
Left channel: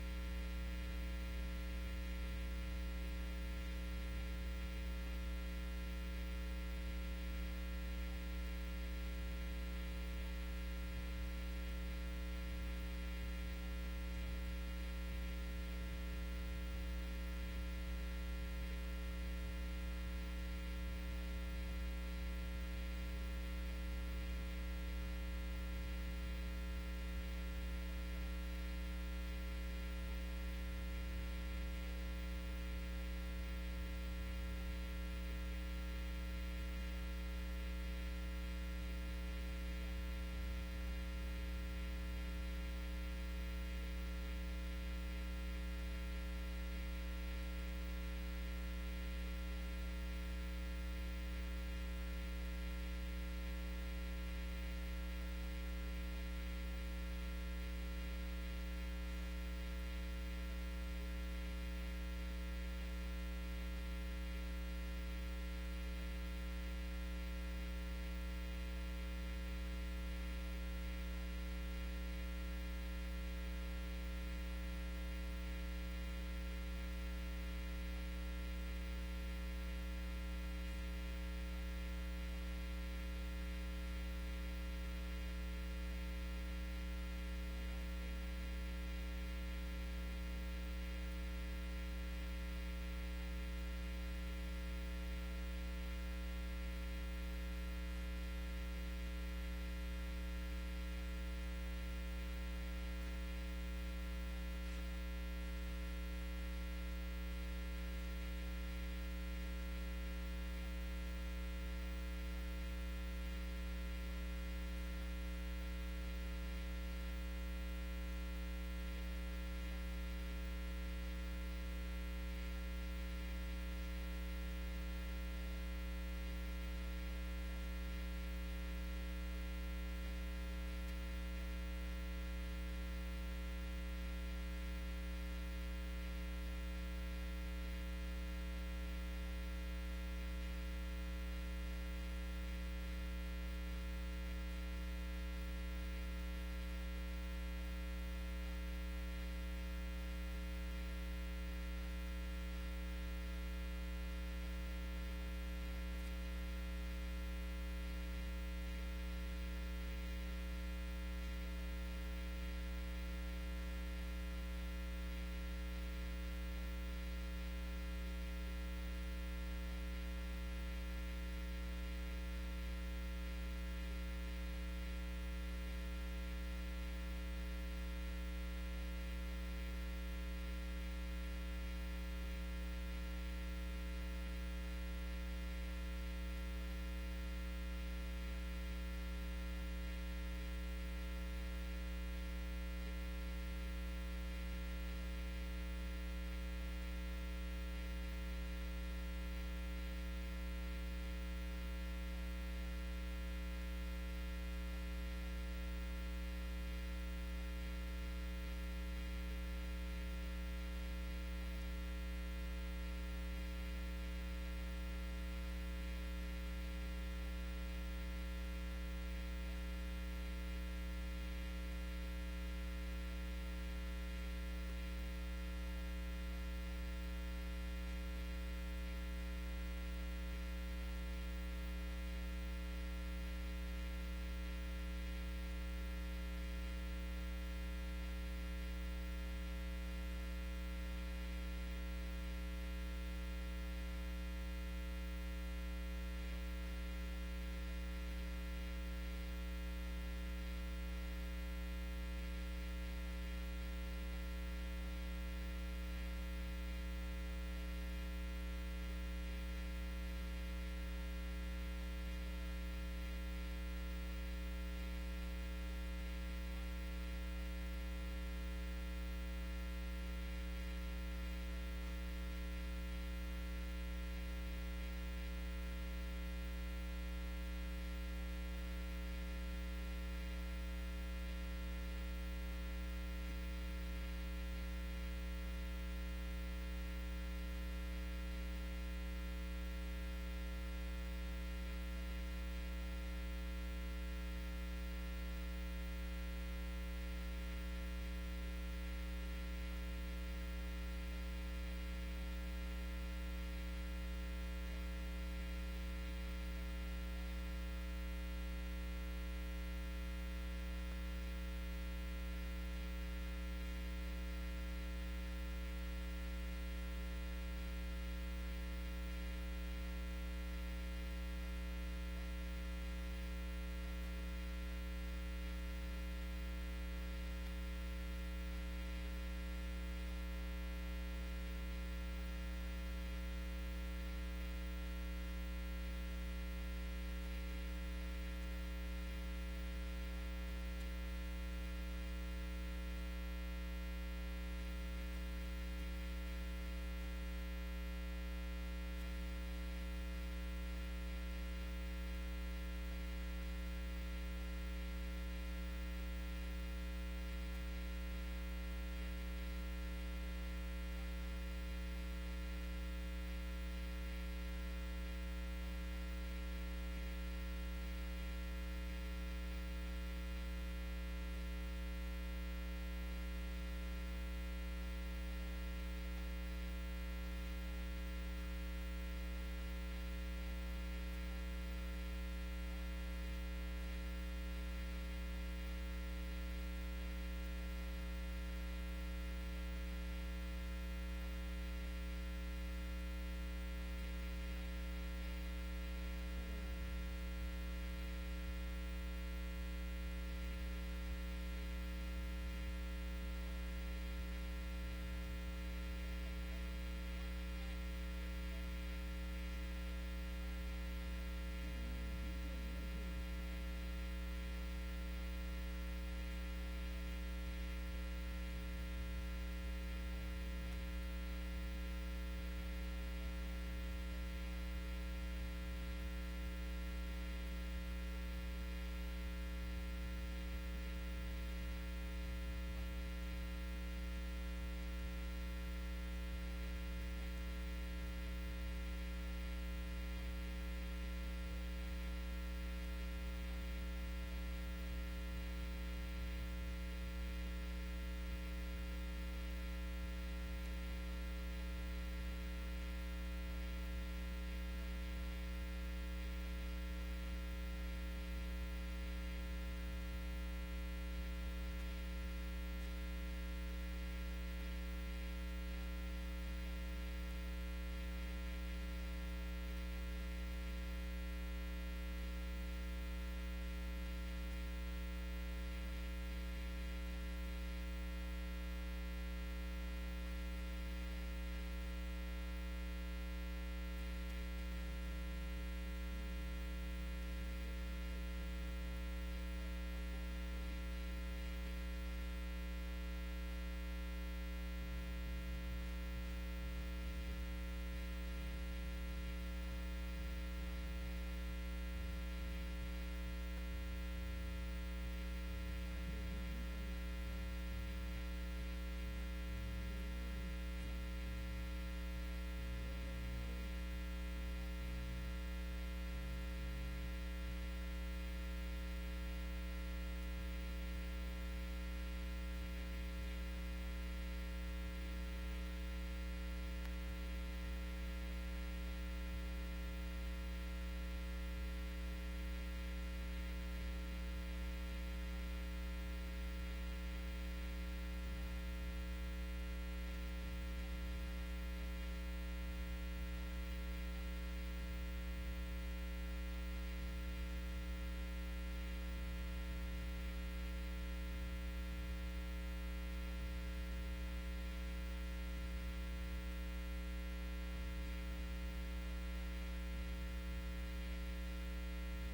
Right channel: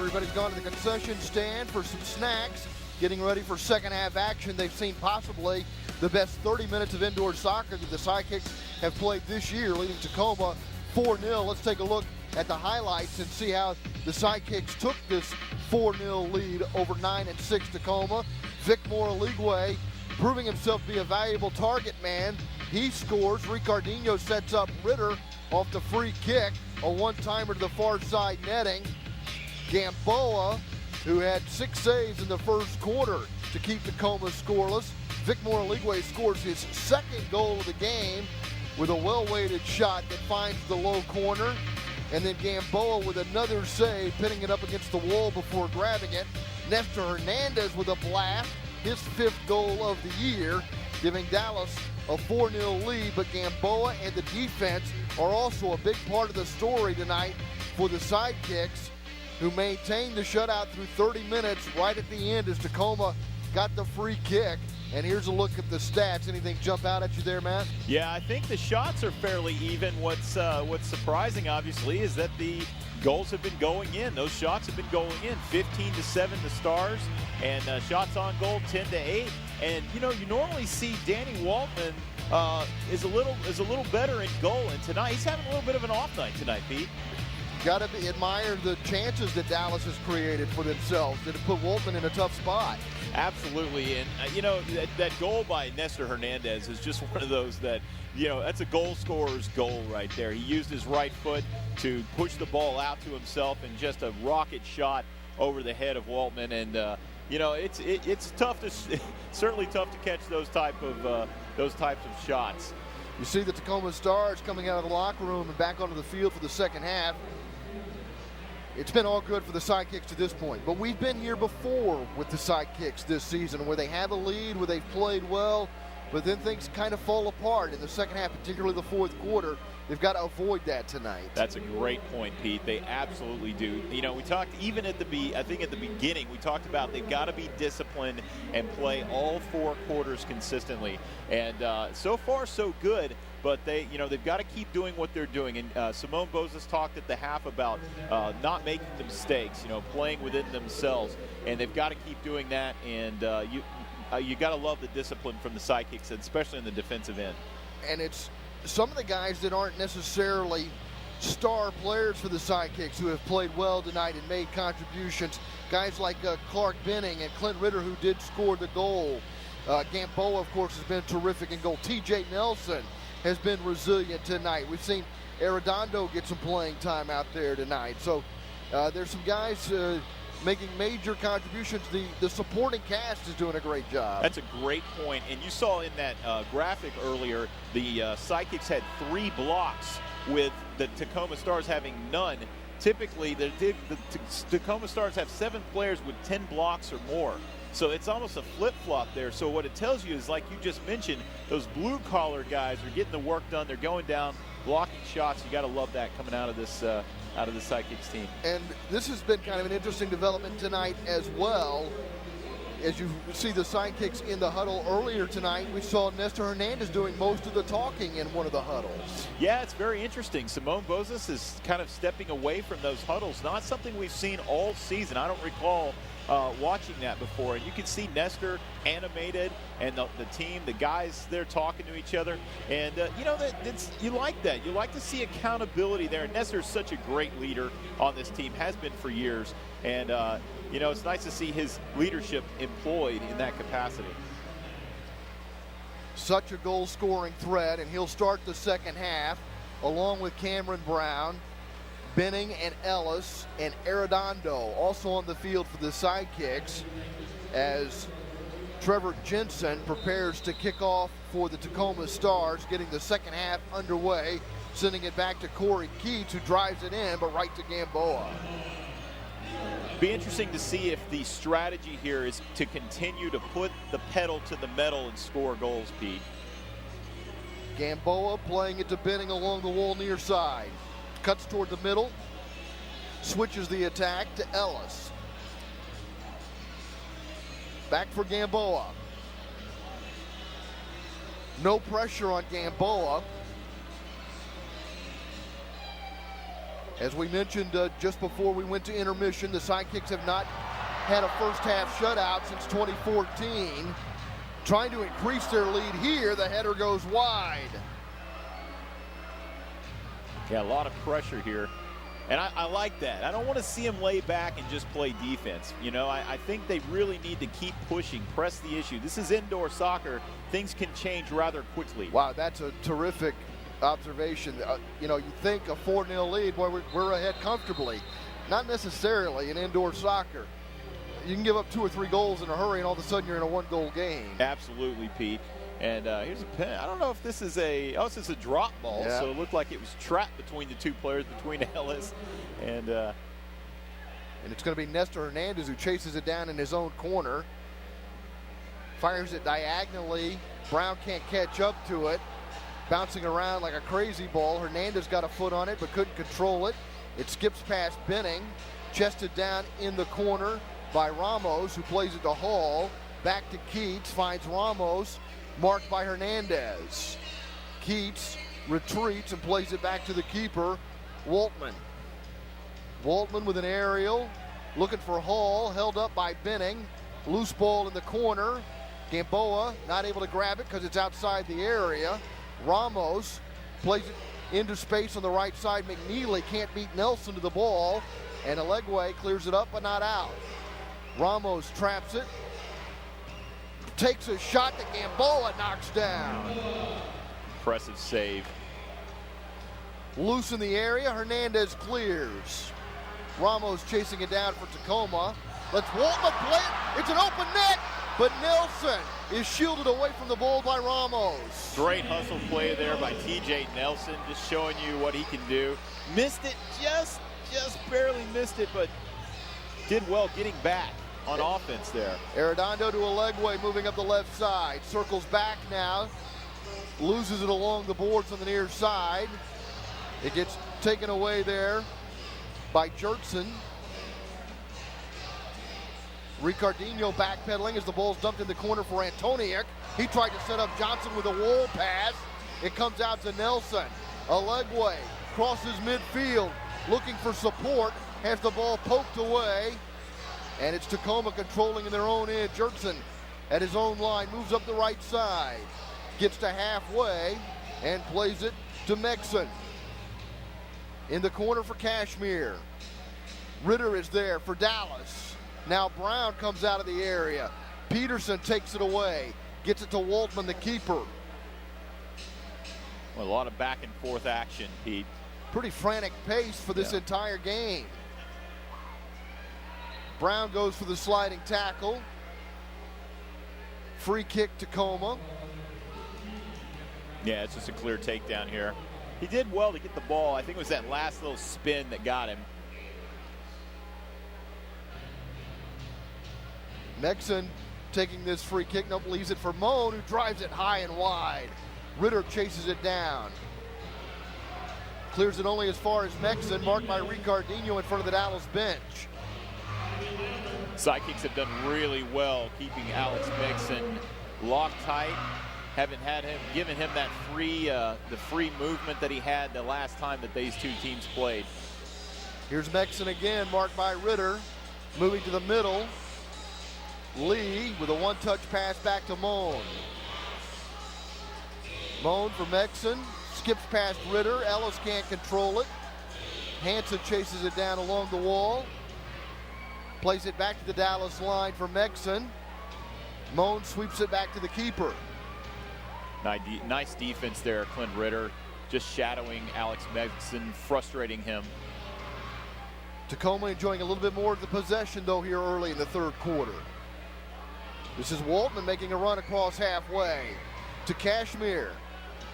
Everybody's gone to the concession stand for some snacks, getting ready for second half action. They've seen possibly the best 30 minutes of indoor soccer that the Sidekicks have played this year, leading Tacoma 4-0. Let's take a look at the highlights and see how the Sidekicks took this 4-0 lead over 9-6 Tacoma. Vic Moraligwe proving himself to be a valuable target man. He scores. Ricardinho sets up Ritter off the free kick, a one-timer to the far side netting. Gamboa, who had 6 saves in the first quarter to keep Tacoma scoreless. Vic Moraligwe scores his second goal of the game with a well-weighted shot that finds the low corner. And then Gamboa with another save, pinning it up against the wall before grabbing it. Nestor Hernandez with a blast, his 5th goal of the year, giving Dallas a 4-0 lead. But Gamboa and the defense are also a big part of the story tonight for the Sidekicks, who maintained the shutout through 30 minutes right at the end as Tacoma got the free kick. And here's a look at the stats. Anything jump out at you there, Matt? Yeah, I think the shots are fairly even. What's surprising, obviously, is that the goals have been going in. Those shots have been going in. 15-7 the Stars, and shots on goal 10-8. And you know, you normally see Danny Waltman is a little better in goal, and tonight he's having a little bit of an off night tonight, Pete. Got to admire the chances that Dallas has created for themselves that have put Waltman in a tough spot. Absolutely, and you know, that goal by Nestor Hernandez is just one of those that, you know, that's a goal scorer's goal right there. He used his right foot to push the ball out to himself and just a rocket shot over the head of Waltman. And you know, it's tough to certainly tough to catch those types of shots. You see the Tacoma Stars coming out of the locker room and back onto the field for the second half. It's been all good for the Sidekicks to this point, but we've been here before with the Sidekicks this season where they have a lead, where they've played well, but then things kind of fall apart in the second half, particularly the fourth quarter. They've got to avoid that tonight. That's a great point, Pete. They absolutely do. You know, we talked even at the beginning, we talked about they've got to be disciplined and play all 4 quarters consistently. And so far, so good. But they've got to keep doing what they're doing. And Simone Bozes talked at the half about not making the mistakes, you know, playing within themselves. And they've got to keep doing that. And you got to love the discipline from the Sidekicks, especially in the defensive end. And it's some of the guys that aren't necessarily star players for the Sidekicks who have played well tonight and made contributions. Guys like Clark Benning and Clint Ritter, who did score the goal. Gamboa, of course, has been terrific in goal. T.J. Nelson has been resilient tonight. We've seen Arredondo get some playing time out there tonight. So there's some guys making major contributions. The supporting cast is doing a great job. That's a great point. And you saw in that graphic earlier, the Sidekicks had 3 blocks with the Tacoma Stars having none. Typically, the Tacoma Stars have 7 players with 10 blocks or more. So it's almost a flip-flop there. So what it tells you is, like you just mentioned, those blue-collar guys are getting the work done. They're going down, blocking shots. You got to love that coming out of this Sidekicks team. And this has been kind of an interesting development tonight as well. As you see the Sidekicks in the huddle earlier tonight, we saw Nestor Hernandez doing most of the talking in one of the huddles. Yeah, it's very interesting. Simone Bozes is kind of stepping away from those huddles. Not something we've seen all season. I don't recall watching that before. And you can see Nestor animated and the team, the guys, they're talking to each other. And, you know, you like that. You like to see accountability there. And Nestor's such a great leader on this team, has been for years. And, you know, it's nice to see his leadership employed in that capacity. Such a goal-scoring threat, and he'll start the second half along with Cameron Brown, Benning and Ellis, and Arredondo also on the field for the Sidekicks as Trevor Jensen prepares to kick off for the Tacoma Stars, getting the second half underway, sending it back to Corey Keats, who drives it in, but right to Gamboa. Be interesting to see if the strategy here is to continue to put the pedal to the metal and score goals, Pete. Gamboa playing it to Benning along the wall near side. Cuts toward the middle, switches the attack to Ellis. Back for Gamboa. No pressure on Gamboa. As we mentioned just before we went to intermission, the Sidekicks have not had a first-half shutout since 2014. Trying to increase their lead here, the header goes wide. Yeah, a lot of pressure here. And I like that. I don't want to see them lay back and just play defense. You know, I think they really need to keep pushing, press the issue. This is indoor soccer. Things can change rather quickly. Wow, that's a terrific observation. You know, you think a 4-0 lead, boy, we're ahead comfortably. Not necessarily in indoor soccer. You can give up 2 or 3 goals in a hurry, and all of a sudden you're in a 1-goal game. Absolutely, Pete. And here's a pen. I don't know if this is this is a drop ball, yeah. So it looked like it was trapped between the two players, between Ellis and it's going to be Nestor Hernandez who chases it down in his own corner. Fires it diagonally. Brown can't catch up to it. Bouncing around like a crazy ball. Hernandez got a foot on it but couldn't control it. It skips past Benning. Chested down in the corner by Ramos, who plays it to Hall. Back to Keats, finds Ramos. Marked by Hernandez. Keats retreats and plays it back to the keeper, Waltman. Waltman with an aerial, looking for Hall, held up by Benning. Loose ball in the corner. Gamboa not able to grab it because it's outside the area. Ramos plays it into space on the right side. McNeely can't beat Nelson to the ball, and Alegwe clears it up but not out. Ramos traps it. Takes a shot that Gamboa knocks down. impressive save. Loose in the area, Hernandez clears. Ramos chasing it down for Tacoma. Let's Waltman play it. It's an open net, but Nelson is shielded away from the ball by Ramos. Great hustle play there by TJ Nelson, just showing you what he can do. Missed it, just barely missed it, but did well getting back on offense there. Arredondo to Alegwe moving up the left side. Circles back now. Loses it along the boards on the near side. It gets taken away there by Jertson. Ricardinho backpedaling as the ball's dumped in the corner for Antoniuk. He tried to set up Johnson with a wall pass. It comes out to Nelson. Alegwe crosses midfield, looking for support, has the ball poked away, and it's Tacoma controlling in their own end. Jertson at his own line moves up the right side, gets to halfway, and plays it to Mexon. In the corner for Kashmir. Ritter is there for Dallas. Now Brown comes out of the area. Peterson takes it away. Gets it to Waltman, the keeper. Well, a lot of back and forth action, Pete. Pretty frantic pace for this entire game. Brown goes for the sliding tackle. Free kick Tacoma. Yeah, it's just a clear takedown here. He did well to get the ball. I think it was that last little spin that got him. Mexon taking this free kick, nope, leaves it for Moan, who drives it high and wide. Ritter chases it down. Clears it only as far as Mexon, marked by Ricardinho in front of the Dallas bench. Sidekicks have done really well keeping Alex Mexon locked tight. Haven't had him, given him that the free movement that he had the last time that these two teams played. Here's Mexon again, marked by Ritter. Moving to the middle. Lee with a one-touch pass back to Moan. Moan for Mexon. Skips past Ritter. Ellis can't control it. Hansen chases it down along the wall. Plays it back to the Dallas line for Mexon. Moan sweeps it back to the keeper. Nice defense there, Clint Ritter. Just shadowing Alex Mexon, frustrating him. Tacoma enjoying a little bit more of the possession, though, here early in the third quarter. This is Waltman making a run across halfway to Kashmir.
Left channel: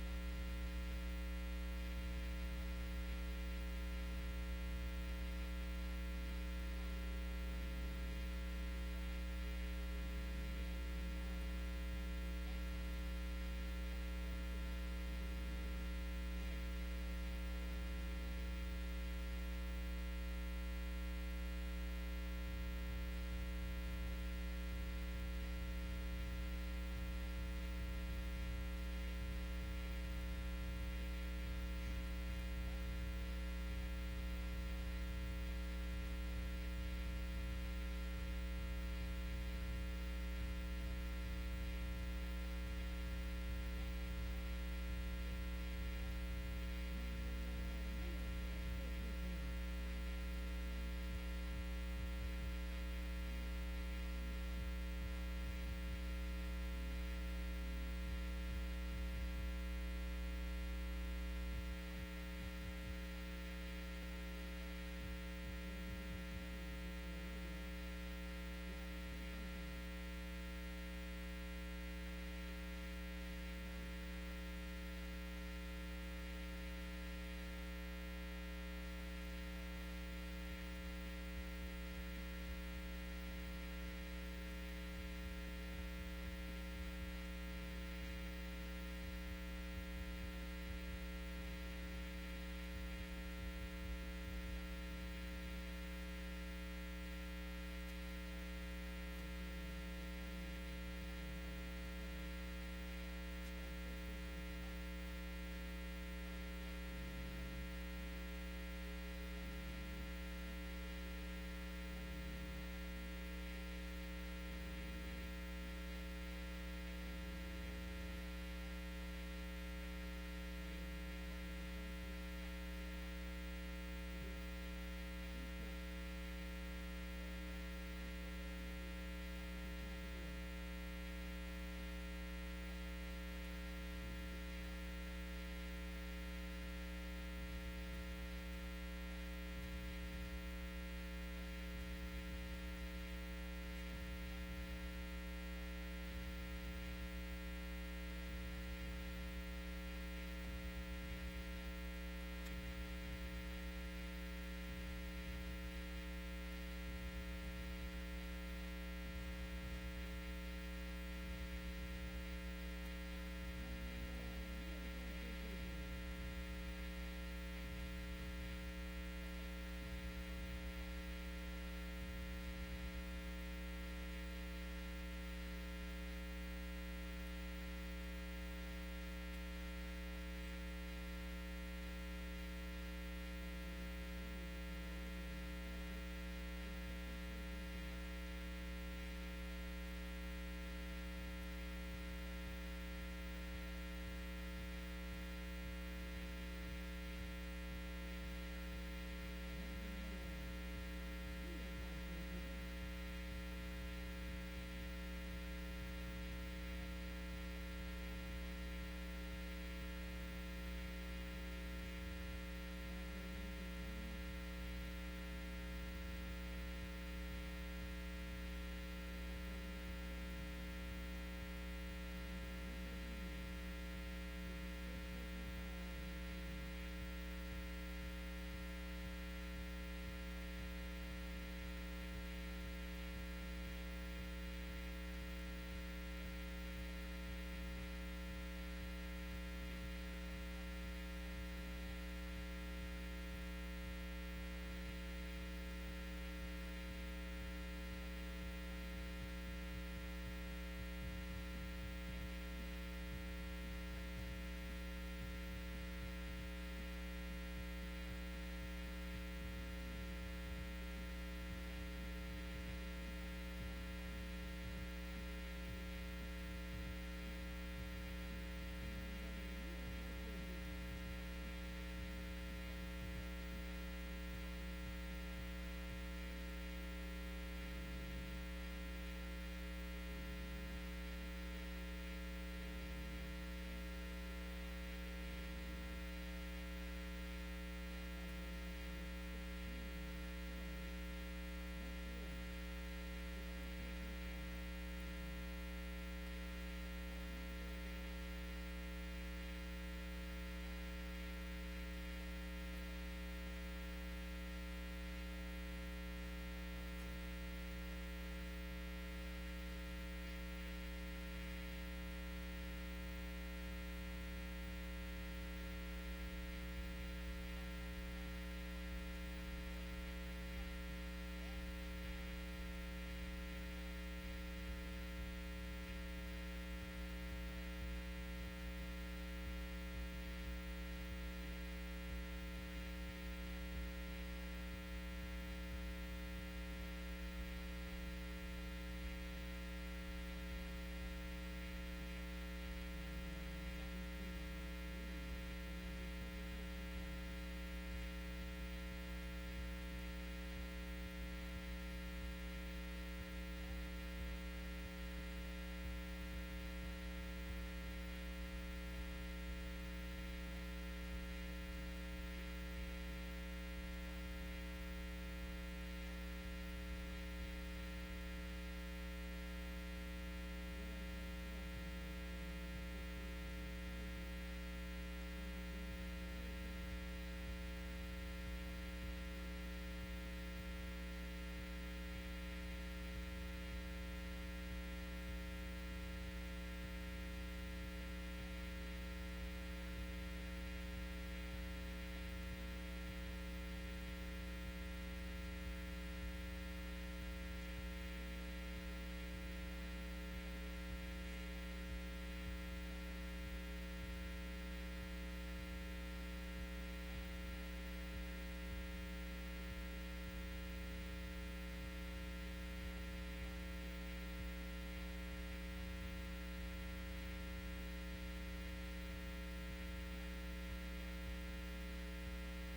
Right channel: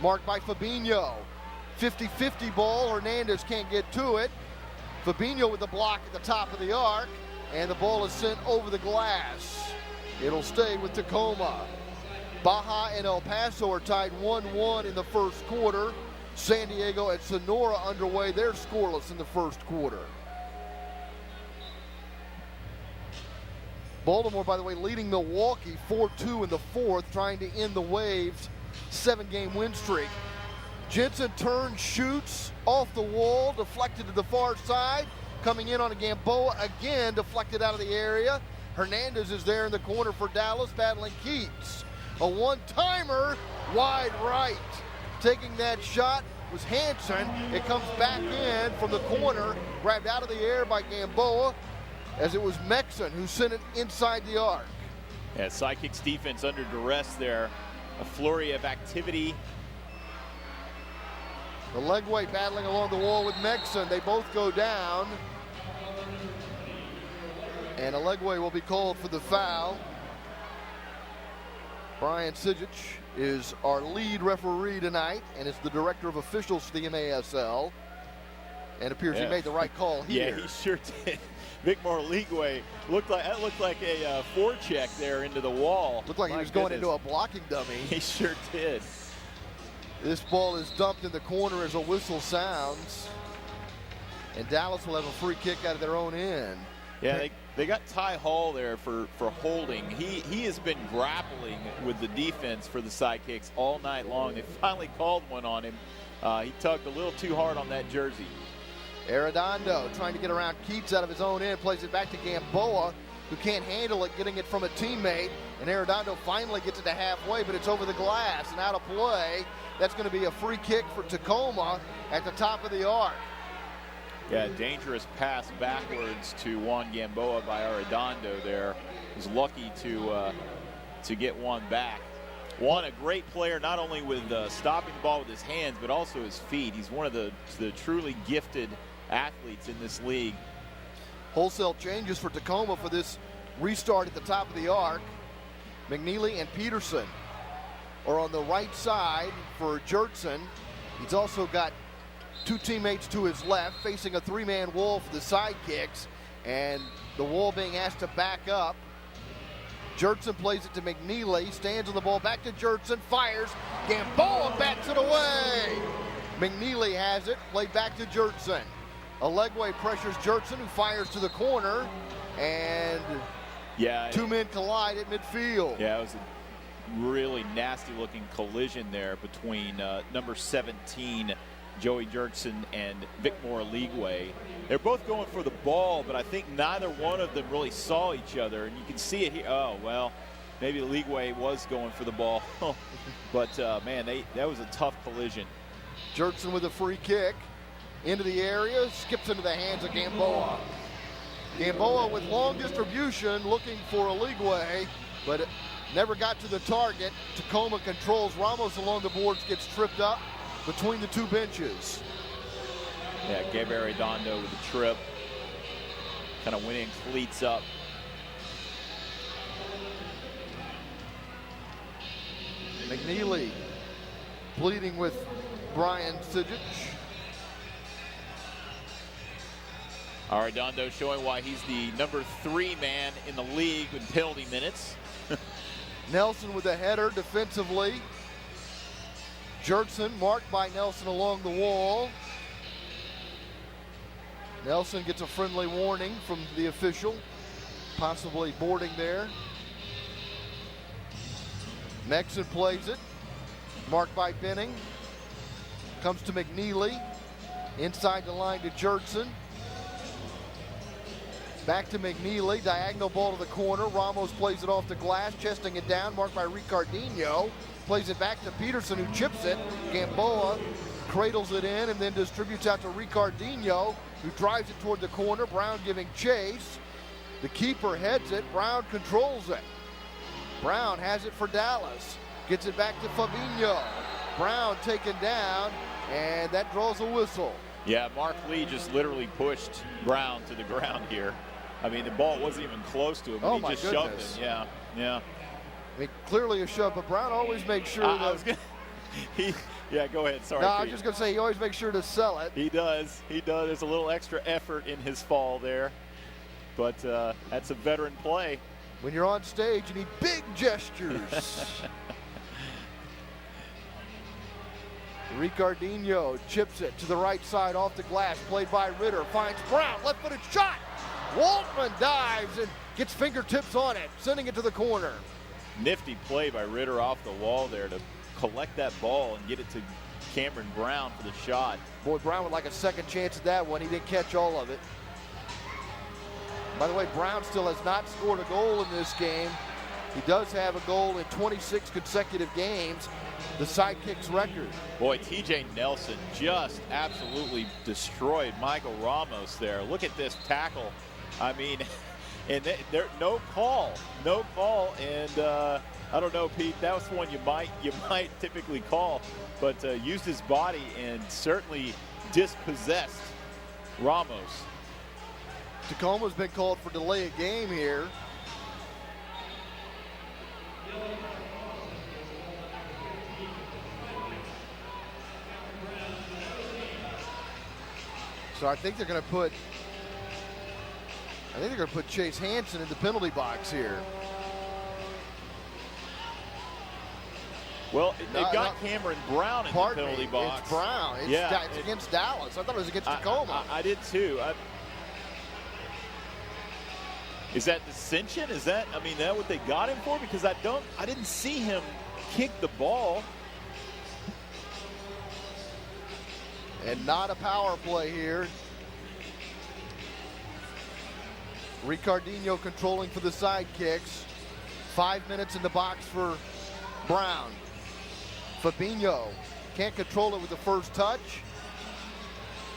Marked by Fabinho. 50-50 ball. Hernandez can't get to it. Fabinho with the block at the top of the arc. And the ball is sent over the glass. It'll stay with Tacoma. Baja and El Paso are tied 1-1 in the first quarter. San Diego and Sonora underway. They're scoreless in the first quarter. Baltimore, by the way, leading Milwaukee 4-2 in the fourth, trying to end the Waves' 7-game win streak. Jensen turns, shoots off the wall, deflected to the far side. Coming in on a Gamboa again, deflected out of the area. Hernandez is there in the corner for Dallas, battling Keats. A one-timer, wide right. Taking that shot was Hansen. It comes back in from the corner, grabbed out of the air by Gamboa, as it was Mexon who sent it inside the arc. Yeah, Sidekicks defense under duress there. A flurry of activity. The Legway battling along the wall with Mexon. They both go down. And a Legway will be called for the foul. Brian Sidekicks is our lead referee tonight and is the director of officials for the MASL. And appears he made the right call here. Yeah, he sure did. Victor Ligwe looked like a forecheck there into the wall. Looked like he was going into a blocking dummy. He sure did. This ball is dumped in the corner as a whistle sounds. And Dallas will have a free kick out of their own end. Yeah, they got Ty Hall there for holding. He has been grappling with the defense for the Sidekicks all night long. They finally called one on him. He tugged a little too hard on that jersey. Arredondo trying to get around Keats out of his own end, plays it back to Gamboa, who can't handle it, getting it from a teammate. And Arredondo finally gets it to halfway, but it's over the glass and out of play. That's going to be a free kick for Tacoma at the top of the arc. Yeah, dangerous pass backwards to Juan Gamboa by Arredondo there. Was lucky to get one back. Juan, a great player, not only with stopping the ball with his hands, but also his feet. He's one of the truly gifted athletes in this league. Wholesale changes for Tacoma for this restart at the top of the arc. McNeely and Peterson are on the right side for Jertson. He's also got two teammates to his left, facing a three-man wall for the Sidekicks, and the wall being asked to back up. Jertson plays it to McNeely, stands on the ball, back to Jertson, fires, Gamboa bats it away. McNeely has it, played back to Jertson. Legway pressures Jertson, who fires to the corner, and two men collide at midfield. Yeah, it was a really nasty-looking collision there between number 17, Joey Jertson, and Victor Ligwe. They're both going for the ball, but I think neither one of them really saw each other. And you can see it here. Oh, well, maybe Ligwe was going for the ball. But, man, that was a tough collision. Jertson with a free kick into the area, skips into the hands of Gamboa. Gamboa with long distribution, looking for a Ligwe, but it never got to the target. Tacoma controls. Ramos along the boards gets tripped up between the two benches. Yeah, Gabe Arredondo with the trip, kind of winning cleats up. McNeely pleading with Brian Sidekicks. Arredondo showing why he's the number 3 man in the league with penalty minutes. Nelson with a header defensively. Jertson marked by Nelson along the wall. Nelson gets a friendly warning from the official, possibly boarding there. Mexon plays it, marked by Benning. Comes to McNeely, inside the line to Jertson. Back to McNeely, diagonal ball to the corner. Ramos plays it off the glass, chesting it down, marked by Ricardinho. Plays it back to Peterson, who chips it. Gamboa cradles it in and then distributes out to Ricardinho, who drives it toward the corner. Brown giving chase. The keeper heads it. Brown controls it. Brown has it for Dallas. Gets it back to Fabinho. Brown taken down, and that draws a whistle. Yeah, Mark Lee just literally pushed Brown to the ground here. I mean, the ball wasn't even close to him. Oh, he just shoved it. Yeah, yeah. I mean, clearly a shove, but Brown always makes sure yeah, go ahead. Sorry. No, I was just going to say, he always makes sure to sell it. He does. He does. There's a little extra effort in his fall there. But that's a veteran play. When you're on stage, you need big gestures. Ricardinho chips it to the right side off the glass. Played by Ritter. Finds Brown. Left-footed shot. Waltman dives and gets fingertips on it, sending it to the corner. Nifty play by Ritter off the wall there to collect that ball and get it to Cameron Brown for the shot. Boy, Brown would like a second chance at that one. He didn't catch all of it. By the way, Brown still has not scored a goal in this game. He does have a goal in 26 consecutive games, the Sidekicks record. Boy, TJ Nelson just absolutely destroyed Michael Ramos there. Look at this tackle. I mean, and there no call, and I don't know, Pete. That was one you might typically call, but used his body and certainly dispossessed Ramos. Tacoma's been called for delay of game here. So I think they're going to put Chase Hansen in the penalty box here. Well, they've got Cameron Brown in the penalty box. It's Brown. It's against Dallas. I thought it was against Tacoma. I did too. Is that dissension? Is that what they got him for? Because I didn't see him kick the ball. And not a power play here. Ricardinho controlling for the Sidekicks. 5 minutes in the box for Brown. Fabinho can't control it with the first touch.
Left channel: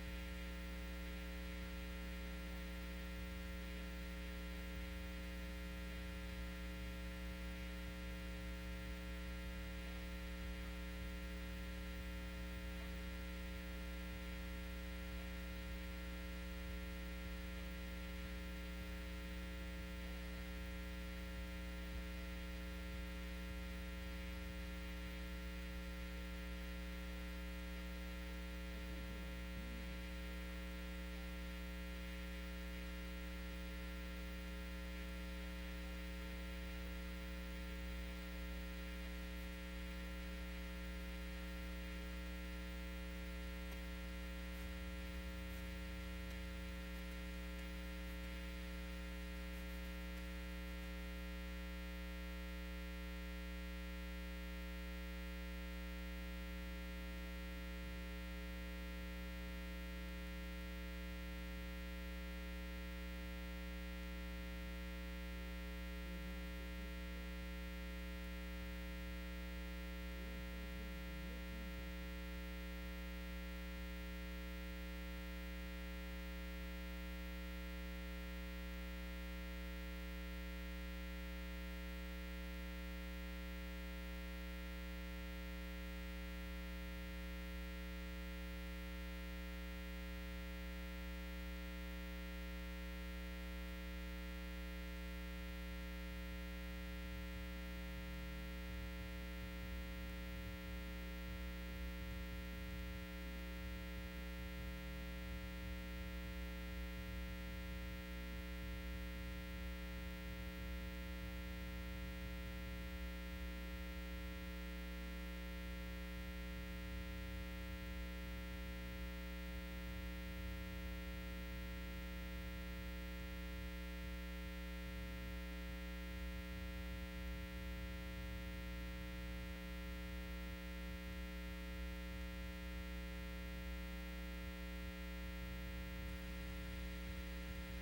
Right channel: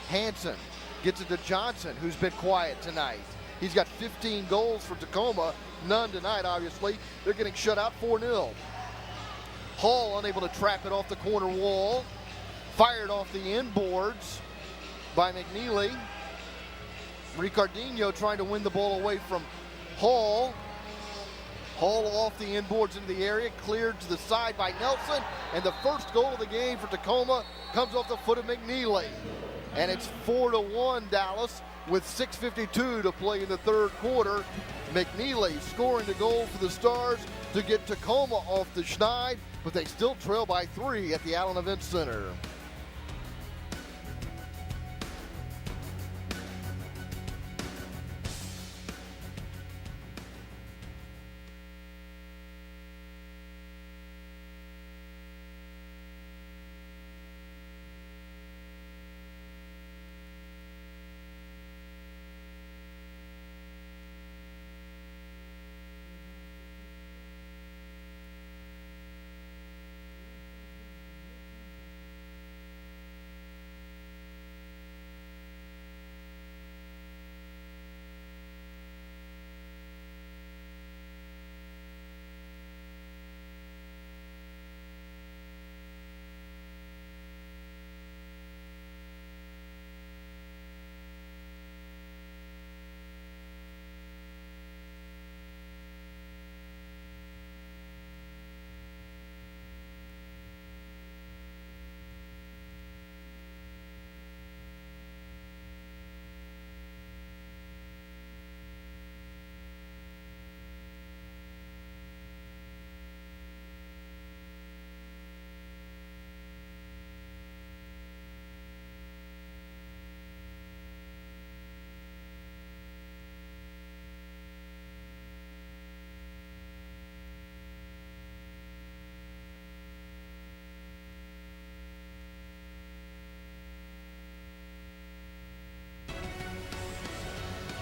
Hansen gets it to Johnson, who's been quiet tonight. He's got 15 goals for Tacoma, none tonight, obviously. They're getting shut out 4-0. Hall unable to trap it off the corner wall. Fired off the inboards by McNeely. Ricardinho trying to win the ball away from Hall. Hall off the inboards into the area, cleared to the side by Nelson, and the first goal of the game for Tacoma comes off the foot of McNeely. And it's 4-1 Dallas with 6:52 to play in the third quarter. McNeely scoring the goal for the Stars to get Tacoma off the schneid, but they still trail by 3 at the Allen Event Center.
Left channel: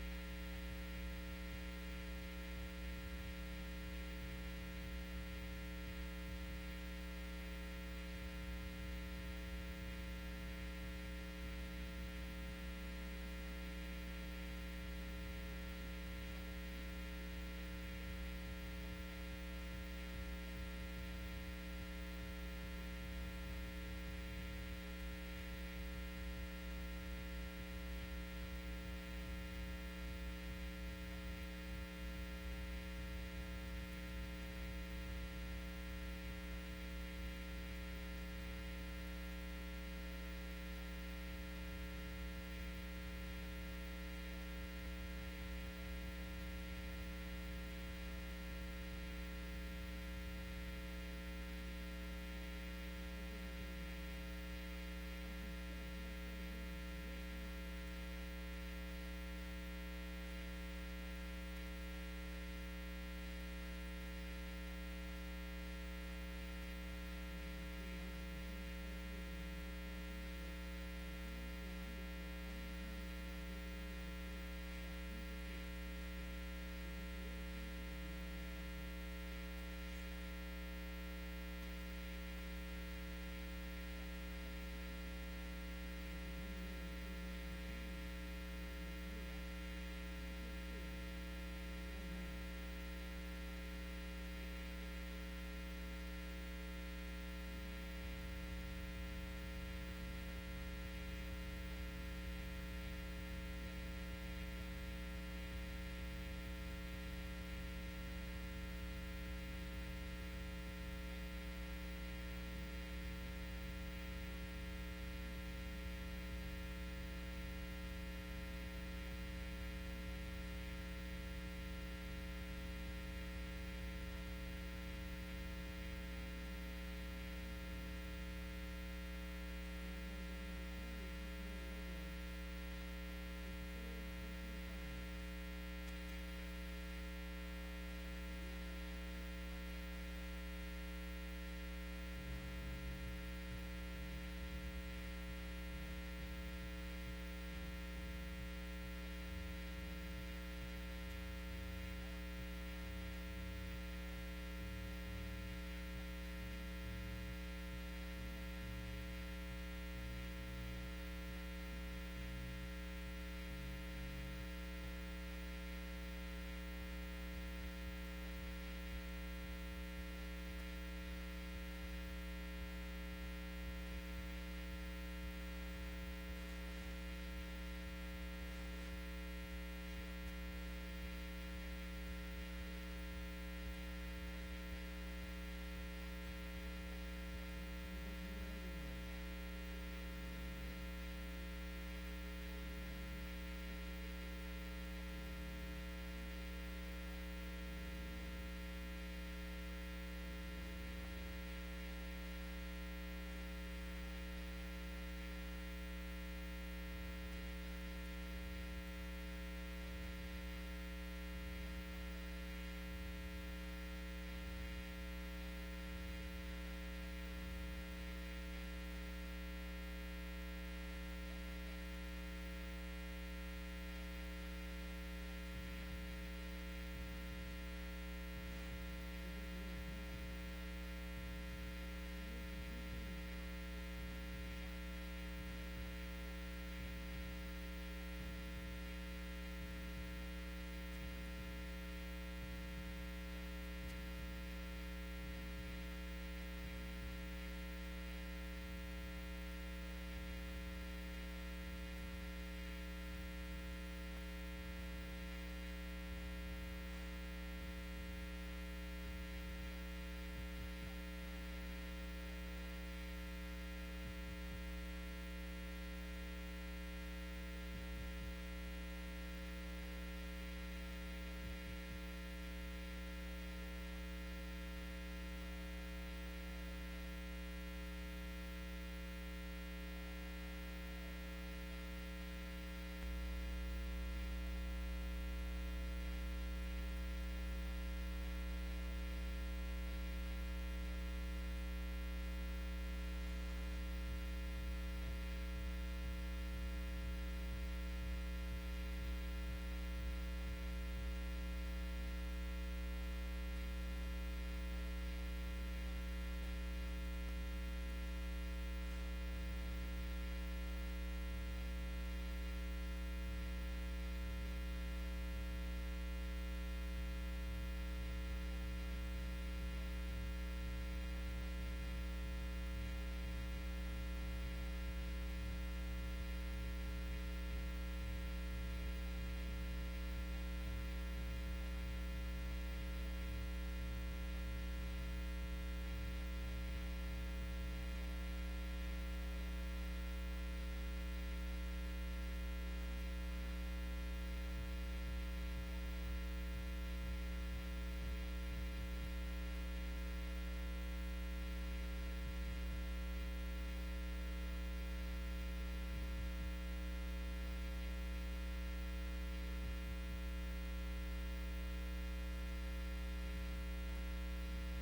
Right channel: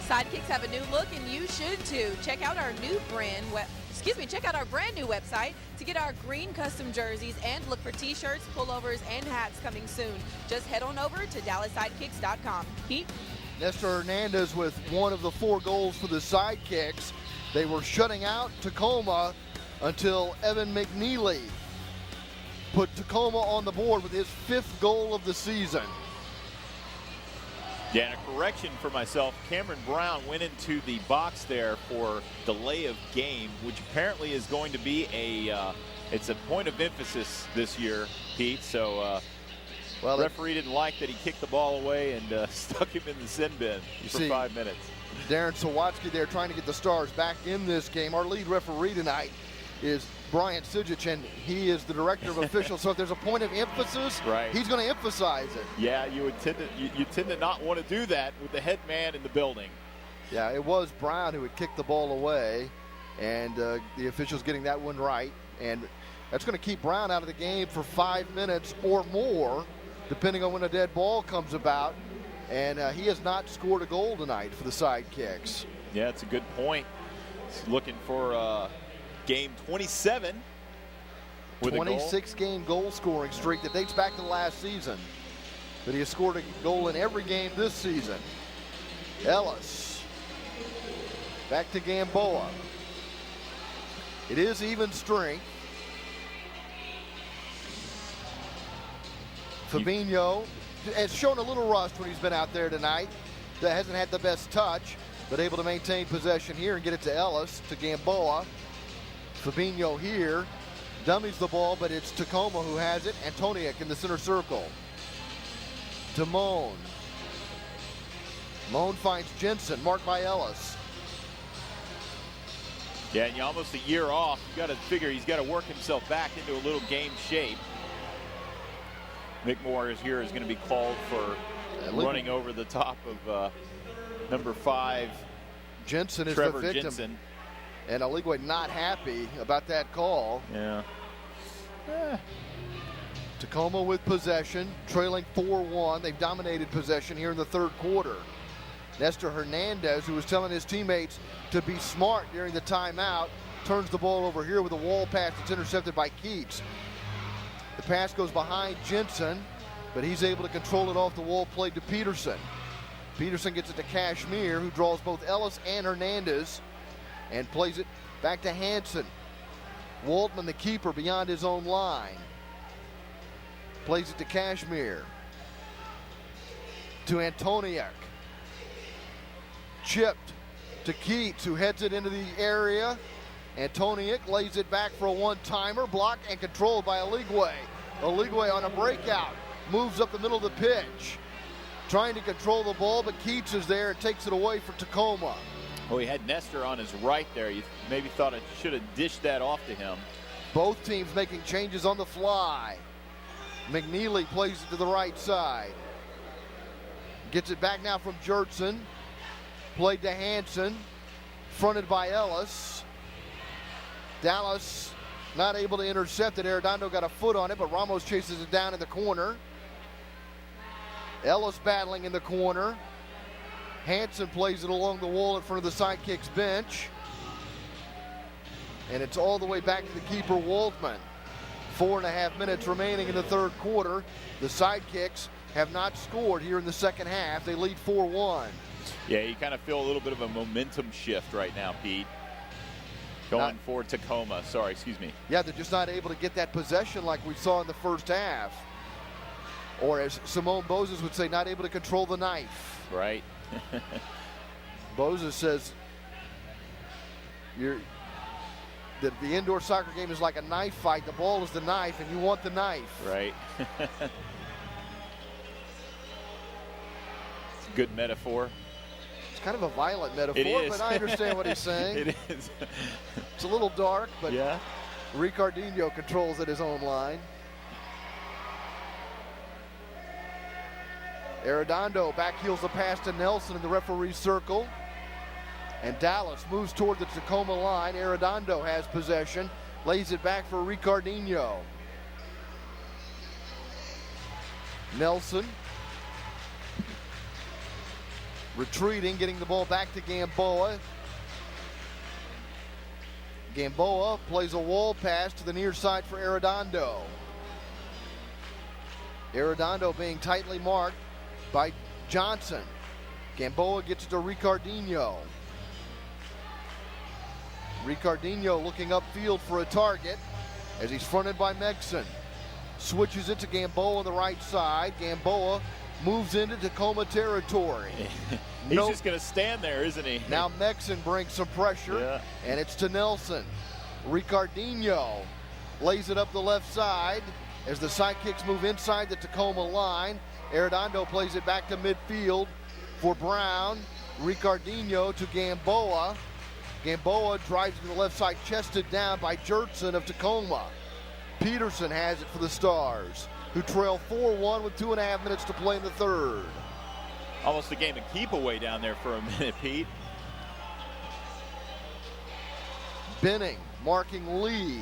Sidekicks have a new look, and you should too. Check out our brand new website to get our green custom jerseys and look for t-shirts, pullovers, and hats coming soon. Just head on over to DallasSidekicks.com. Pete? Nestor Hernandez with one of the 4 goals for the Sidekicks. They were shutting out Tacoma until Evan McNeely put Tacoma on the board with his 5th goal of the season. Yeah, and a correction for myself. Cameron Brown went into the box there for delay of game, which apparently is going to be it's a point of emphasis this year, Pete. So the referee didn't like that he kicked the ball away and stuck him in the sin bin for 5 minutes. Darren Sawatsky there trying to get the Stars back in this game. Our lead referee tonight is Brian Sijic, and he is the director of officials. So if there's a point of emphasis, he's going to emphasize it. Yeah, you tend to not want to do that with the head man in the building. Yeah, it was Brown who had kicked the ball away, and the officials getting that one right. And That's going to keep Brown out of the game for 5 minutes or more, depending on when a dead ball comes about. And he has not scored a goal tonight for the Sidekicks. Yeah, it's a good point. He's looking for game 27 with 26-game goal scoring streak that dates back to last season. But he has scored a goal in every game this season. Ellis. Back to Gamboa. It is even strength. Fabinho has shown a little rust when he's been out there tonight. That hasn't had the best touch, but able to maintain possession here and get it to Ellis, to Gamboa. Fabinho here, dummies the ball, but it's Tacoma who has it. Antoniuk in the center circle. To Moan. Moan finds Jensen, marked by Ellis. Yeah, and you're almost a year off. You got to figure he's got to work himself back into a little game shape. Mick Moore is going to be called for running over the top of number 5. Jensen is Trevor the victim. Jensen. And Aligwe not happy about that call. Yeah. Tacoma with possession, trailing 4-1. They've dominated possession here in the third quarter. Nestor Hernandez, who was telling his teammates to be smart during the timeout, turns the ball over here with a wall pass that's intercepted by Keats. The pass goes behind Jensen, but he's able to control it off the wall play to Peterson. Peterson gets it to Kashmir, who draws both Ellis and Hernandez and plays it back to Hansen. Waldman, the keeper, beyond his own line. Plays it to Kashmir. To Antoniuk. Chipped to Keats, who heads it into the area. Antoniuk lays it back for a one-timer, blocked and controlled by Aligwe. Aligwe on a breakout, moves up the middle of the pitch, trying to control the ball, but Keats is there and takes it away for Tacoma. Well, he had Nestor on his right there. You maybe thought it should have dished that off to him. Both teams making changes on the fly. McNeely plays it to the right side. Gets it back now from Jertson. Played to Hansen. Fronted by Ellis. Dallas not able to intercept it. Arredondo got a foot on it, but Ramos chases it down in the corner. Ellis battling in the corner. Hansen plays it along the wall in front of the Sidekicks bench. And it's all the way back to the keeper, Waldman. 4.5 minutes remaining in the third quarter. The Sidekicks have not scored here in the second half. They lead 4-1. Yeah, you kind of feel a little bit of a momentum shift right now, Pete. Going for Tacoma. Sorry, excuse me. Yeah, they're just not able to get that possession like we saw in the first half. Or as Simone Bozes would say, not able to control the knife. Right. Bozes says that the indoor soccer game is like a knife fight. The ball is the knife, and you want the knife. Right. Good metaphor. It's kind of a violent metaphor, but I understand what he's saying. It is. It's a little dark, but yeah. Ricardinho controls at his own line. Arredondo backheels the pass to Nelson in the referee's circle. And Dallas moves toward the Tacoma line. Arredondo has possession, lays it back for Ricardinho. Nelson retreating, getting the ball back to Gamboa. Gamboa plays a wall pass to the near side for Arredondo. Arredondo being tightly marked by Johnson. Gamboa gets it to Ricardinho. Ricardinho looking upfield for a target as he's fronted by Megson. Switches it to Gamboa on the right side. Gamboa moves into Tacoma territory. He's just going to stand there, isn't he? Now Megson brings some pressure, and it's to Nelson. Ricardinho lays it up the left side as the Sidekicks move inside the Tacoma line. Arredondo plays it back to midfield for Brown. Ricardinho to Gamboa. Gamboa drives to the left side, chested down by Jertson of Tacoma. Peterson has it for the Stars, who trail 4-1 with 2.5 minutes to play in the third. Almost a game of keep away down there for a minute, Pete. Benning marking Lee.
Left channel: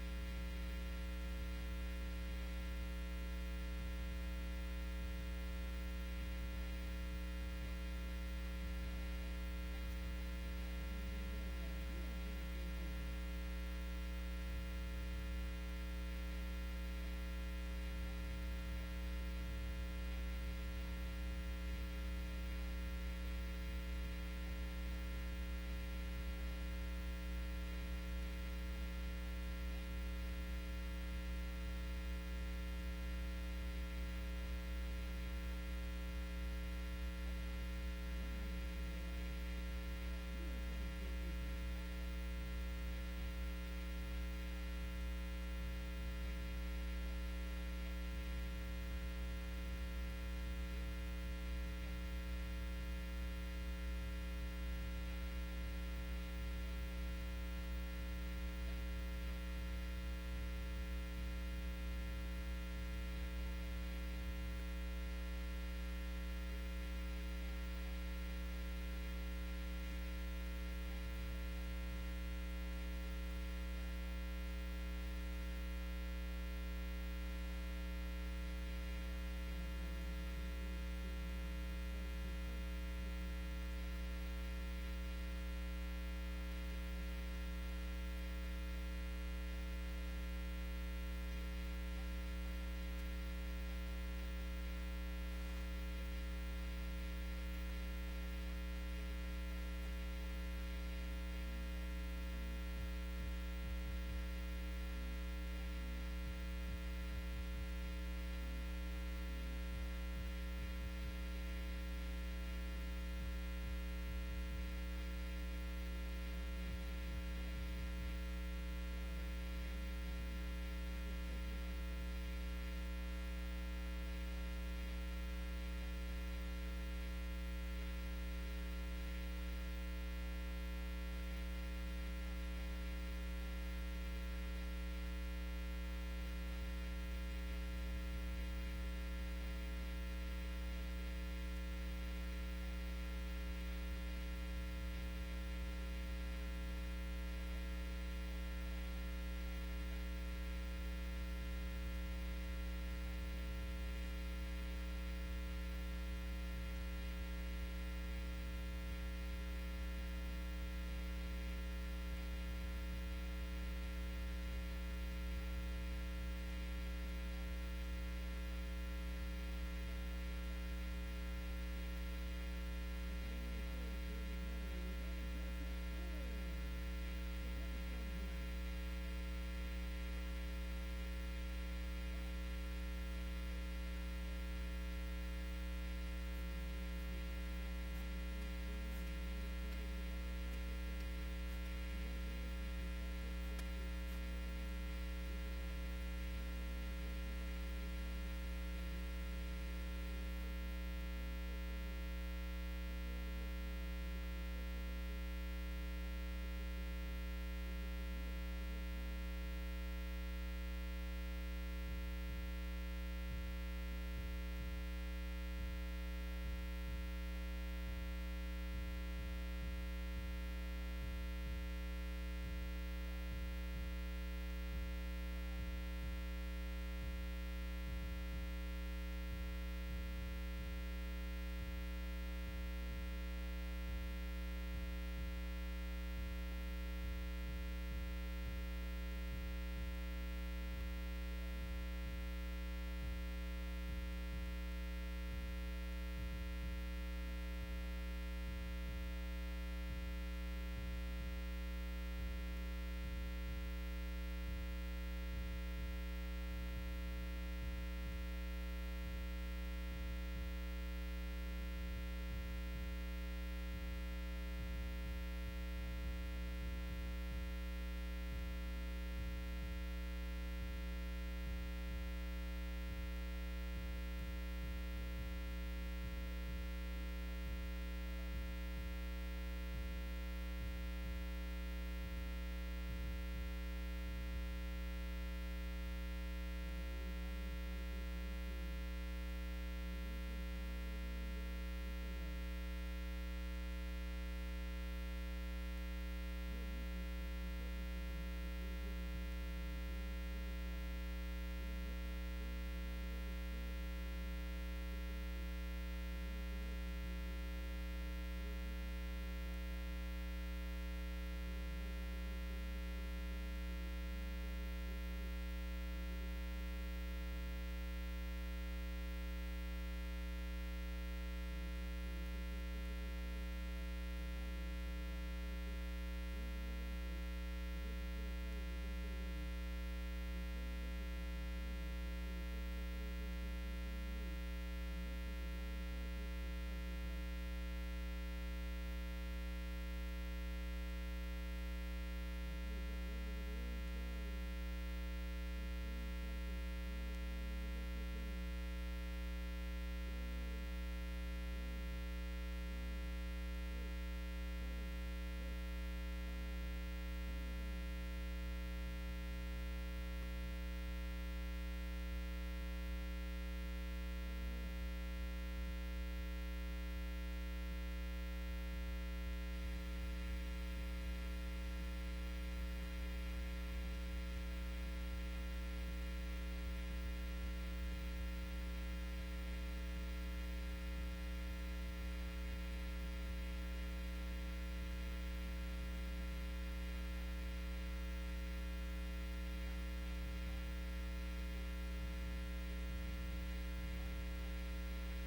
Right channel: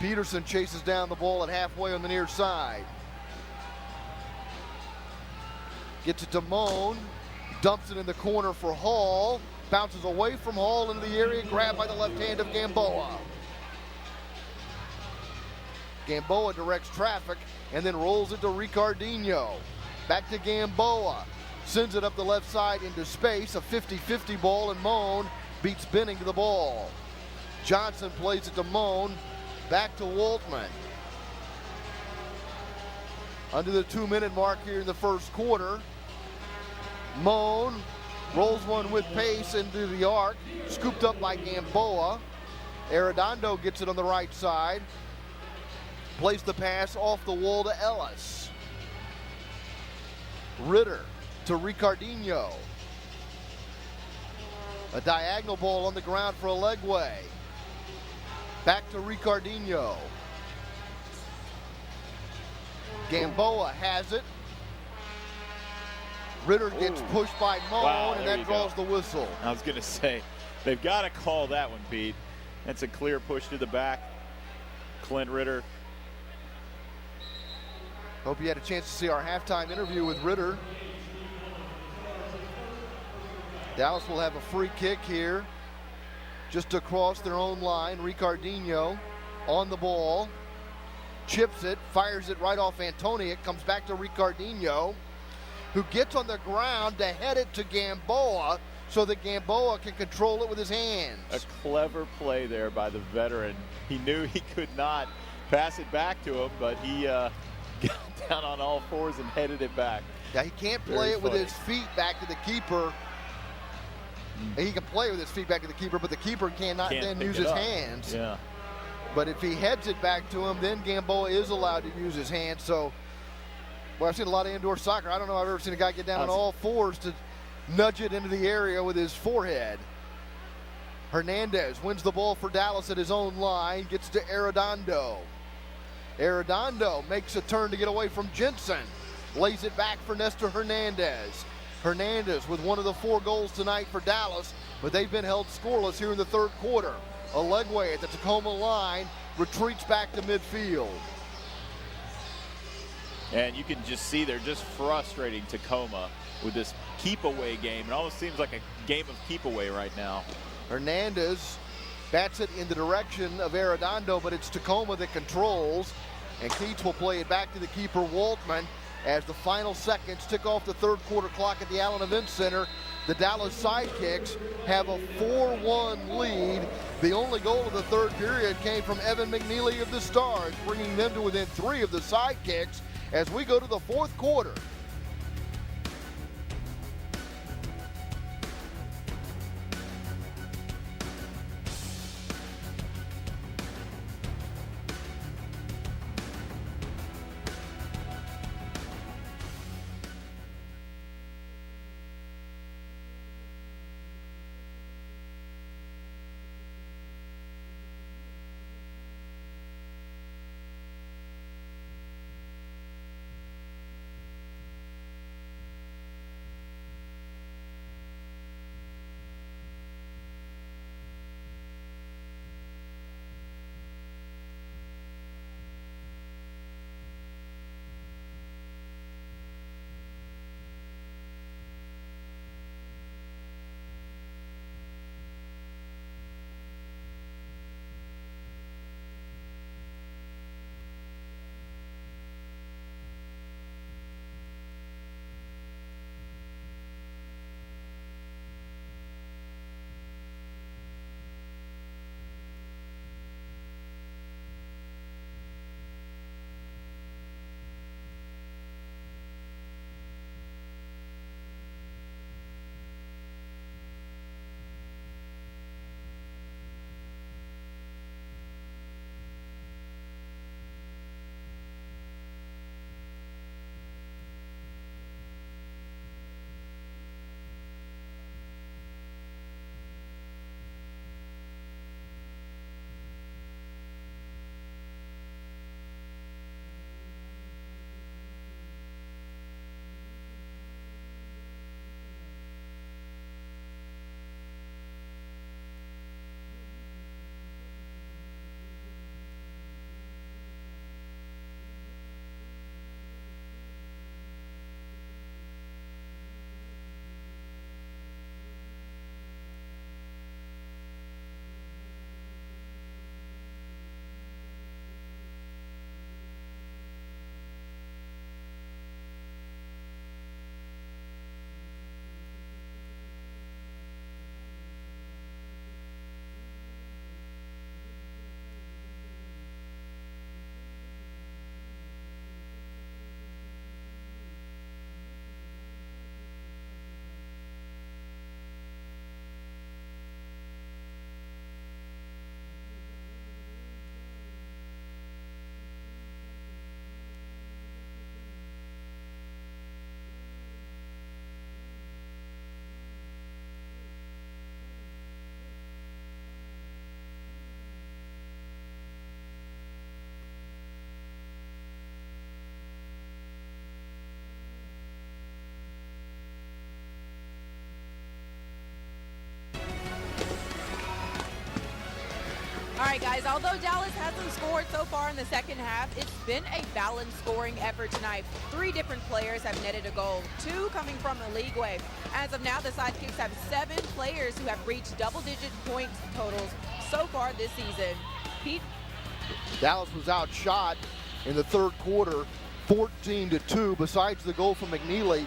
Peterson chases down the ball at halfway on the near side. Gets it to Moan. Dumps it in the corner for Hall. Bounces away from Hall into the area, grabbed by the left hand of Gamboa. Gamboa directs traffic and then rolls it to Ricardinho. Back to Gamboa. Sends it up the left side into space. A 50-50 ball, and Moan beats Benning to the ball. Johnson plays it to Moan. Back to Waltman. Under the 2-minute mark here in the first quarter. Moan rolls one with pace into the arc. Scooped up by Gamboa. Arredondo gets it on the right side. Plays the pass off the wall to Ellis. Ritter to Ricardinho. A diagonal ball on the ground for Alegwe. Back to Ricardinho. Gamboa has it. Ritter gets pushed by Moan, and that draws the whistle. I was going to say, they've got to call that one, Pete. That's a clear push to the back. Clint Ritter. Hope you had a chance to see our halftime interview with Ritter. Dallas will have a free kick here, just across their own line. Ricardinho on the ball, chips it, fires it right off Antoni. It comes back to Ricardinho, who gets on the ground to head it to Gamboa so that Gamboa can control it with his hands. A clever play there by the veteran. He knew he could not pass it back to him, but he got down on all fours and headed it back. Yeah, he can't play it with his feet back to the keeper. He can play with his feet back to the keeper, but the keeper cannot then use his hands. Yeah. But if he heads it back to him, then Gamboa is allowed to use his hands. So, well, I've seen a lot of indoor soccer. I don't know if I've ever seen a guy get down on all fours to nudge it into the area with his forehead. Hernandez wins the ball for Dallas at his own line, gets to Arredondo. Arredondo makes a turn to get away from Jensen. Lays it back for Nestor Hernandez. Hernandez with one of the 4 goals tonight for Dallas, but they've been held scoreless here in the third quarter. Alegwe at the Tacoma line retreats back to midfield. And you can just see they're just frustrating Tacoma with this keep-away game. It almost seems like a game of keep-away right now. Hernandez bats it in the direction of Arredondo, but it's Tacoma that controls, and Keats will play it back to the keeper, Waltman, as the final seconds tick off the third quarter clock at the Allen Event Center. The Dallas Sidekicks have a 4-1 lead. The only goal of the third period came from Evan McNeely of the Stars, bringing them to within 3 of the Sidekicks as we go to the fourth quarter. All right, guys, although Dallas hasn't scored so far in the second half, it's been a balanced scoring effort tonight. 3 different players have netted a goal, 2 coming from the league way. As of now, the Sidekicks have 7 players who have reached double-digit point totals so far this season. Pete? Dallas was outshot in the third quarter, 14-2. Besides the goal from McNeely,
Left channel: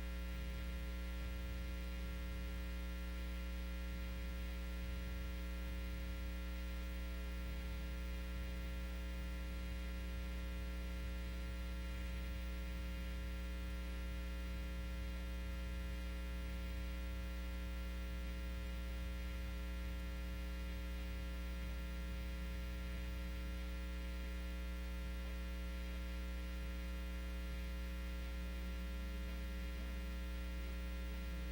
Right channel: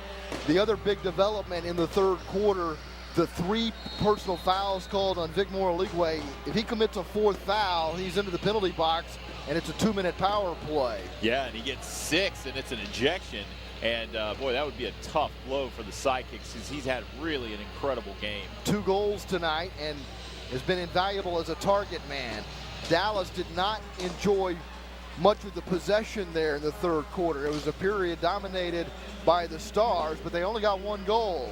the other big development in the third quarter, the 3 personal fouls called on Vic Moraligwe. If he commits a 4th foul, he's into the penalty box, and it's a 2-minute power play. Yeah, and he gets 6, and it's an ejection. And, boy, that would be a tough blow for the Sidekicks because he's had really an incredible game. 2 goals tonight and has been invaluable as a target man. Dallas did not enjoy much of the possession there in the third quarter. It was a period dominated by the Stars, but they only got 1 goal.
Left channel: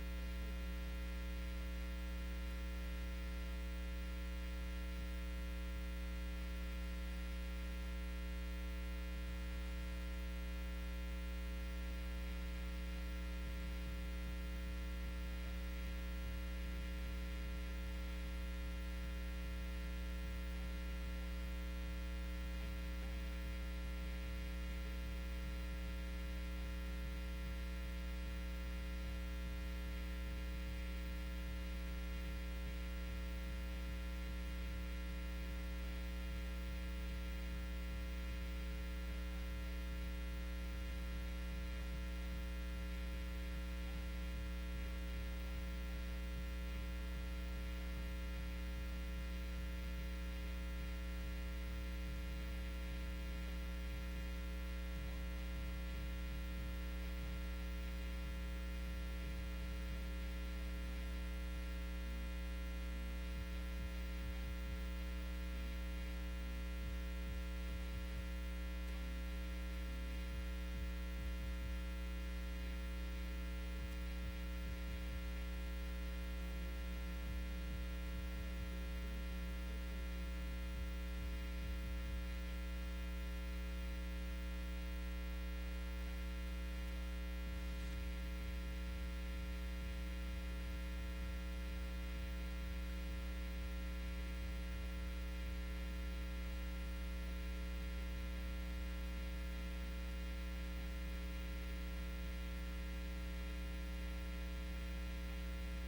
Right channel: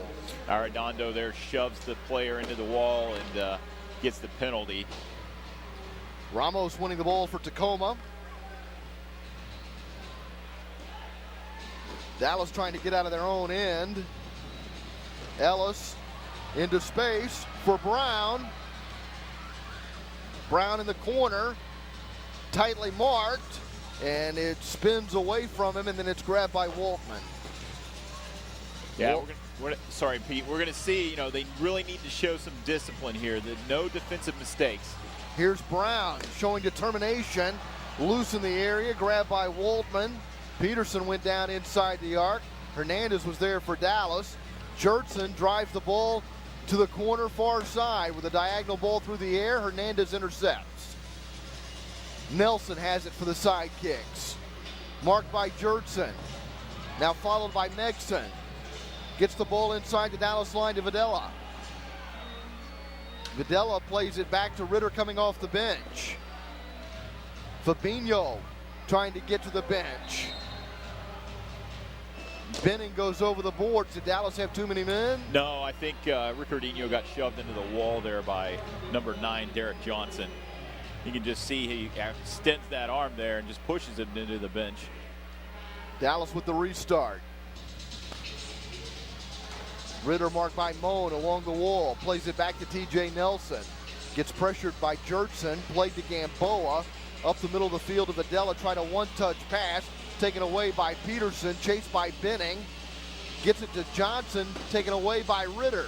Arredondo there shoves the player into the wall and gets the penalty. Ramos winning the ball for Tacoma. Dallas trying to get out of their own end. Ellis into space for Brown. Brown in the corner, tightly marked, and it spins away from him, and then it's grabbed by Waltman. Yeah, sorry, Pete. We're going to see, they really need to show some discipline here. No defensive mistakes. Here's Brown showing determination. Loose in the area, grabbed by Waltman. Peterson went down inside the arc. Hernandez was there for Dallas. Jurtson drives the ball to the corner far side with a diagonal ball through the air. Hernandez intercepts. Nelson has it for the Sidekicks. Marked by Jurtson. Now followed by Megson. Gets the ball inside the Dallas line to Videla. Videla plays it back to Ritter coming off the bench. Fabinho trying to get to the bench. Benning goes over the boards. Did Dallas have too many men? No, I think Ricardinho got shoved into the wall there by number 9, Derek Johnson. You can just see he extends that arm there and just pushes it into the bench. Dallas with the restart. Ritter marked by Moan along the wall. Plays it back to TJ Nelson. Gets pressured by Jurtson. Played to Gamboa. Up the middle of the field to Videla. Tried a one-touch pass. Taken away by Peterson. Chased by Benning. Gets it to Johnson. Taken away by Ritter.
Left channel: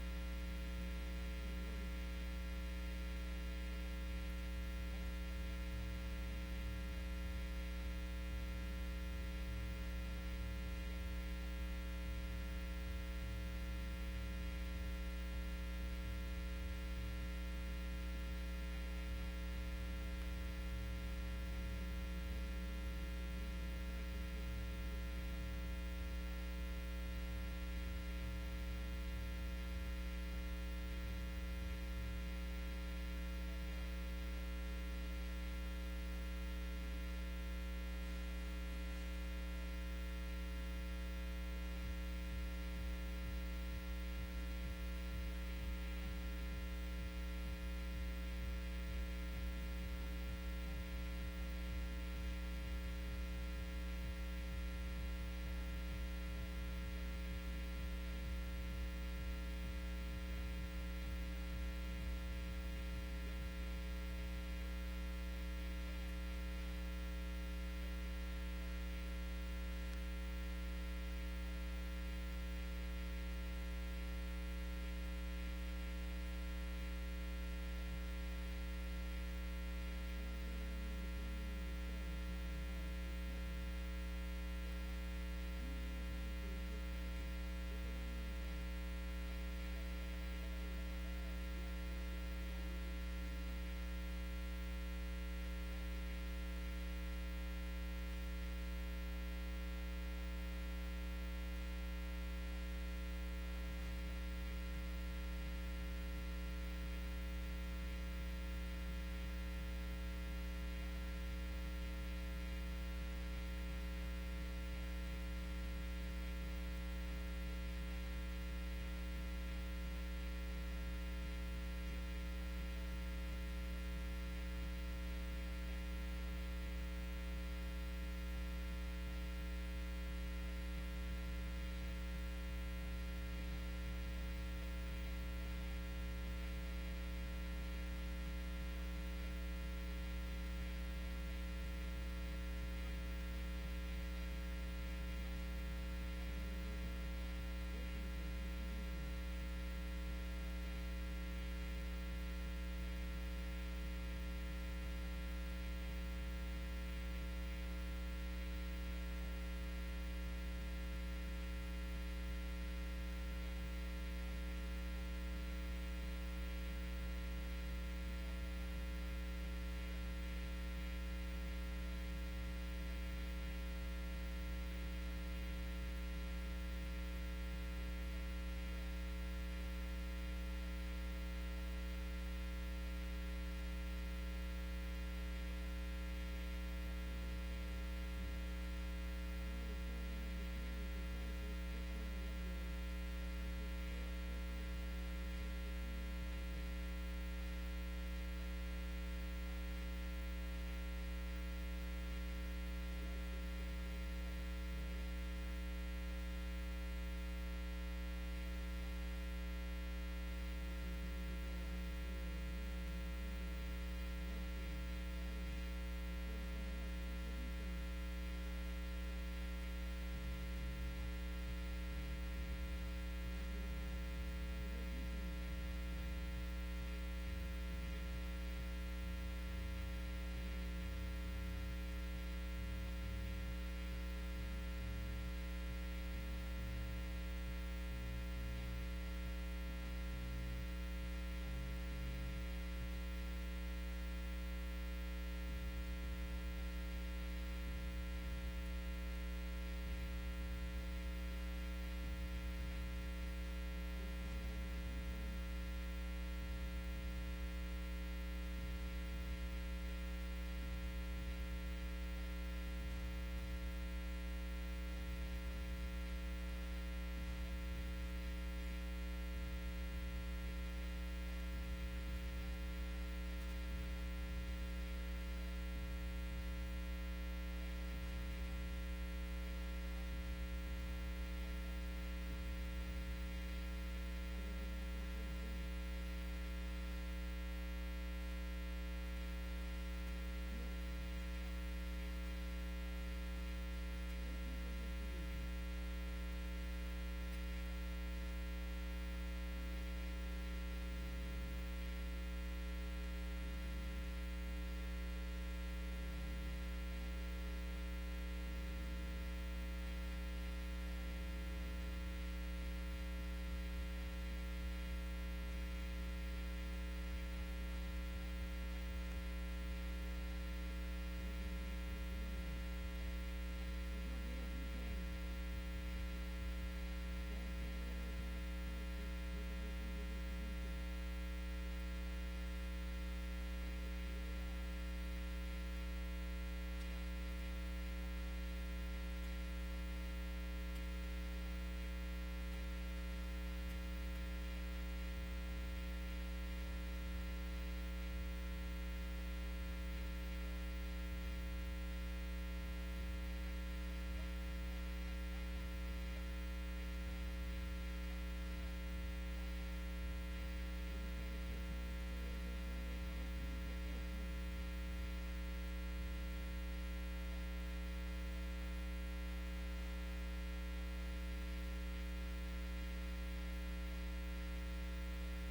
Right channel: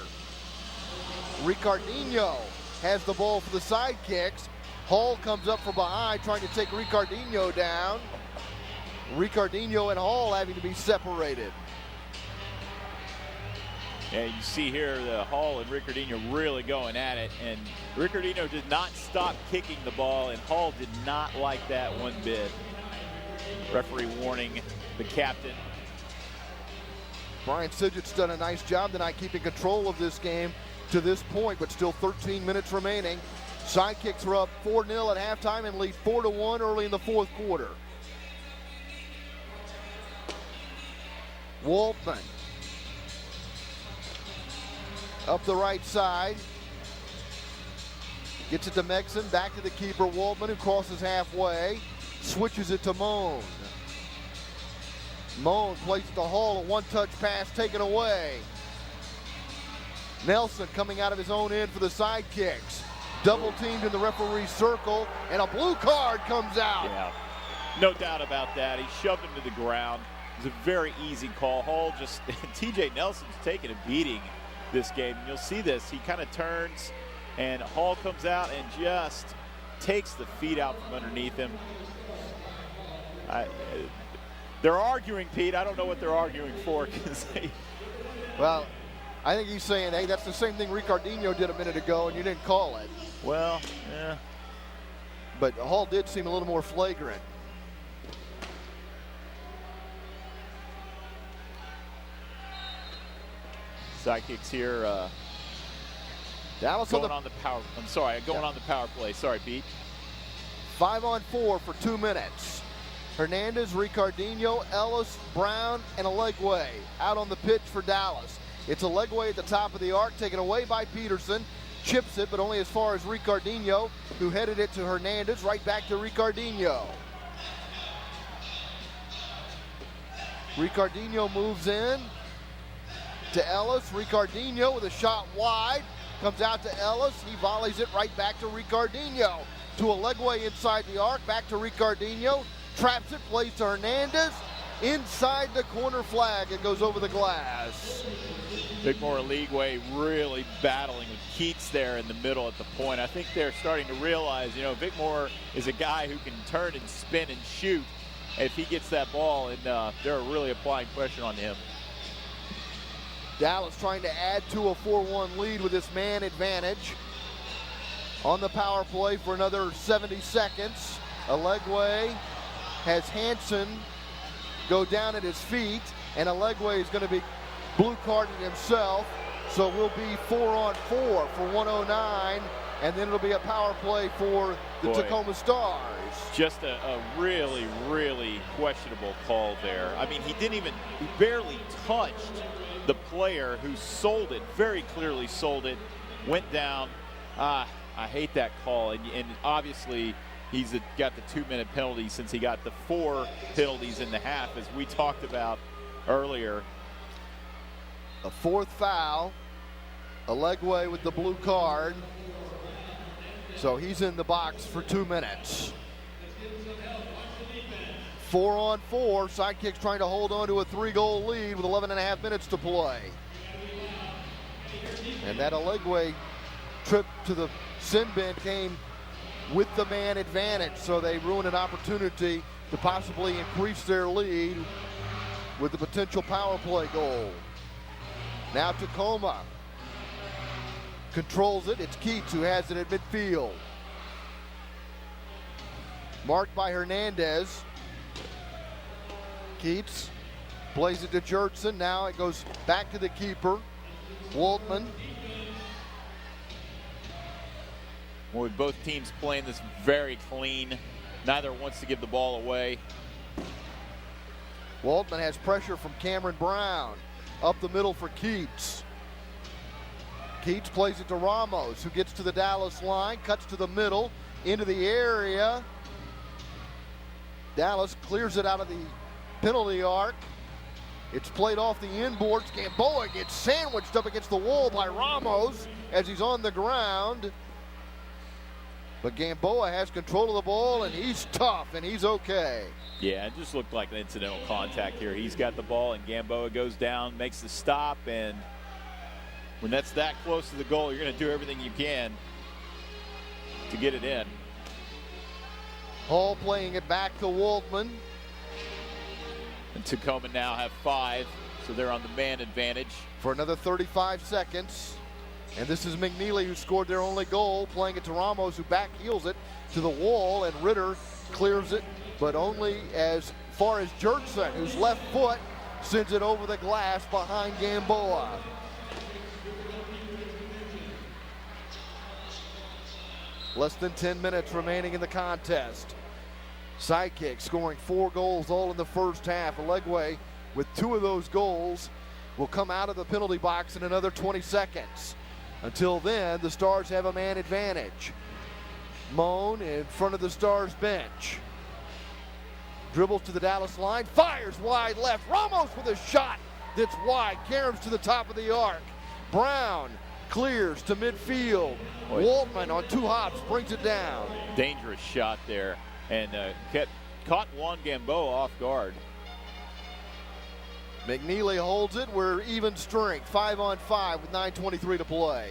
Ricardinho has the ball for the Sidekicks. Hall comes up from behind trying to take Ricardinho down. Ricardinho and Hall having to be separated. Yeah, you see here the Hall and Ricardinho really going at it, and Ricardinho did not stop kicking the ball, and Hall did not like that one bit. Referee warning the captain. Brian Sidgett's done a nice job tonight keeping control of this game to this point, but still 13 minutes remaining. Sidekicks are up 4-0 at halftime and lead 4-1 early in the fourth quarter. Waltman up the right side. Gets it to Megson, back to the keeper, Waltman, who crosses halfway. Switches it to Moan. Moan plays it to Hall, a one-touch pass taken away. Nelson coming out of his own end for the Sidekicks. Double teamed in the referee's circle, and a blue card comes out. Yeah, no doubt about that. He shoved him to the ground. It was a very easy call. Hall just, TJ Nelson's taking a beating this game. You'll see this. He kind of turns, and Hall comes out and just takes the feet out from underneath him. They're arguing, Pete. I don't know what they're arguing for. Well, I think he's saying, hey, that's the same thing Ricardinho did a minute ago, and you didn't call it. Well, yeah. But Hall did seem a little more flagrant. Sidekicks here. Dallas going on the power. I'm sorry, going on the power play. Sorry, Pete. 5-on-4 for 2 minutes. Hernandez, Ricardinho, Ellis, Brown, and Alegwe out on the pitch for Dallas. It's Alegwe at the top of the arc, taken away by Peterson. Chips it, but only as far as Ricardinho, who headed it to Hernandez, right back to Ricardinho. Ricardinho moves in to Ellis. Ricardinho with a shot wide. Comes out to Ellis. He volleys it right back to Ricardinho. to Alegwe inside the arc, back to Ricardinho, traps it, plays to Hernandez, inside the corner flag, it goes over the glass. Vicmore Alegwe really battling with Keats there in the middle at the point. I think they're starting to realize, you know, Vicmore is a guy who can turn and spin and shoot if he gets that ball, and they're really applying pressure on him. Dallas trying to add to a 4-1 lead with this man advantage. On the power play for another 70 seconds. Alegwe has Hansen go down at his feet, and Alegwe is going to be blue carded himself. So we'll be 4-on-4 for 109, and then it'll be a power play for the Tacoma Stars. Just a really, really questionable call there. I mean, he barely touched the player who sold it, very clearly sold it, went down. I hate that call, and obviously he's got the 2-minute penalty since he got the 4 penalties in the half, as we talked about earlier. A 4th foul. Alegwe with the blue card. So he's in the box for 2 minutes. 4-on-4. Sidekicks trying to hold on to a 3-goal lead with 11.5 minutes to play. And that Alegwe trip to the sin bin came with the man advantage, so they ruined an opportunity to possibly increase their lead with the potential power play goal. Now Tacoma controls it. It's Keats who has it at midfield. Marked by Hernandez. Keats plays it to Jurtson. Now it goes back to the keeper, Waltman. Well, with both teams playing this very clean, neither wants to give the ball away. Waltman has pressure from Cameron Brown. Up the middle for Keats. Keats plays it to Ramos, who gets to the Dallas line, cuts to the middle, into the area. Dallas clears it out of the penalty arc. It's played off the inboards. Gamboa gets sandwiched up against the wall by Ramos as he's on the ground. But Gamboa has control of the ball, and he's tough, and he's okay. Yeah, it just looked like an incidental contact here. He's got the ball, and Gamboa goes down, makes the stop, and when that's that close to the goal, you're going to do everything you can to get it in. Hall playing it back to Waltman. And Tacoma now have 5, so they're on the man advantage. For another 35 seconds. And this is McNeely, who scored their only goal, playing it to Ramos, who back heels it to the wall, and Ritter clears it, but only as far as Jurtson, whose left foot sends it over the glass behind Gamboa. Less than 10 minutes remaining in the contest. Sidekicks scoring 4 goals all in the first half. Alegwe, with 2 of those goals, will come out of the penalty box in another 20 seconds. Until then, the Stars have a man advantage. Moan in front of the Stars bench. Dribbles to the Dallas line, fires wide left. Ramos with a shot that's wide. Caroms to the top of the arc. Brown clears to midfield. Waltman on 2 hops brings it down. Dangerous shot there, and caught Juan Gamboa off guard. McNeely holds it. We're even strength, 5-on-5 with 9:23 to play.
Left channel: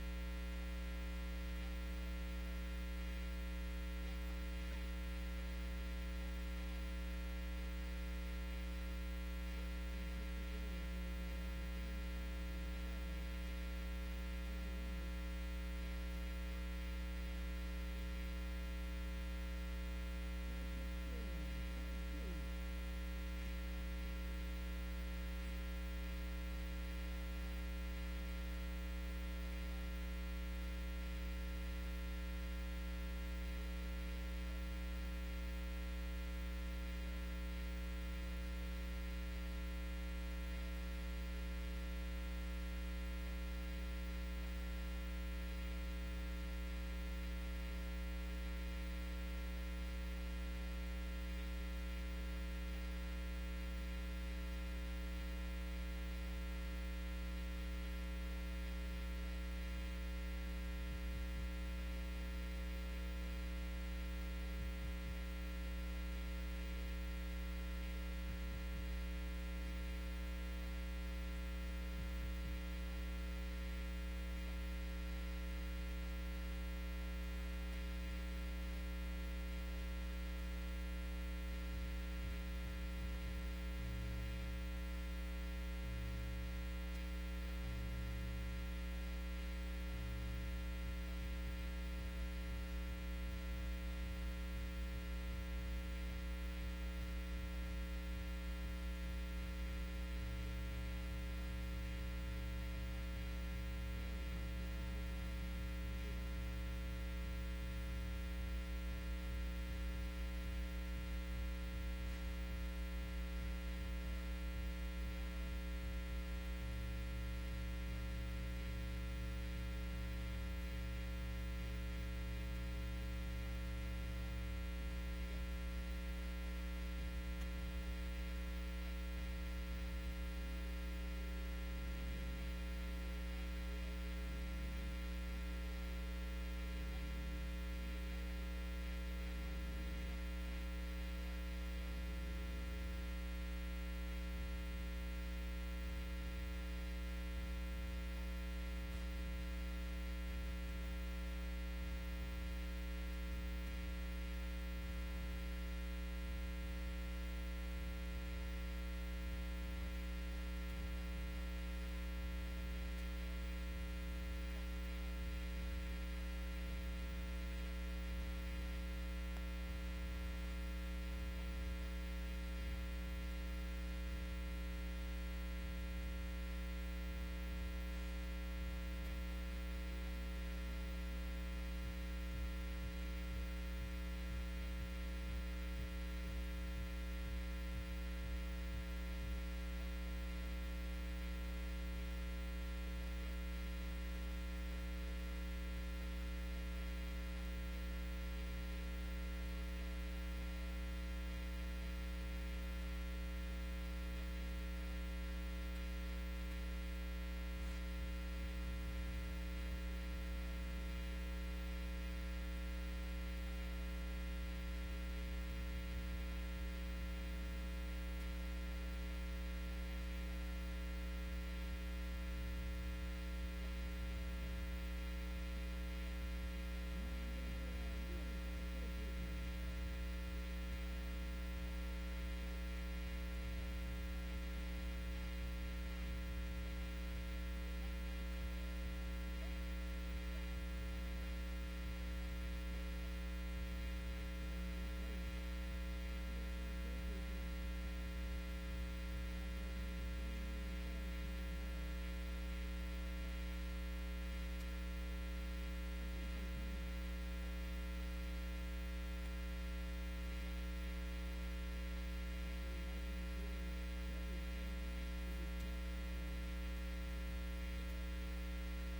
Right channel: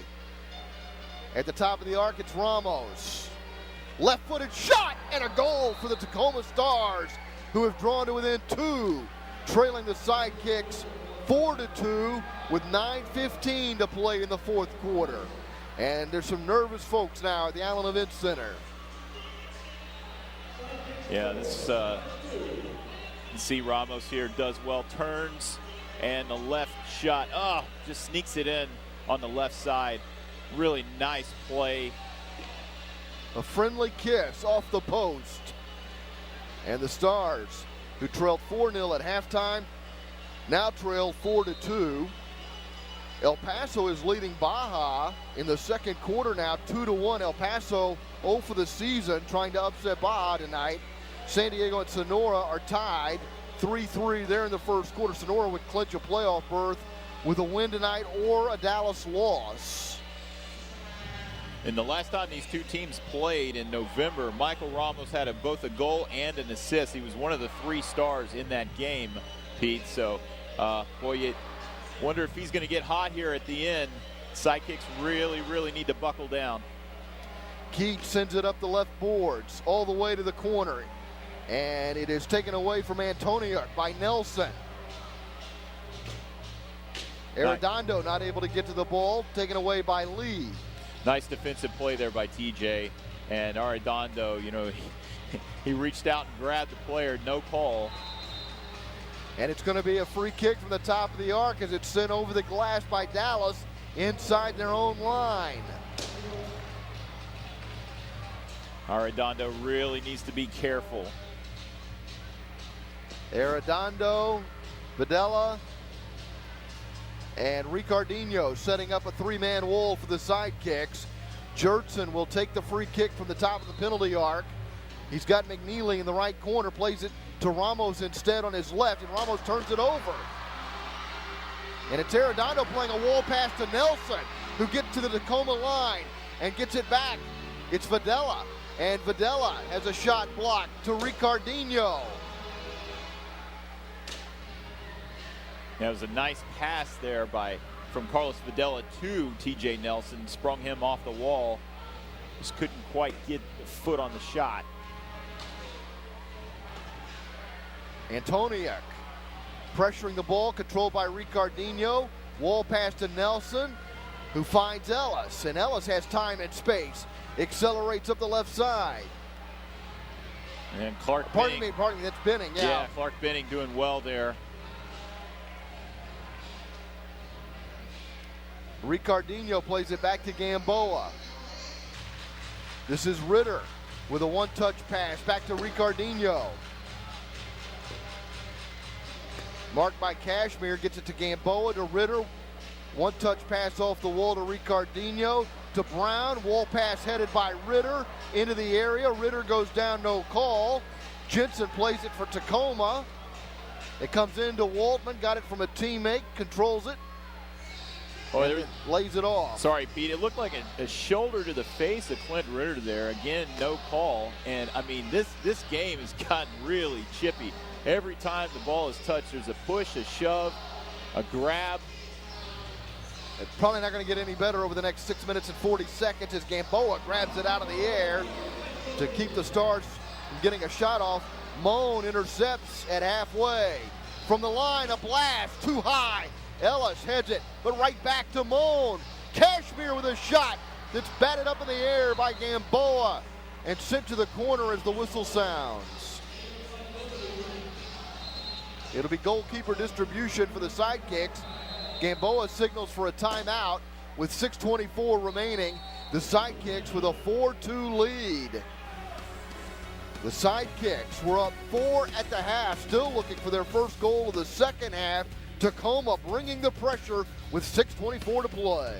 At the top of the arc, it's Ramos. Left-footed shot and a goal for the Tacoma Stars, who have drawn to within 2, trailing the Sidekicks 4-2 with 9:15 to play in the 4th quarter. And there's some nervous folks now at the Allen Event Center. Yeah, this see Ramos here does well, turns, and the left shot, just sneaks it in on the left side. Really nice play. A friendly kiss off the post. And the Stars, who trailed 4-0 at halftime, now trail 4-2. El Paso is leading Baja in the 2nd quarter now, 2-1. El Paso 0 for the season, trying to upset Baja tonight. San Diego and Sonora are tied 3-3 there in the 1st quarter. Sonora would clinch a playoff berth with a win tonight or a Dallas loss. And the last time these two teams played in November, Michael Ramos had both a goal and an assist. He was one of the 3 stars in that game, Pete. So, boy, you wonder if he's going to get hot here at the end. Sidekicks really, really need to buckle down. Keith sends it up the left boards all the way to the corner. And it is taken away from Antonio by Nelson. Arredondo not able to get to the ball, taken away by Lee. Nice defensive play there by TJ. And Arredondo, you know, he reached out and grabbed the player, no call. And it's going to be a free kick from the top of the arc as it's sent over the glass by Dallas inside their own line. Arredondo really needs to be careful. Arredondo, Videla, and Ricardinho setting up a 3-man wall for the Sidekicks. Jurtson will take the free kick from the top of the penalty arc. He's got McNeely in the right corner, plays it to Ramos instead on his left, and Ramos turns it over. And it's Arredondo playing a wall pass to Nelson, who gets to the Tacoma line and gets it back. It's Videla, and Videla has a shot blocked to Ricardinho. That was a nice pass there from Carlos Videla to TJ Nelson. Sprung him off the wall. Just couldn't quite get the foot on the shot. Antoniuk pressuring the ball, controlled by Ricardinho. Wall pass to Nelson, who finds Ellis. And Ellis has time and space. Accelerates up the left side. And Clark Pardon Benning. me, that's Benning, yeah. Yeah, Clark Benning doing well there. Ricardinho plays it back to Gamboa. This is Ritter with a one-touch pass back to Ricardinho. Marked by Cashmere, gets it to Gamboa, to Ritter. One-touch pass off the wall to Ricardinho, to Brown. Wall pass headed by Ritter into the area. Ritter goes down, no call. Jensen plays it for Tacoma. It comes into Waltman, got it from a teammate, controls it. Oh, lays it off. Sorry, Pete. It looked like a shoulder to the face of Clint Ritter there. Again, no call. And, I mean, this game has gotten really chippy. Every time the ball is touched, there's a push, a shove, a grab. It's probably not going to get any better over the next 6 minutes and 40 seconds as Gamboa grabs it out of the air to keep the Stars from getting a shot off. Moan intercepts at halfway. From the line, a blast, too high. Ellis heads it, but right back to Moan. Cashmere with a shot that's batted up in the air by Gamboa and sent to the corner as the whistle sounds. It'll be goalkeeper distribution for the Sidekicks. Gamboa signals for a timeout with 6:24 remaining. The Sidekicks with a 4-2 lead. The Sidekicks were up 4 at the half, still looking for their first goal of the second half. Tacoma bringing the pressure with 6:24 to play.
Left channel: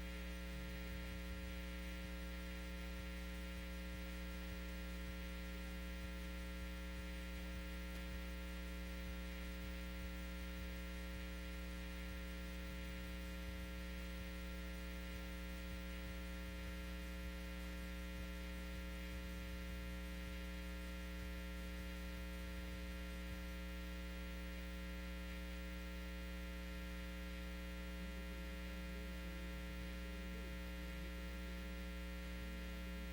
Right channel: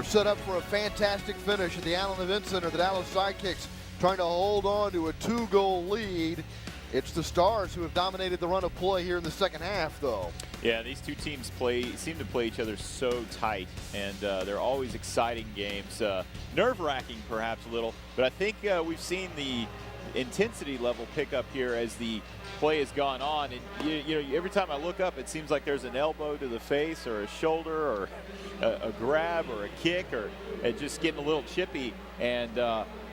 We're set up for a fantastic finish at the Allen Event Center. The Dallas Sidekicks trying to hold on to a 2-goal lead. It's the Stars who have dominated the run of play here in the second half, though. Yeah, these two teams seem to play each other so tight, and they're always exciting games. Nerve-wracking, perhaps a little, but I think we've seen the intensity level pick up here as the play has gone on. And you know, every time I look up, it seems like there's an elbow to the face, or a shoulder, or a grab, or a kick, or just getting a little chippy. And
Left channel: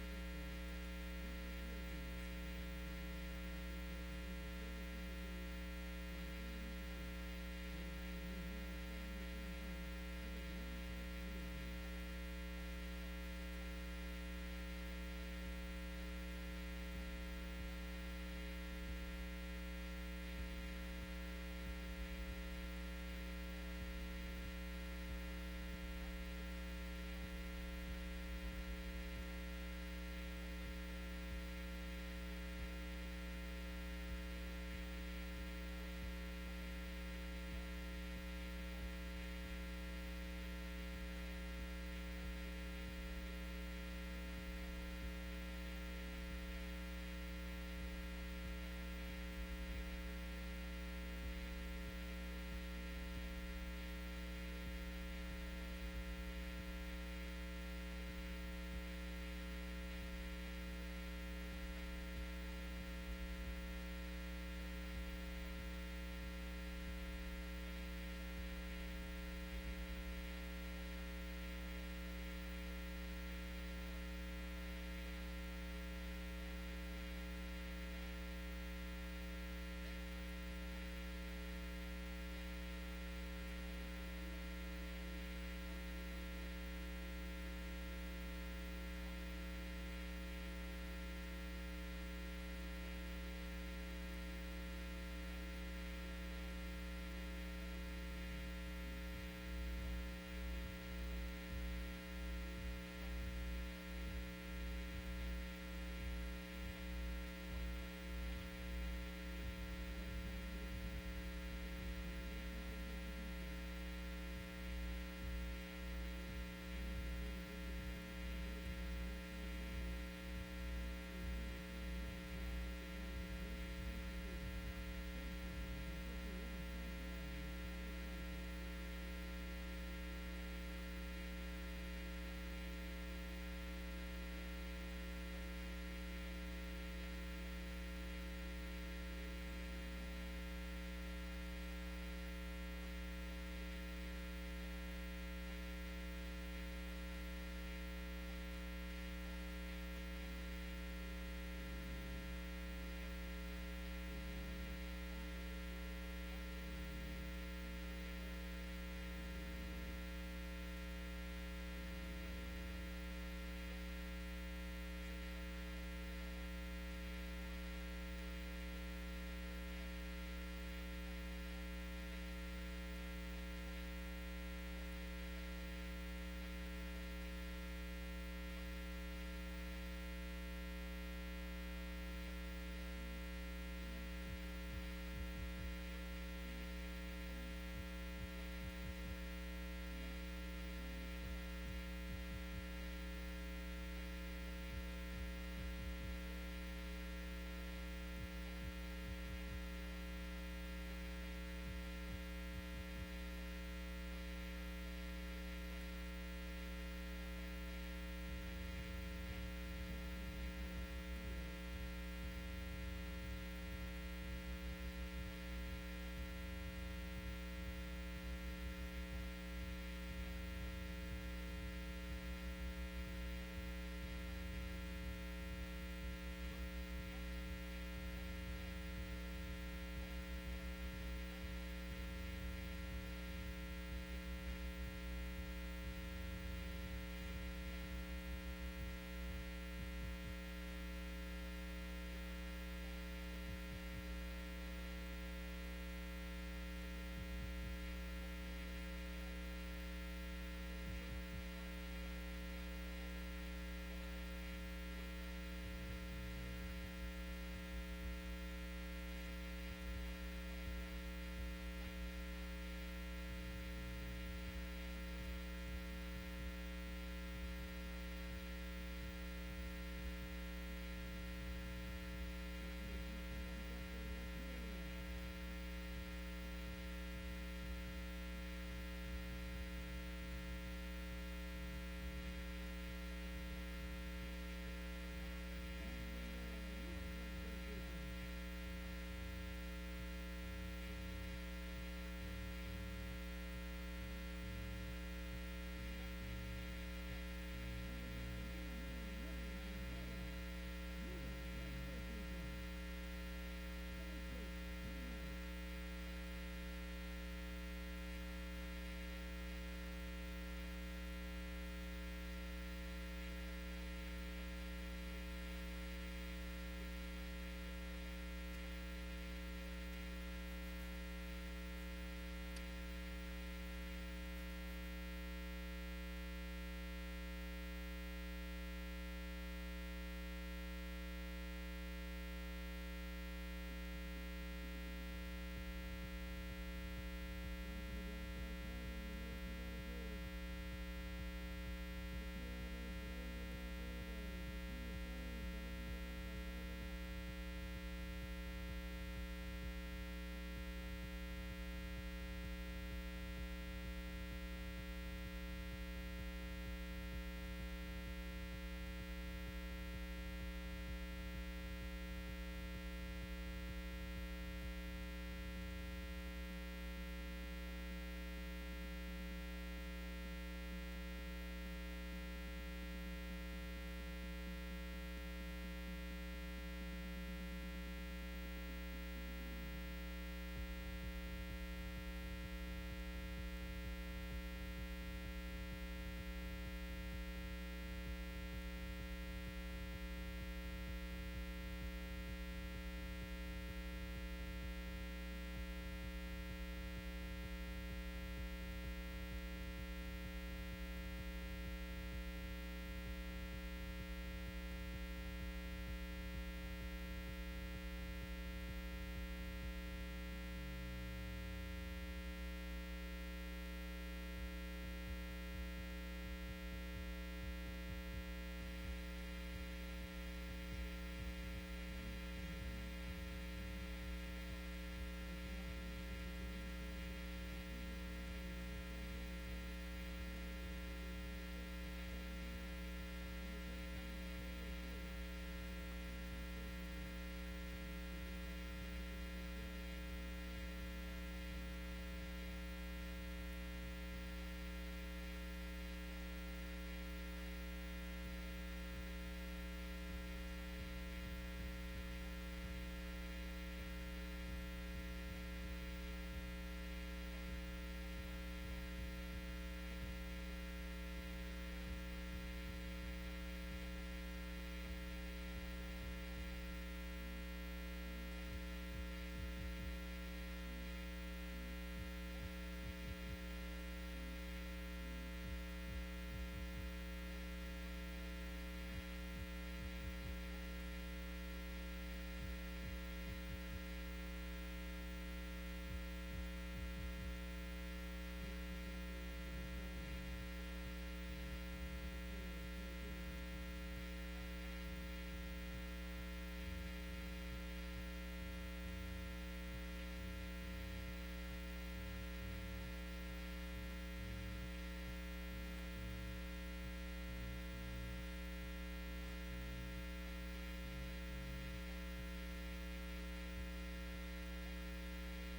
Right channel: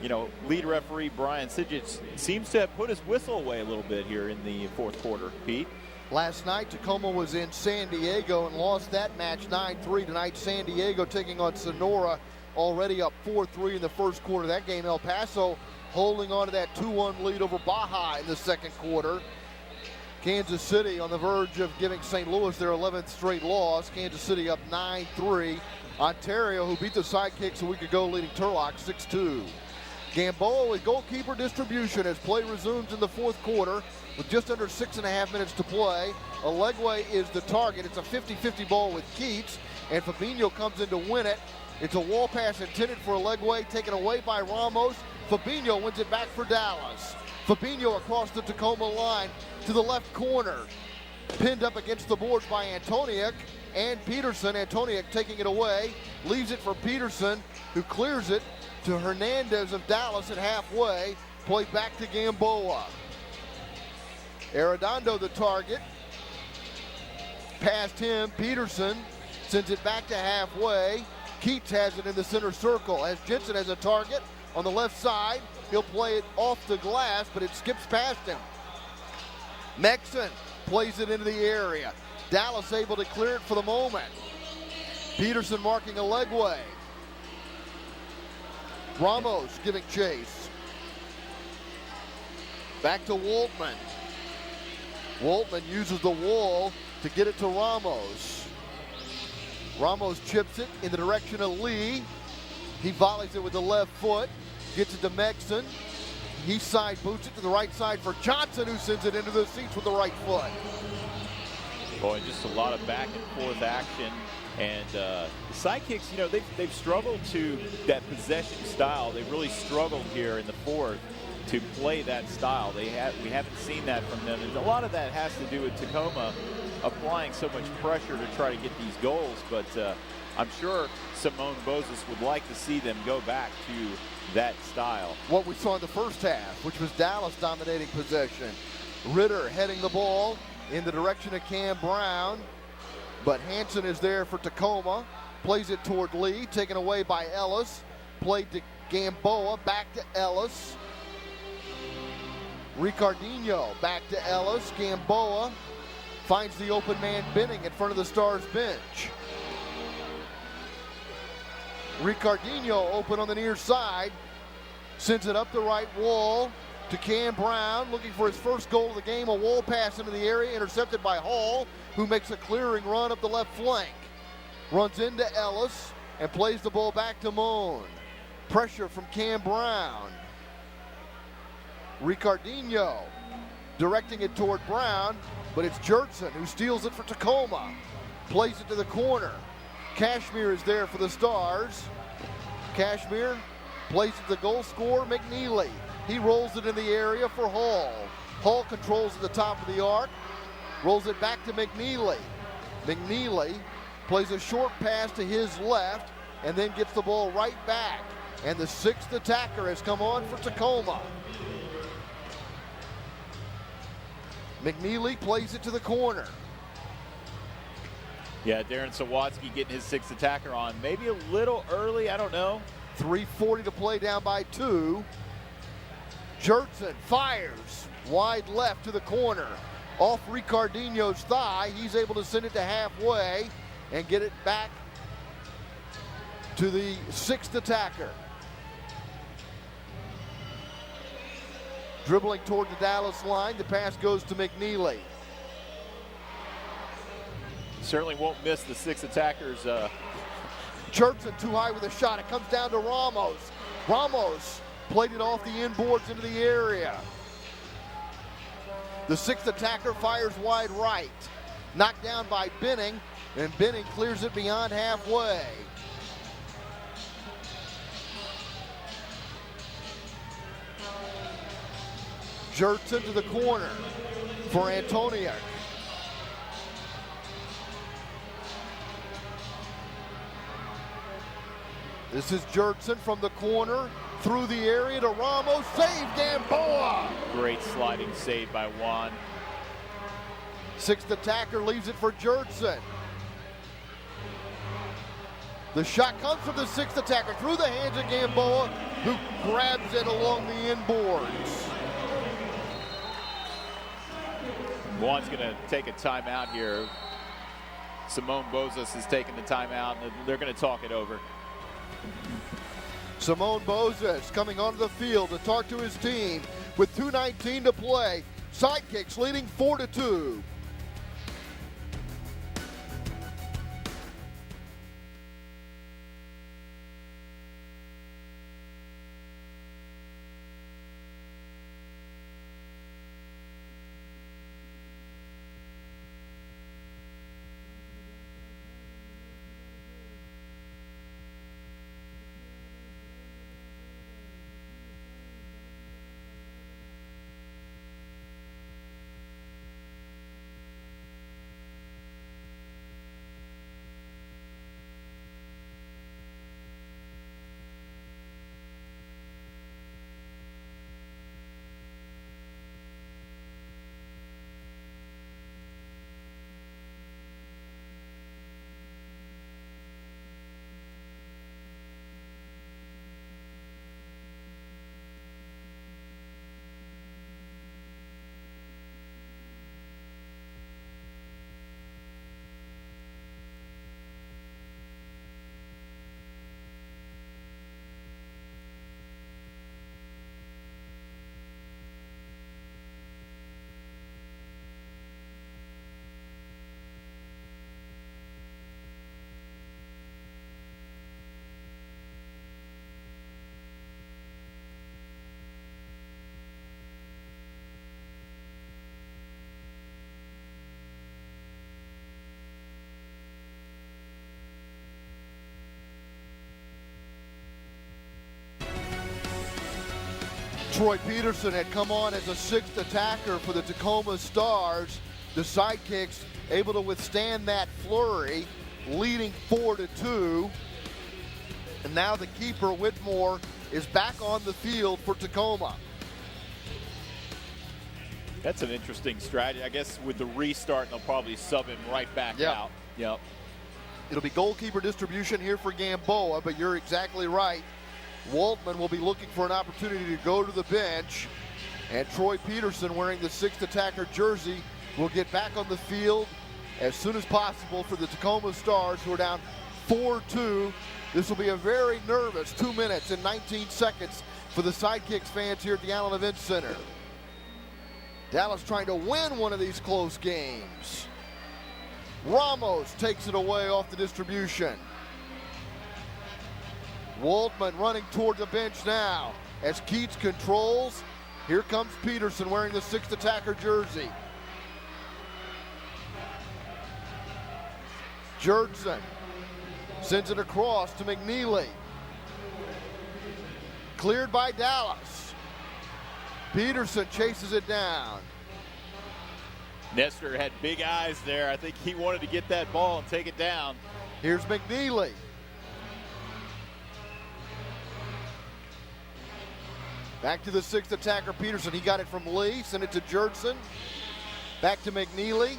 you know, lead referee Brian Sidekicks seems to have put his whistle away a little bit here in the fourth quarter. Pete? Last night, Tacoma was in San Diego and lost that match 9-3. Tonight, San Diego taking on Sonora, already up 4-3 in the first quarter of that game. El Paso holding on to that 2-1 lead over Baja in the second quarter. Kansas City on the verge of giving St. Louis their 11th straight loss. Kansas City up 9-3. Ontario, who beat the Sidekicks a week ago, leading Turlock 6-2. Gamboa with goalkeeper distribution as play resumes in the fourth quarter with just under 6.5 minutes to play. Alegwe is the target. It's a 50-50 ball with Keats, and Fabinho comes in to win it. It's a wall pass intended for Alegwe, taken away by Ramos. Fabinho wins it back for Dallas. Fabinho across the Tacoma line to the left corner. Pinned up against the boards by Antoniuk and Peterson. Antoniuk taking it away, leaves it for Peterson, who clears it to Hernandez of Dallas at halfway. Play back to Gamboa. Arredondo the target. Past him, Peterson sends it back to halfway. Keats has it in the center circle as Jensen has a target on the left side. He'll play it off the glass, but it skips past him. Mexon plays it into the area. Dallas able to clear it for the moment. Peterson marking Alegwe. Ramos giving chase. Back to Waltman. Waltman uses the wall to get it to Ramos. Ramos chips it in the direction of Lee. He volleys it with the left foot. Gets it to Mexon. He side boots it to the right side for Johnson, who sends it into the seats with the right foot. Boy, just a lot of back and forth action. And the Sidekicks, you know, they've struggled to that possession style. They've really struggled here in the fourth to play that style. We haven't seen that from them. And a lot of that has to do with Tacoma applying so much pressure to try to get these goals. But I'm sure Simone Bozes would like to see them go back to that style. What we saw in the first half, which was Dallas dominating possession. Ritter heading the ball in the direction of Cam Brown, but Hansen is there for Tacoma. Plays it toward Lee, taken away by Ellis. Played to Gamboa, back to Ellis. Ricardinho back to Ellis. Gamboa finds the open man Benning in front of the Stars bench. Ricardinho open on the near side, sends it up the right wall to Cam Brown, looking for his first goal of the game. A wall pass into the area, intercepted by Hall, who makes a clearing run up the left flank. Runs into Ellis and plays the ball back to Moan. Pressure from Cam Brown. Ricardinho directing it toward Brown, but it's Jertson who steals it for Tacoma. Plays it to the corner. Cashmere is there for the Stars. Cashmere plays it to the goal scorer, McNeely. He rolls it in the area for Hall. Hall controls at the top of the arc. Rolls it back to McNeely. McNeely plays a short pass to his left and then gets the ball right back. And the sixth attacker has come on for Tacoma. McNeely plays it to the corner. Yeah, Darren Sawatsky getting his sixth attacker on. Maybe a little early, I don't know. 3:40 to play, down by 2. Jertson fires wide left to the corner. Off Ricardinho's thigh. He's able to send it to halfway and get it back to the sixth attacker. Dribbling toward the Dallas line. The pass goes to McNeely. Certainly won't miss the six attackers. Jertson too high with a shot. It comes down to Ramos. Ramos played it off the inboards into the area. The sixth attacker fires wide right. Knocked down by Benning, and Benning clears it beyond halfway. Jurtson to the corner for Antonio. This is Jurtson from the corner through the area to Ramos. Save Gamboa. Great sliding save by Juan. Sixth attacker leaves it for Jurtson. The shot comes from the sixth attacker through the hands of Gamboa, who grabs it along the inboards. Juan's going to take a timeout here. Simone Bozas has taken the timeout, and they're going to talk it over. Simone Bozas coming onto the field to talk to his team with 2:19 to play. Sidekicks leading 4-2. Troy Peterson had come on as a sixth attacker for the Tacoma Stars. The Sidekicks able to withstand that flurry, leading 4-2. And now the keeper, Whitmore, is back on the field for Tacoma. That's an interesting strategy. I guess with the restart, they'll probably sub him right back out. Yep. It'll be goalkeeper distribution here for Gamboa, but you're exactly right. Waldman will be looking for an opportunity to go to the bench, and Troy Peterson, wearing the sixth attacker jersey, will get back on the field as soon as possible for the Tacoma Stars, who are down 4-2. This will be a very nervous 2 minutes and 19 seconds for the Sidekicks fans here at the Allen Event Center. Dallas trying to win one of these close games. Ramos takes it away off the distribution. Waldman running toward the bench now as Keats controls. Here comes Peterson wearing the sixth attacker jersey. Jurtson sends it across to McNeely. Cleared by Dallas. Peterson chases it down. Nestor had big eyes there. I think he wanted to get that ball and take it down. Here's McNeely. Back to the sixth attacker, Peterson. He got it from Lee, sent it to Jurtson. Back to McNeely.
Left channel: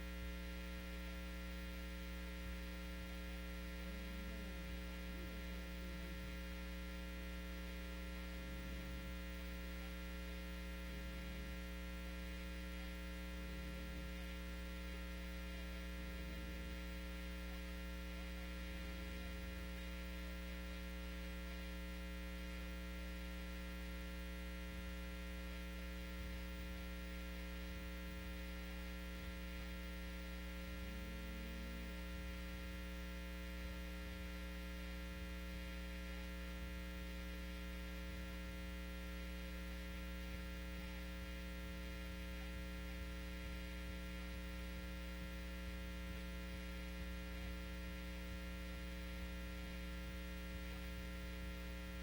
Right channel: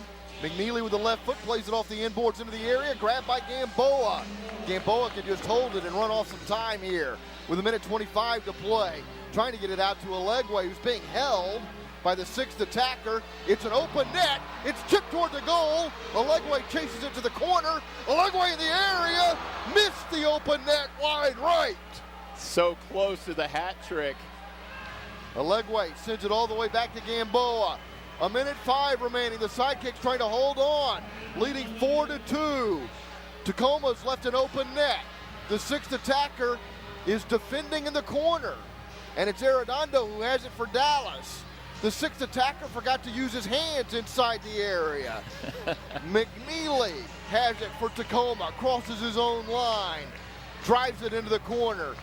McNeely with the left foot plays it off the inboards into the area. Grabbed by Gamboa. Gamboa can just hold it and run off some time here with 1:25 to play. Trying to get it out to Alegwe, who's being held by the sixth attacker. It's an open net. It's chipped toward the goal. Alegwe chases it to the corner. Alegwe in the area. Missed the open net wide right. So close to the hat trick. Alegwe sends it all the way back to Gamboa. 1:05 remaining. The Sidekicks trying to hold on, leading 4-2. Tacoma's left an open net. The sixth attacker is defending in the corner, and it's Arredondo who has it for Dallas. The sixth attacker forgot to use his hands inside the area. McNeely has it for Tacoma, crosses his own line, drives it into the corner.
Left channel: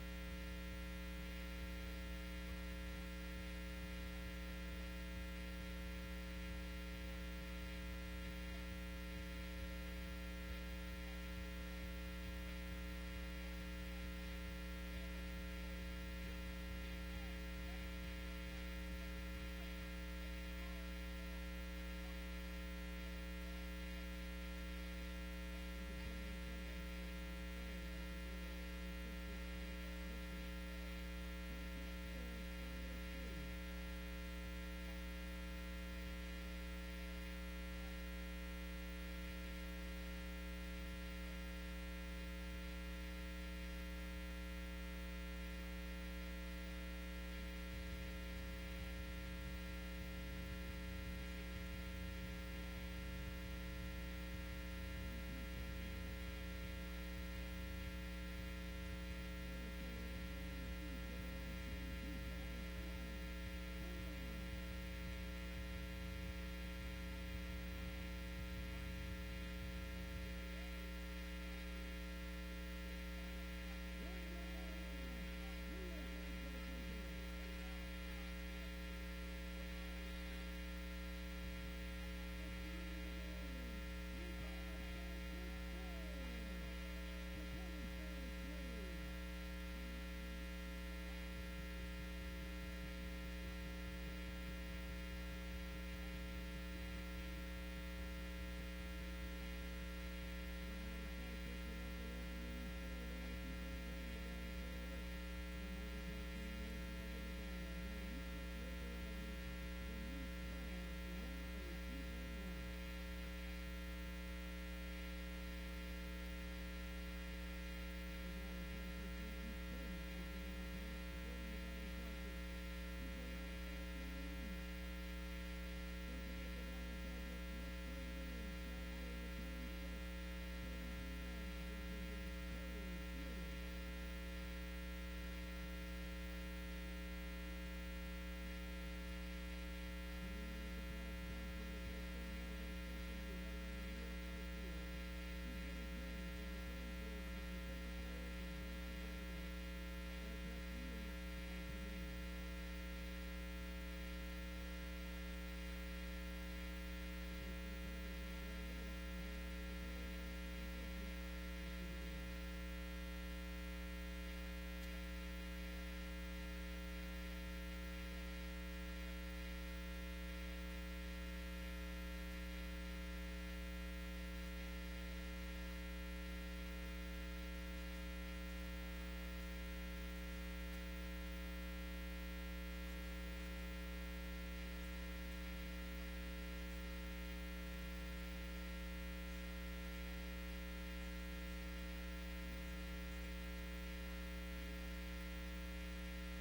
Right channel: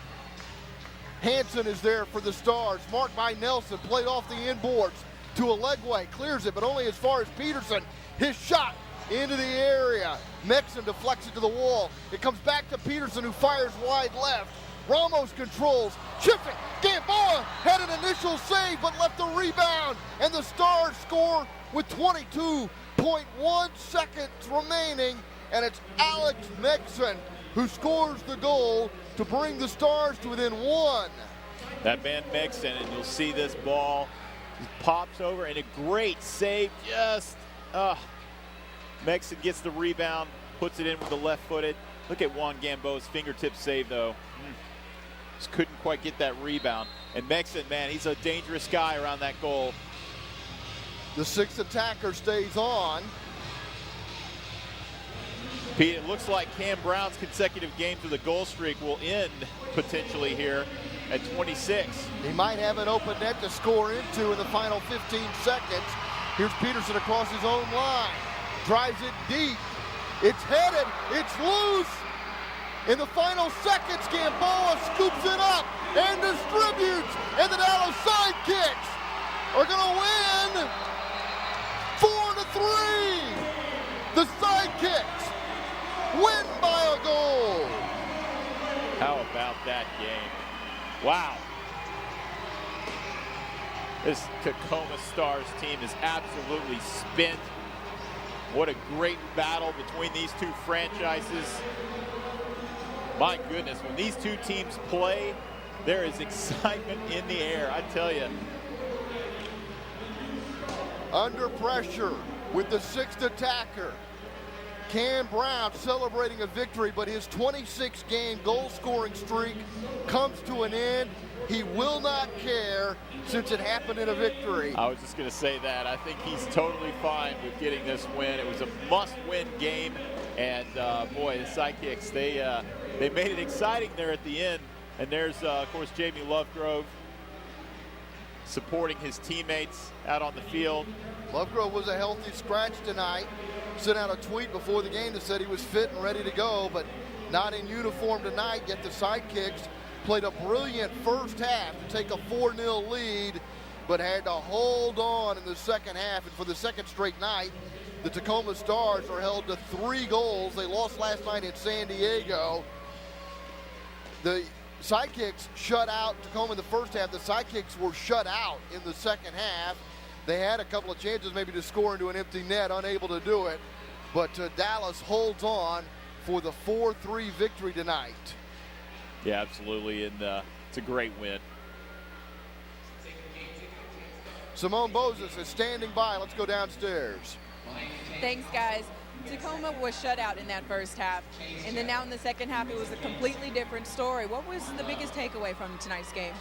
Hansen is there for the Stars, marked by Nelson, played off the inboards to Alegwe, clears it, but only as far as Peterson. His shot into the area. Mexon deflects it to the wall. It comes back to Peterson, who fires wide left. Ramos controls, chips it. Gamboa had an initial save, but left the rebound, and the Stars score with 22.1 seconds remaining, and it's Alex Mexon who scores the goal to bring the Stars to within one. That man Mexon, and you'll see this ball pops over, and a great save. Mexon gets the rebound, puts it in with the left-footed. Look at Juan Gamboa's fingertip save, though. Just couldn't quite get that rebound. And Mexon, man, he's a dangerous guy around that goal. The sixth attacker stays on. Pete, it looks like Cam Brown's consecutive games with a goal streak will end potentially here at 26. He might have an open net to score into in the final 15 seconds. Here's Peterson across his own line. Drives it deep. It's headed. It's loose. In the final seconds, Gamboa scoops it up and distributes. And the Dallas Sidekicks are going to win 4-3. The Sidekicks win by a goal. How about that game? Wow. This Tacoma Stars team is absolutely spent. What a great battle between these two franchises. My goodness, when these two teams play, there is excitement in the air, I tell you. Under pressure with the sixth attacker. Cam Brown celebrating a victory, but his 26-game goal-scoring streak comes to an end. He will not care since it happened in a victory. I was just going to say that. I think he's totally fine with getting this win. It was a must-win game, and boy, the Sidekicks, they made it exciting there at the end. And there's, of course, Jamie Lovegrove supporting his teammates out on the field. Lovegrove was a healthy scratch tonight. Sent out a tweet before the game that said he was fit and ready to go, but not in uniform tonight. Yet the Sidekicks played a brilliant first half to take a 4-0 lead, but had to hold on in the second half. And for the second straight night, the Tacoma Stars are held to 3 goals. They lost last night in San Diego. The Sidekicks shut out Tacoma in the first half. The Sidekicks were shut out in the second half. They had a couple of chances maybe to score into an empty net, unable to do it. But Dallas holds on for the 4-3 victory tonight. Yeah, absolutely, and it's a great win. Simone Bozes is standing by. Let's go downstairs. Thanks, guys. Tacoma was shut out in that first half, and then now in the second half, it was a completely different story. What was the biggest takeaway from tonight's game?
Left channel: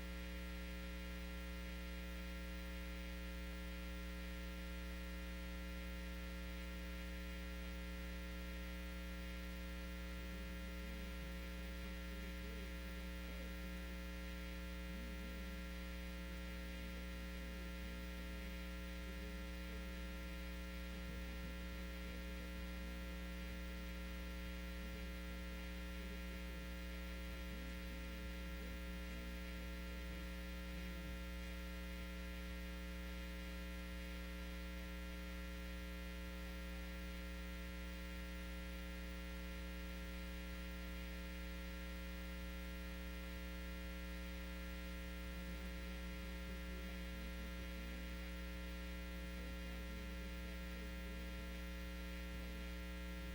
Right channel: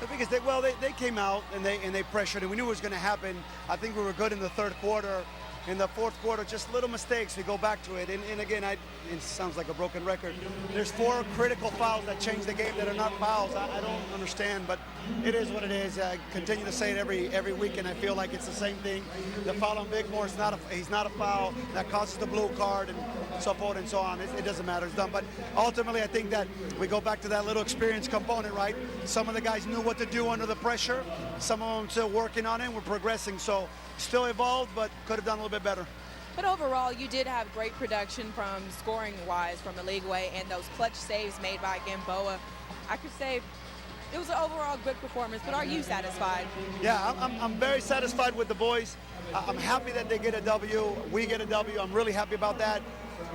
The biggest thing, well, they came out and they pressured, and we knew it was going to happen. I think we were good in the third quarter. In the fourth quarter, just little mistakes. We go back to it, and again, it sounds like a broken record. There's 4 critical fouls that change the game that are not fouls. I don't understand, but it is what it is. I continue to say it every week, and I feel like it's the same thing. The foul on Bigmore is he's not a foul that causes the blue card and so forth and so on. It doesn't matter. It's done. But ultimately, I think that we go back to that little experience component, right? Some of the guys knew what to do under the pressure. Some of them still working on it. We're progressing. So still evolved, but could have done a little bit better. But overall, you did have great production from scoring-wise from the league-way, and those clutch saves made by Gamboa. I could say it was an overall good performance, but are you satisfied? Yeah, I'm very satisfied with the boys. I'm happy that they get a W. We get a W. I'm really happy about that.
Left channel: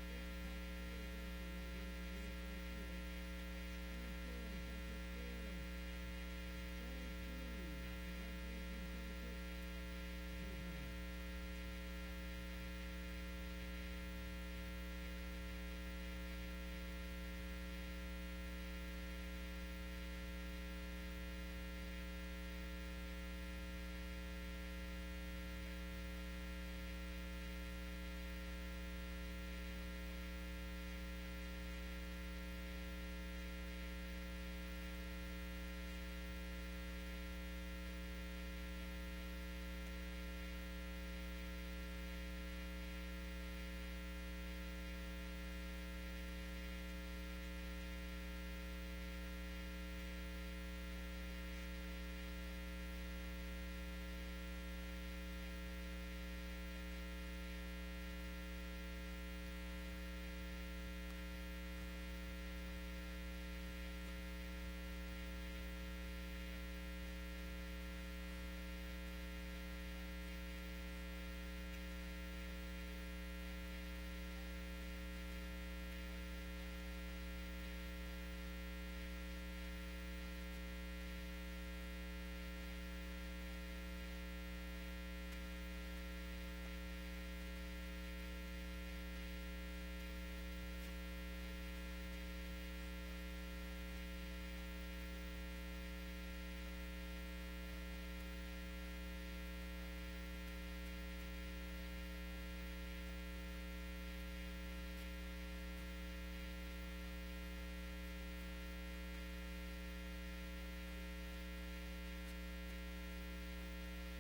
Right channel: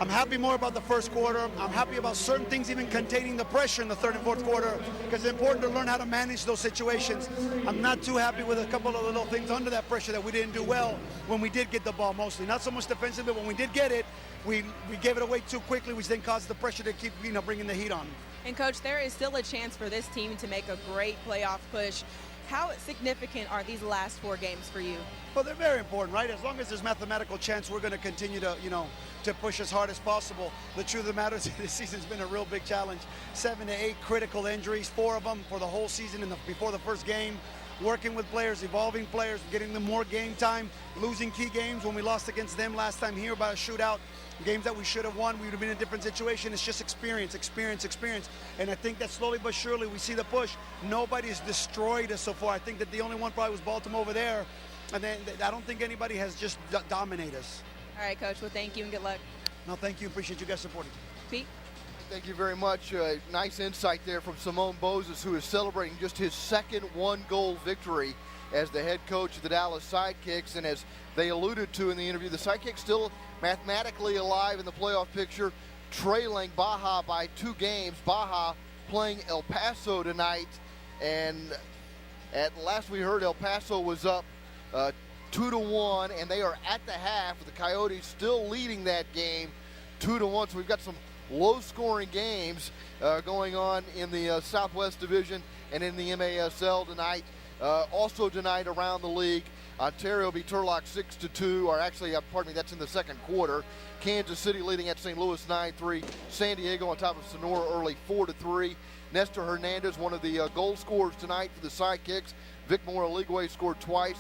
I'm happy more about the first quarter. I'm happy about certain things, even containing the pressure in the third and fourth quarter, because it's important to learn how to manage those situations. I'm not too happy with a couple of little things under that pressure that we didn't do well when we did get the ball mostly. Not so much defensive, but when we did get it, we gave it away too quickly, which then caused the pressure to keep bringing the heat on. And, Coach, there is still a chance for this team to make a great playoff push. How significant are these last 4 games for you? Well, they're very important, right? As long as there's mathematical chance, we're going to continue to, to push as hard as possible. The truth of the matter is this season's been a real big challenge. 7 to 8 critical injuries, 4 of them for the whole season before the first game. Working with players, evolving players, getting them more game time, losing key games when we lost against them last time here by a shootout. Games that we should have won, we would have been in a different situation. It's just experience, experience, experience. And I think that slowly but surely we see the push. Nobody's destroyed us so far. I think that the only one probably was Baltimore over there. And then I don't think anybody has just dominated us. All right, Coach. Well, thank you and good luck. No, thank you. Appreciate you guys supporting. Pete? Thank you very much. Nice insight there from Simone Moses, who is celebrating just his second one-goal victory as the head coach of the Dallas Sidekicks. And as they alluded to in the interview, the Sidekicks still mathematically alive in the playoff picture, trailing Baja by 2 games. Baja playing El Paso tonight, and at last we heard El Paso was up 2-1, and they are at the half with the Coyotes still leading that game 2-1. So we've got some low-scoring games going on in the Southwest Division and in the MASL tonight. Also tonight around the league, Ontario beat Turlock 6-2, or actually, pardon me, that's in the second quarter. Kansas City leading at St. Louis 9-3. San Diego on top of Sonora early 4-3. Nestor Hernandez, one of the goal scorers tonight for the Sidekicks. Vic Moraligwe scored twice.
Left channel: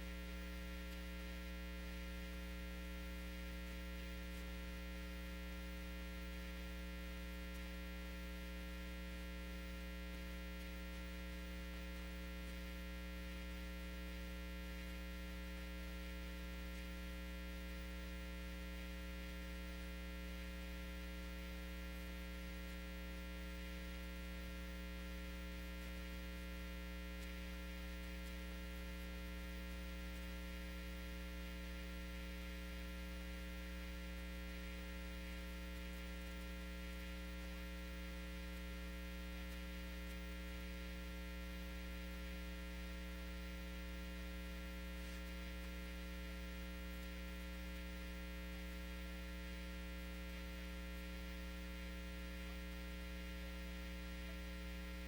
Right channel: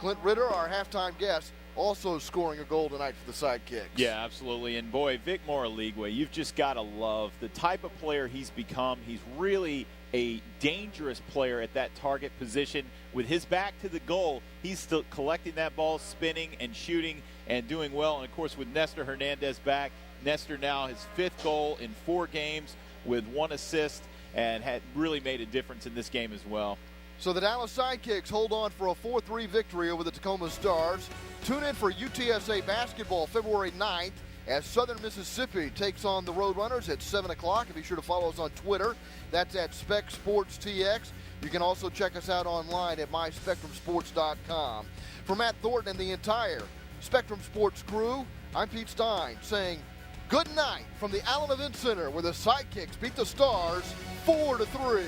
Clint Ritter, our halftime guest, also scoring a goal tonight for the Sidekicks. Yeah, absolutely. And boy, Vic Moraligwe, you've just got to love the type of player he's become. He's really a dangerous player at that target position. With his back to the goal, he's still collecting that ball, spinning and shooting and doing well. And of course, with Nestor Hernandez back, Nestor now his 5th goal in 4 games with 1 assist, and had really made a difference in this game as well. So the Dallas Sidekicks hold on for a 4-3 victory over the Tacoma Stars. Tune in for UTSA basketball February 9th as Southern Mississippi takes on the Roadrunners at 7 o'clock. And be sure to follow us on Twitter. That's at Spec Sports TX. You can also check us out online at myspectrumsports.com. For Matt Thornton and the entire Spectrum Sports crew, I'm Pete Stein saying good night from the Allen Event Center, where the Sidekicks beat the Stars 4-3.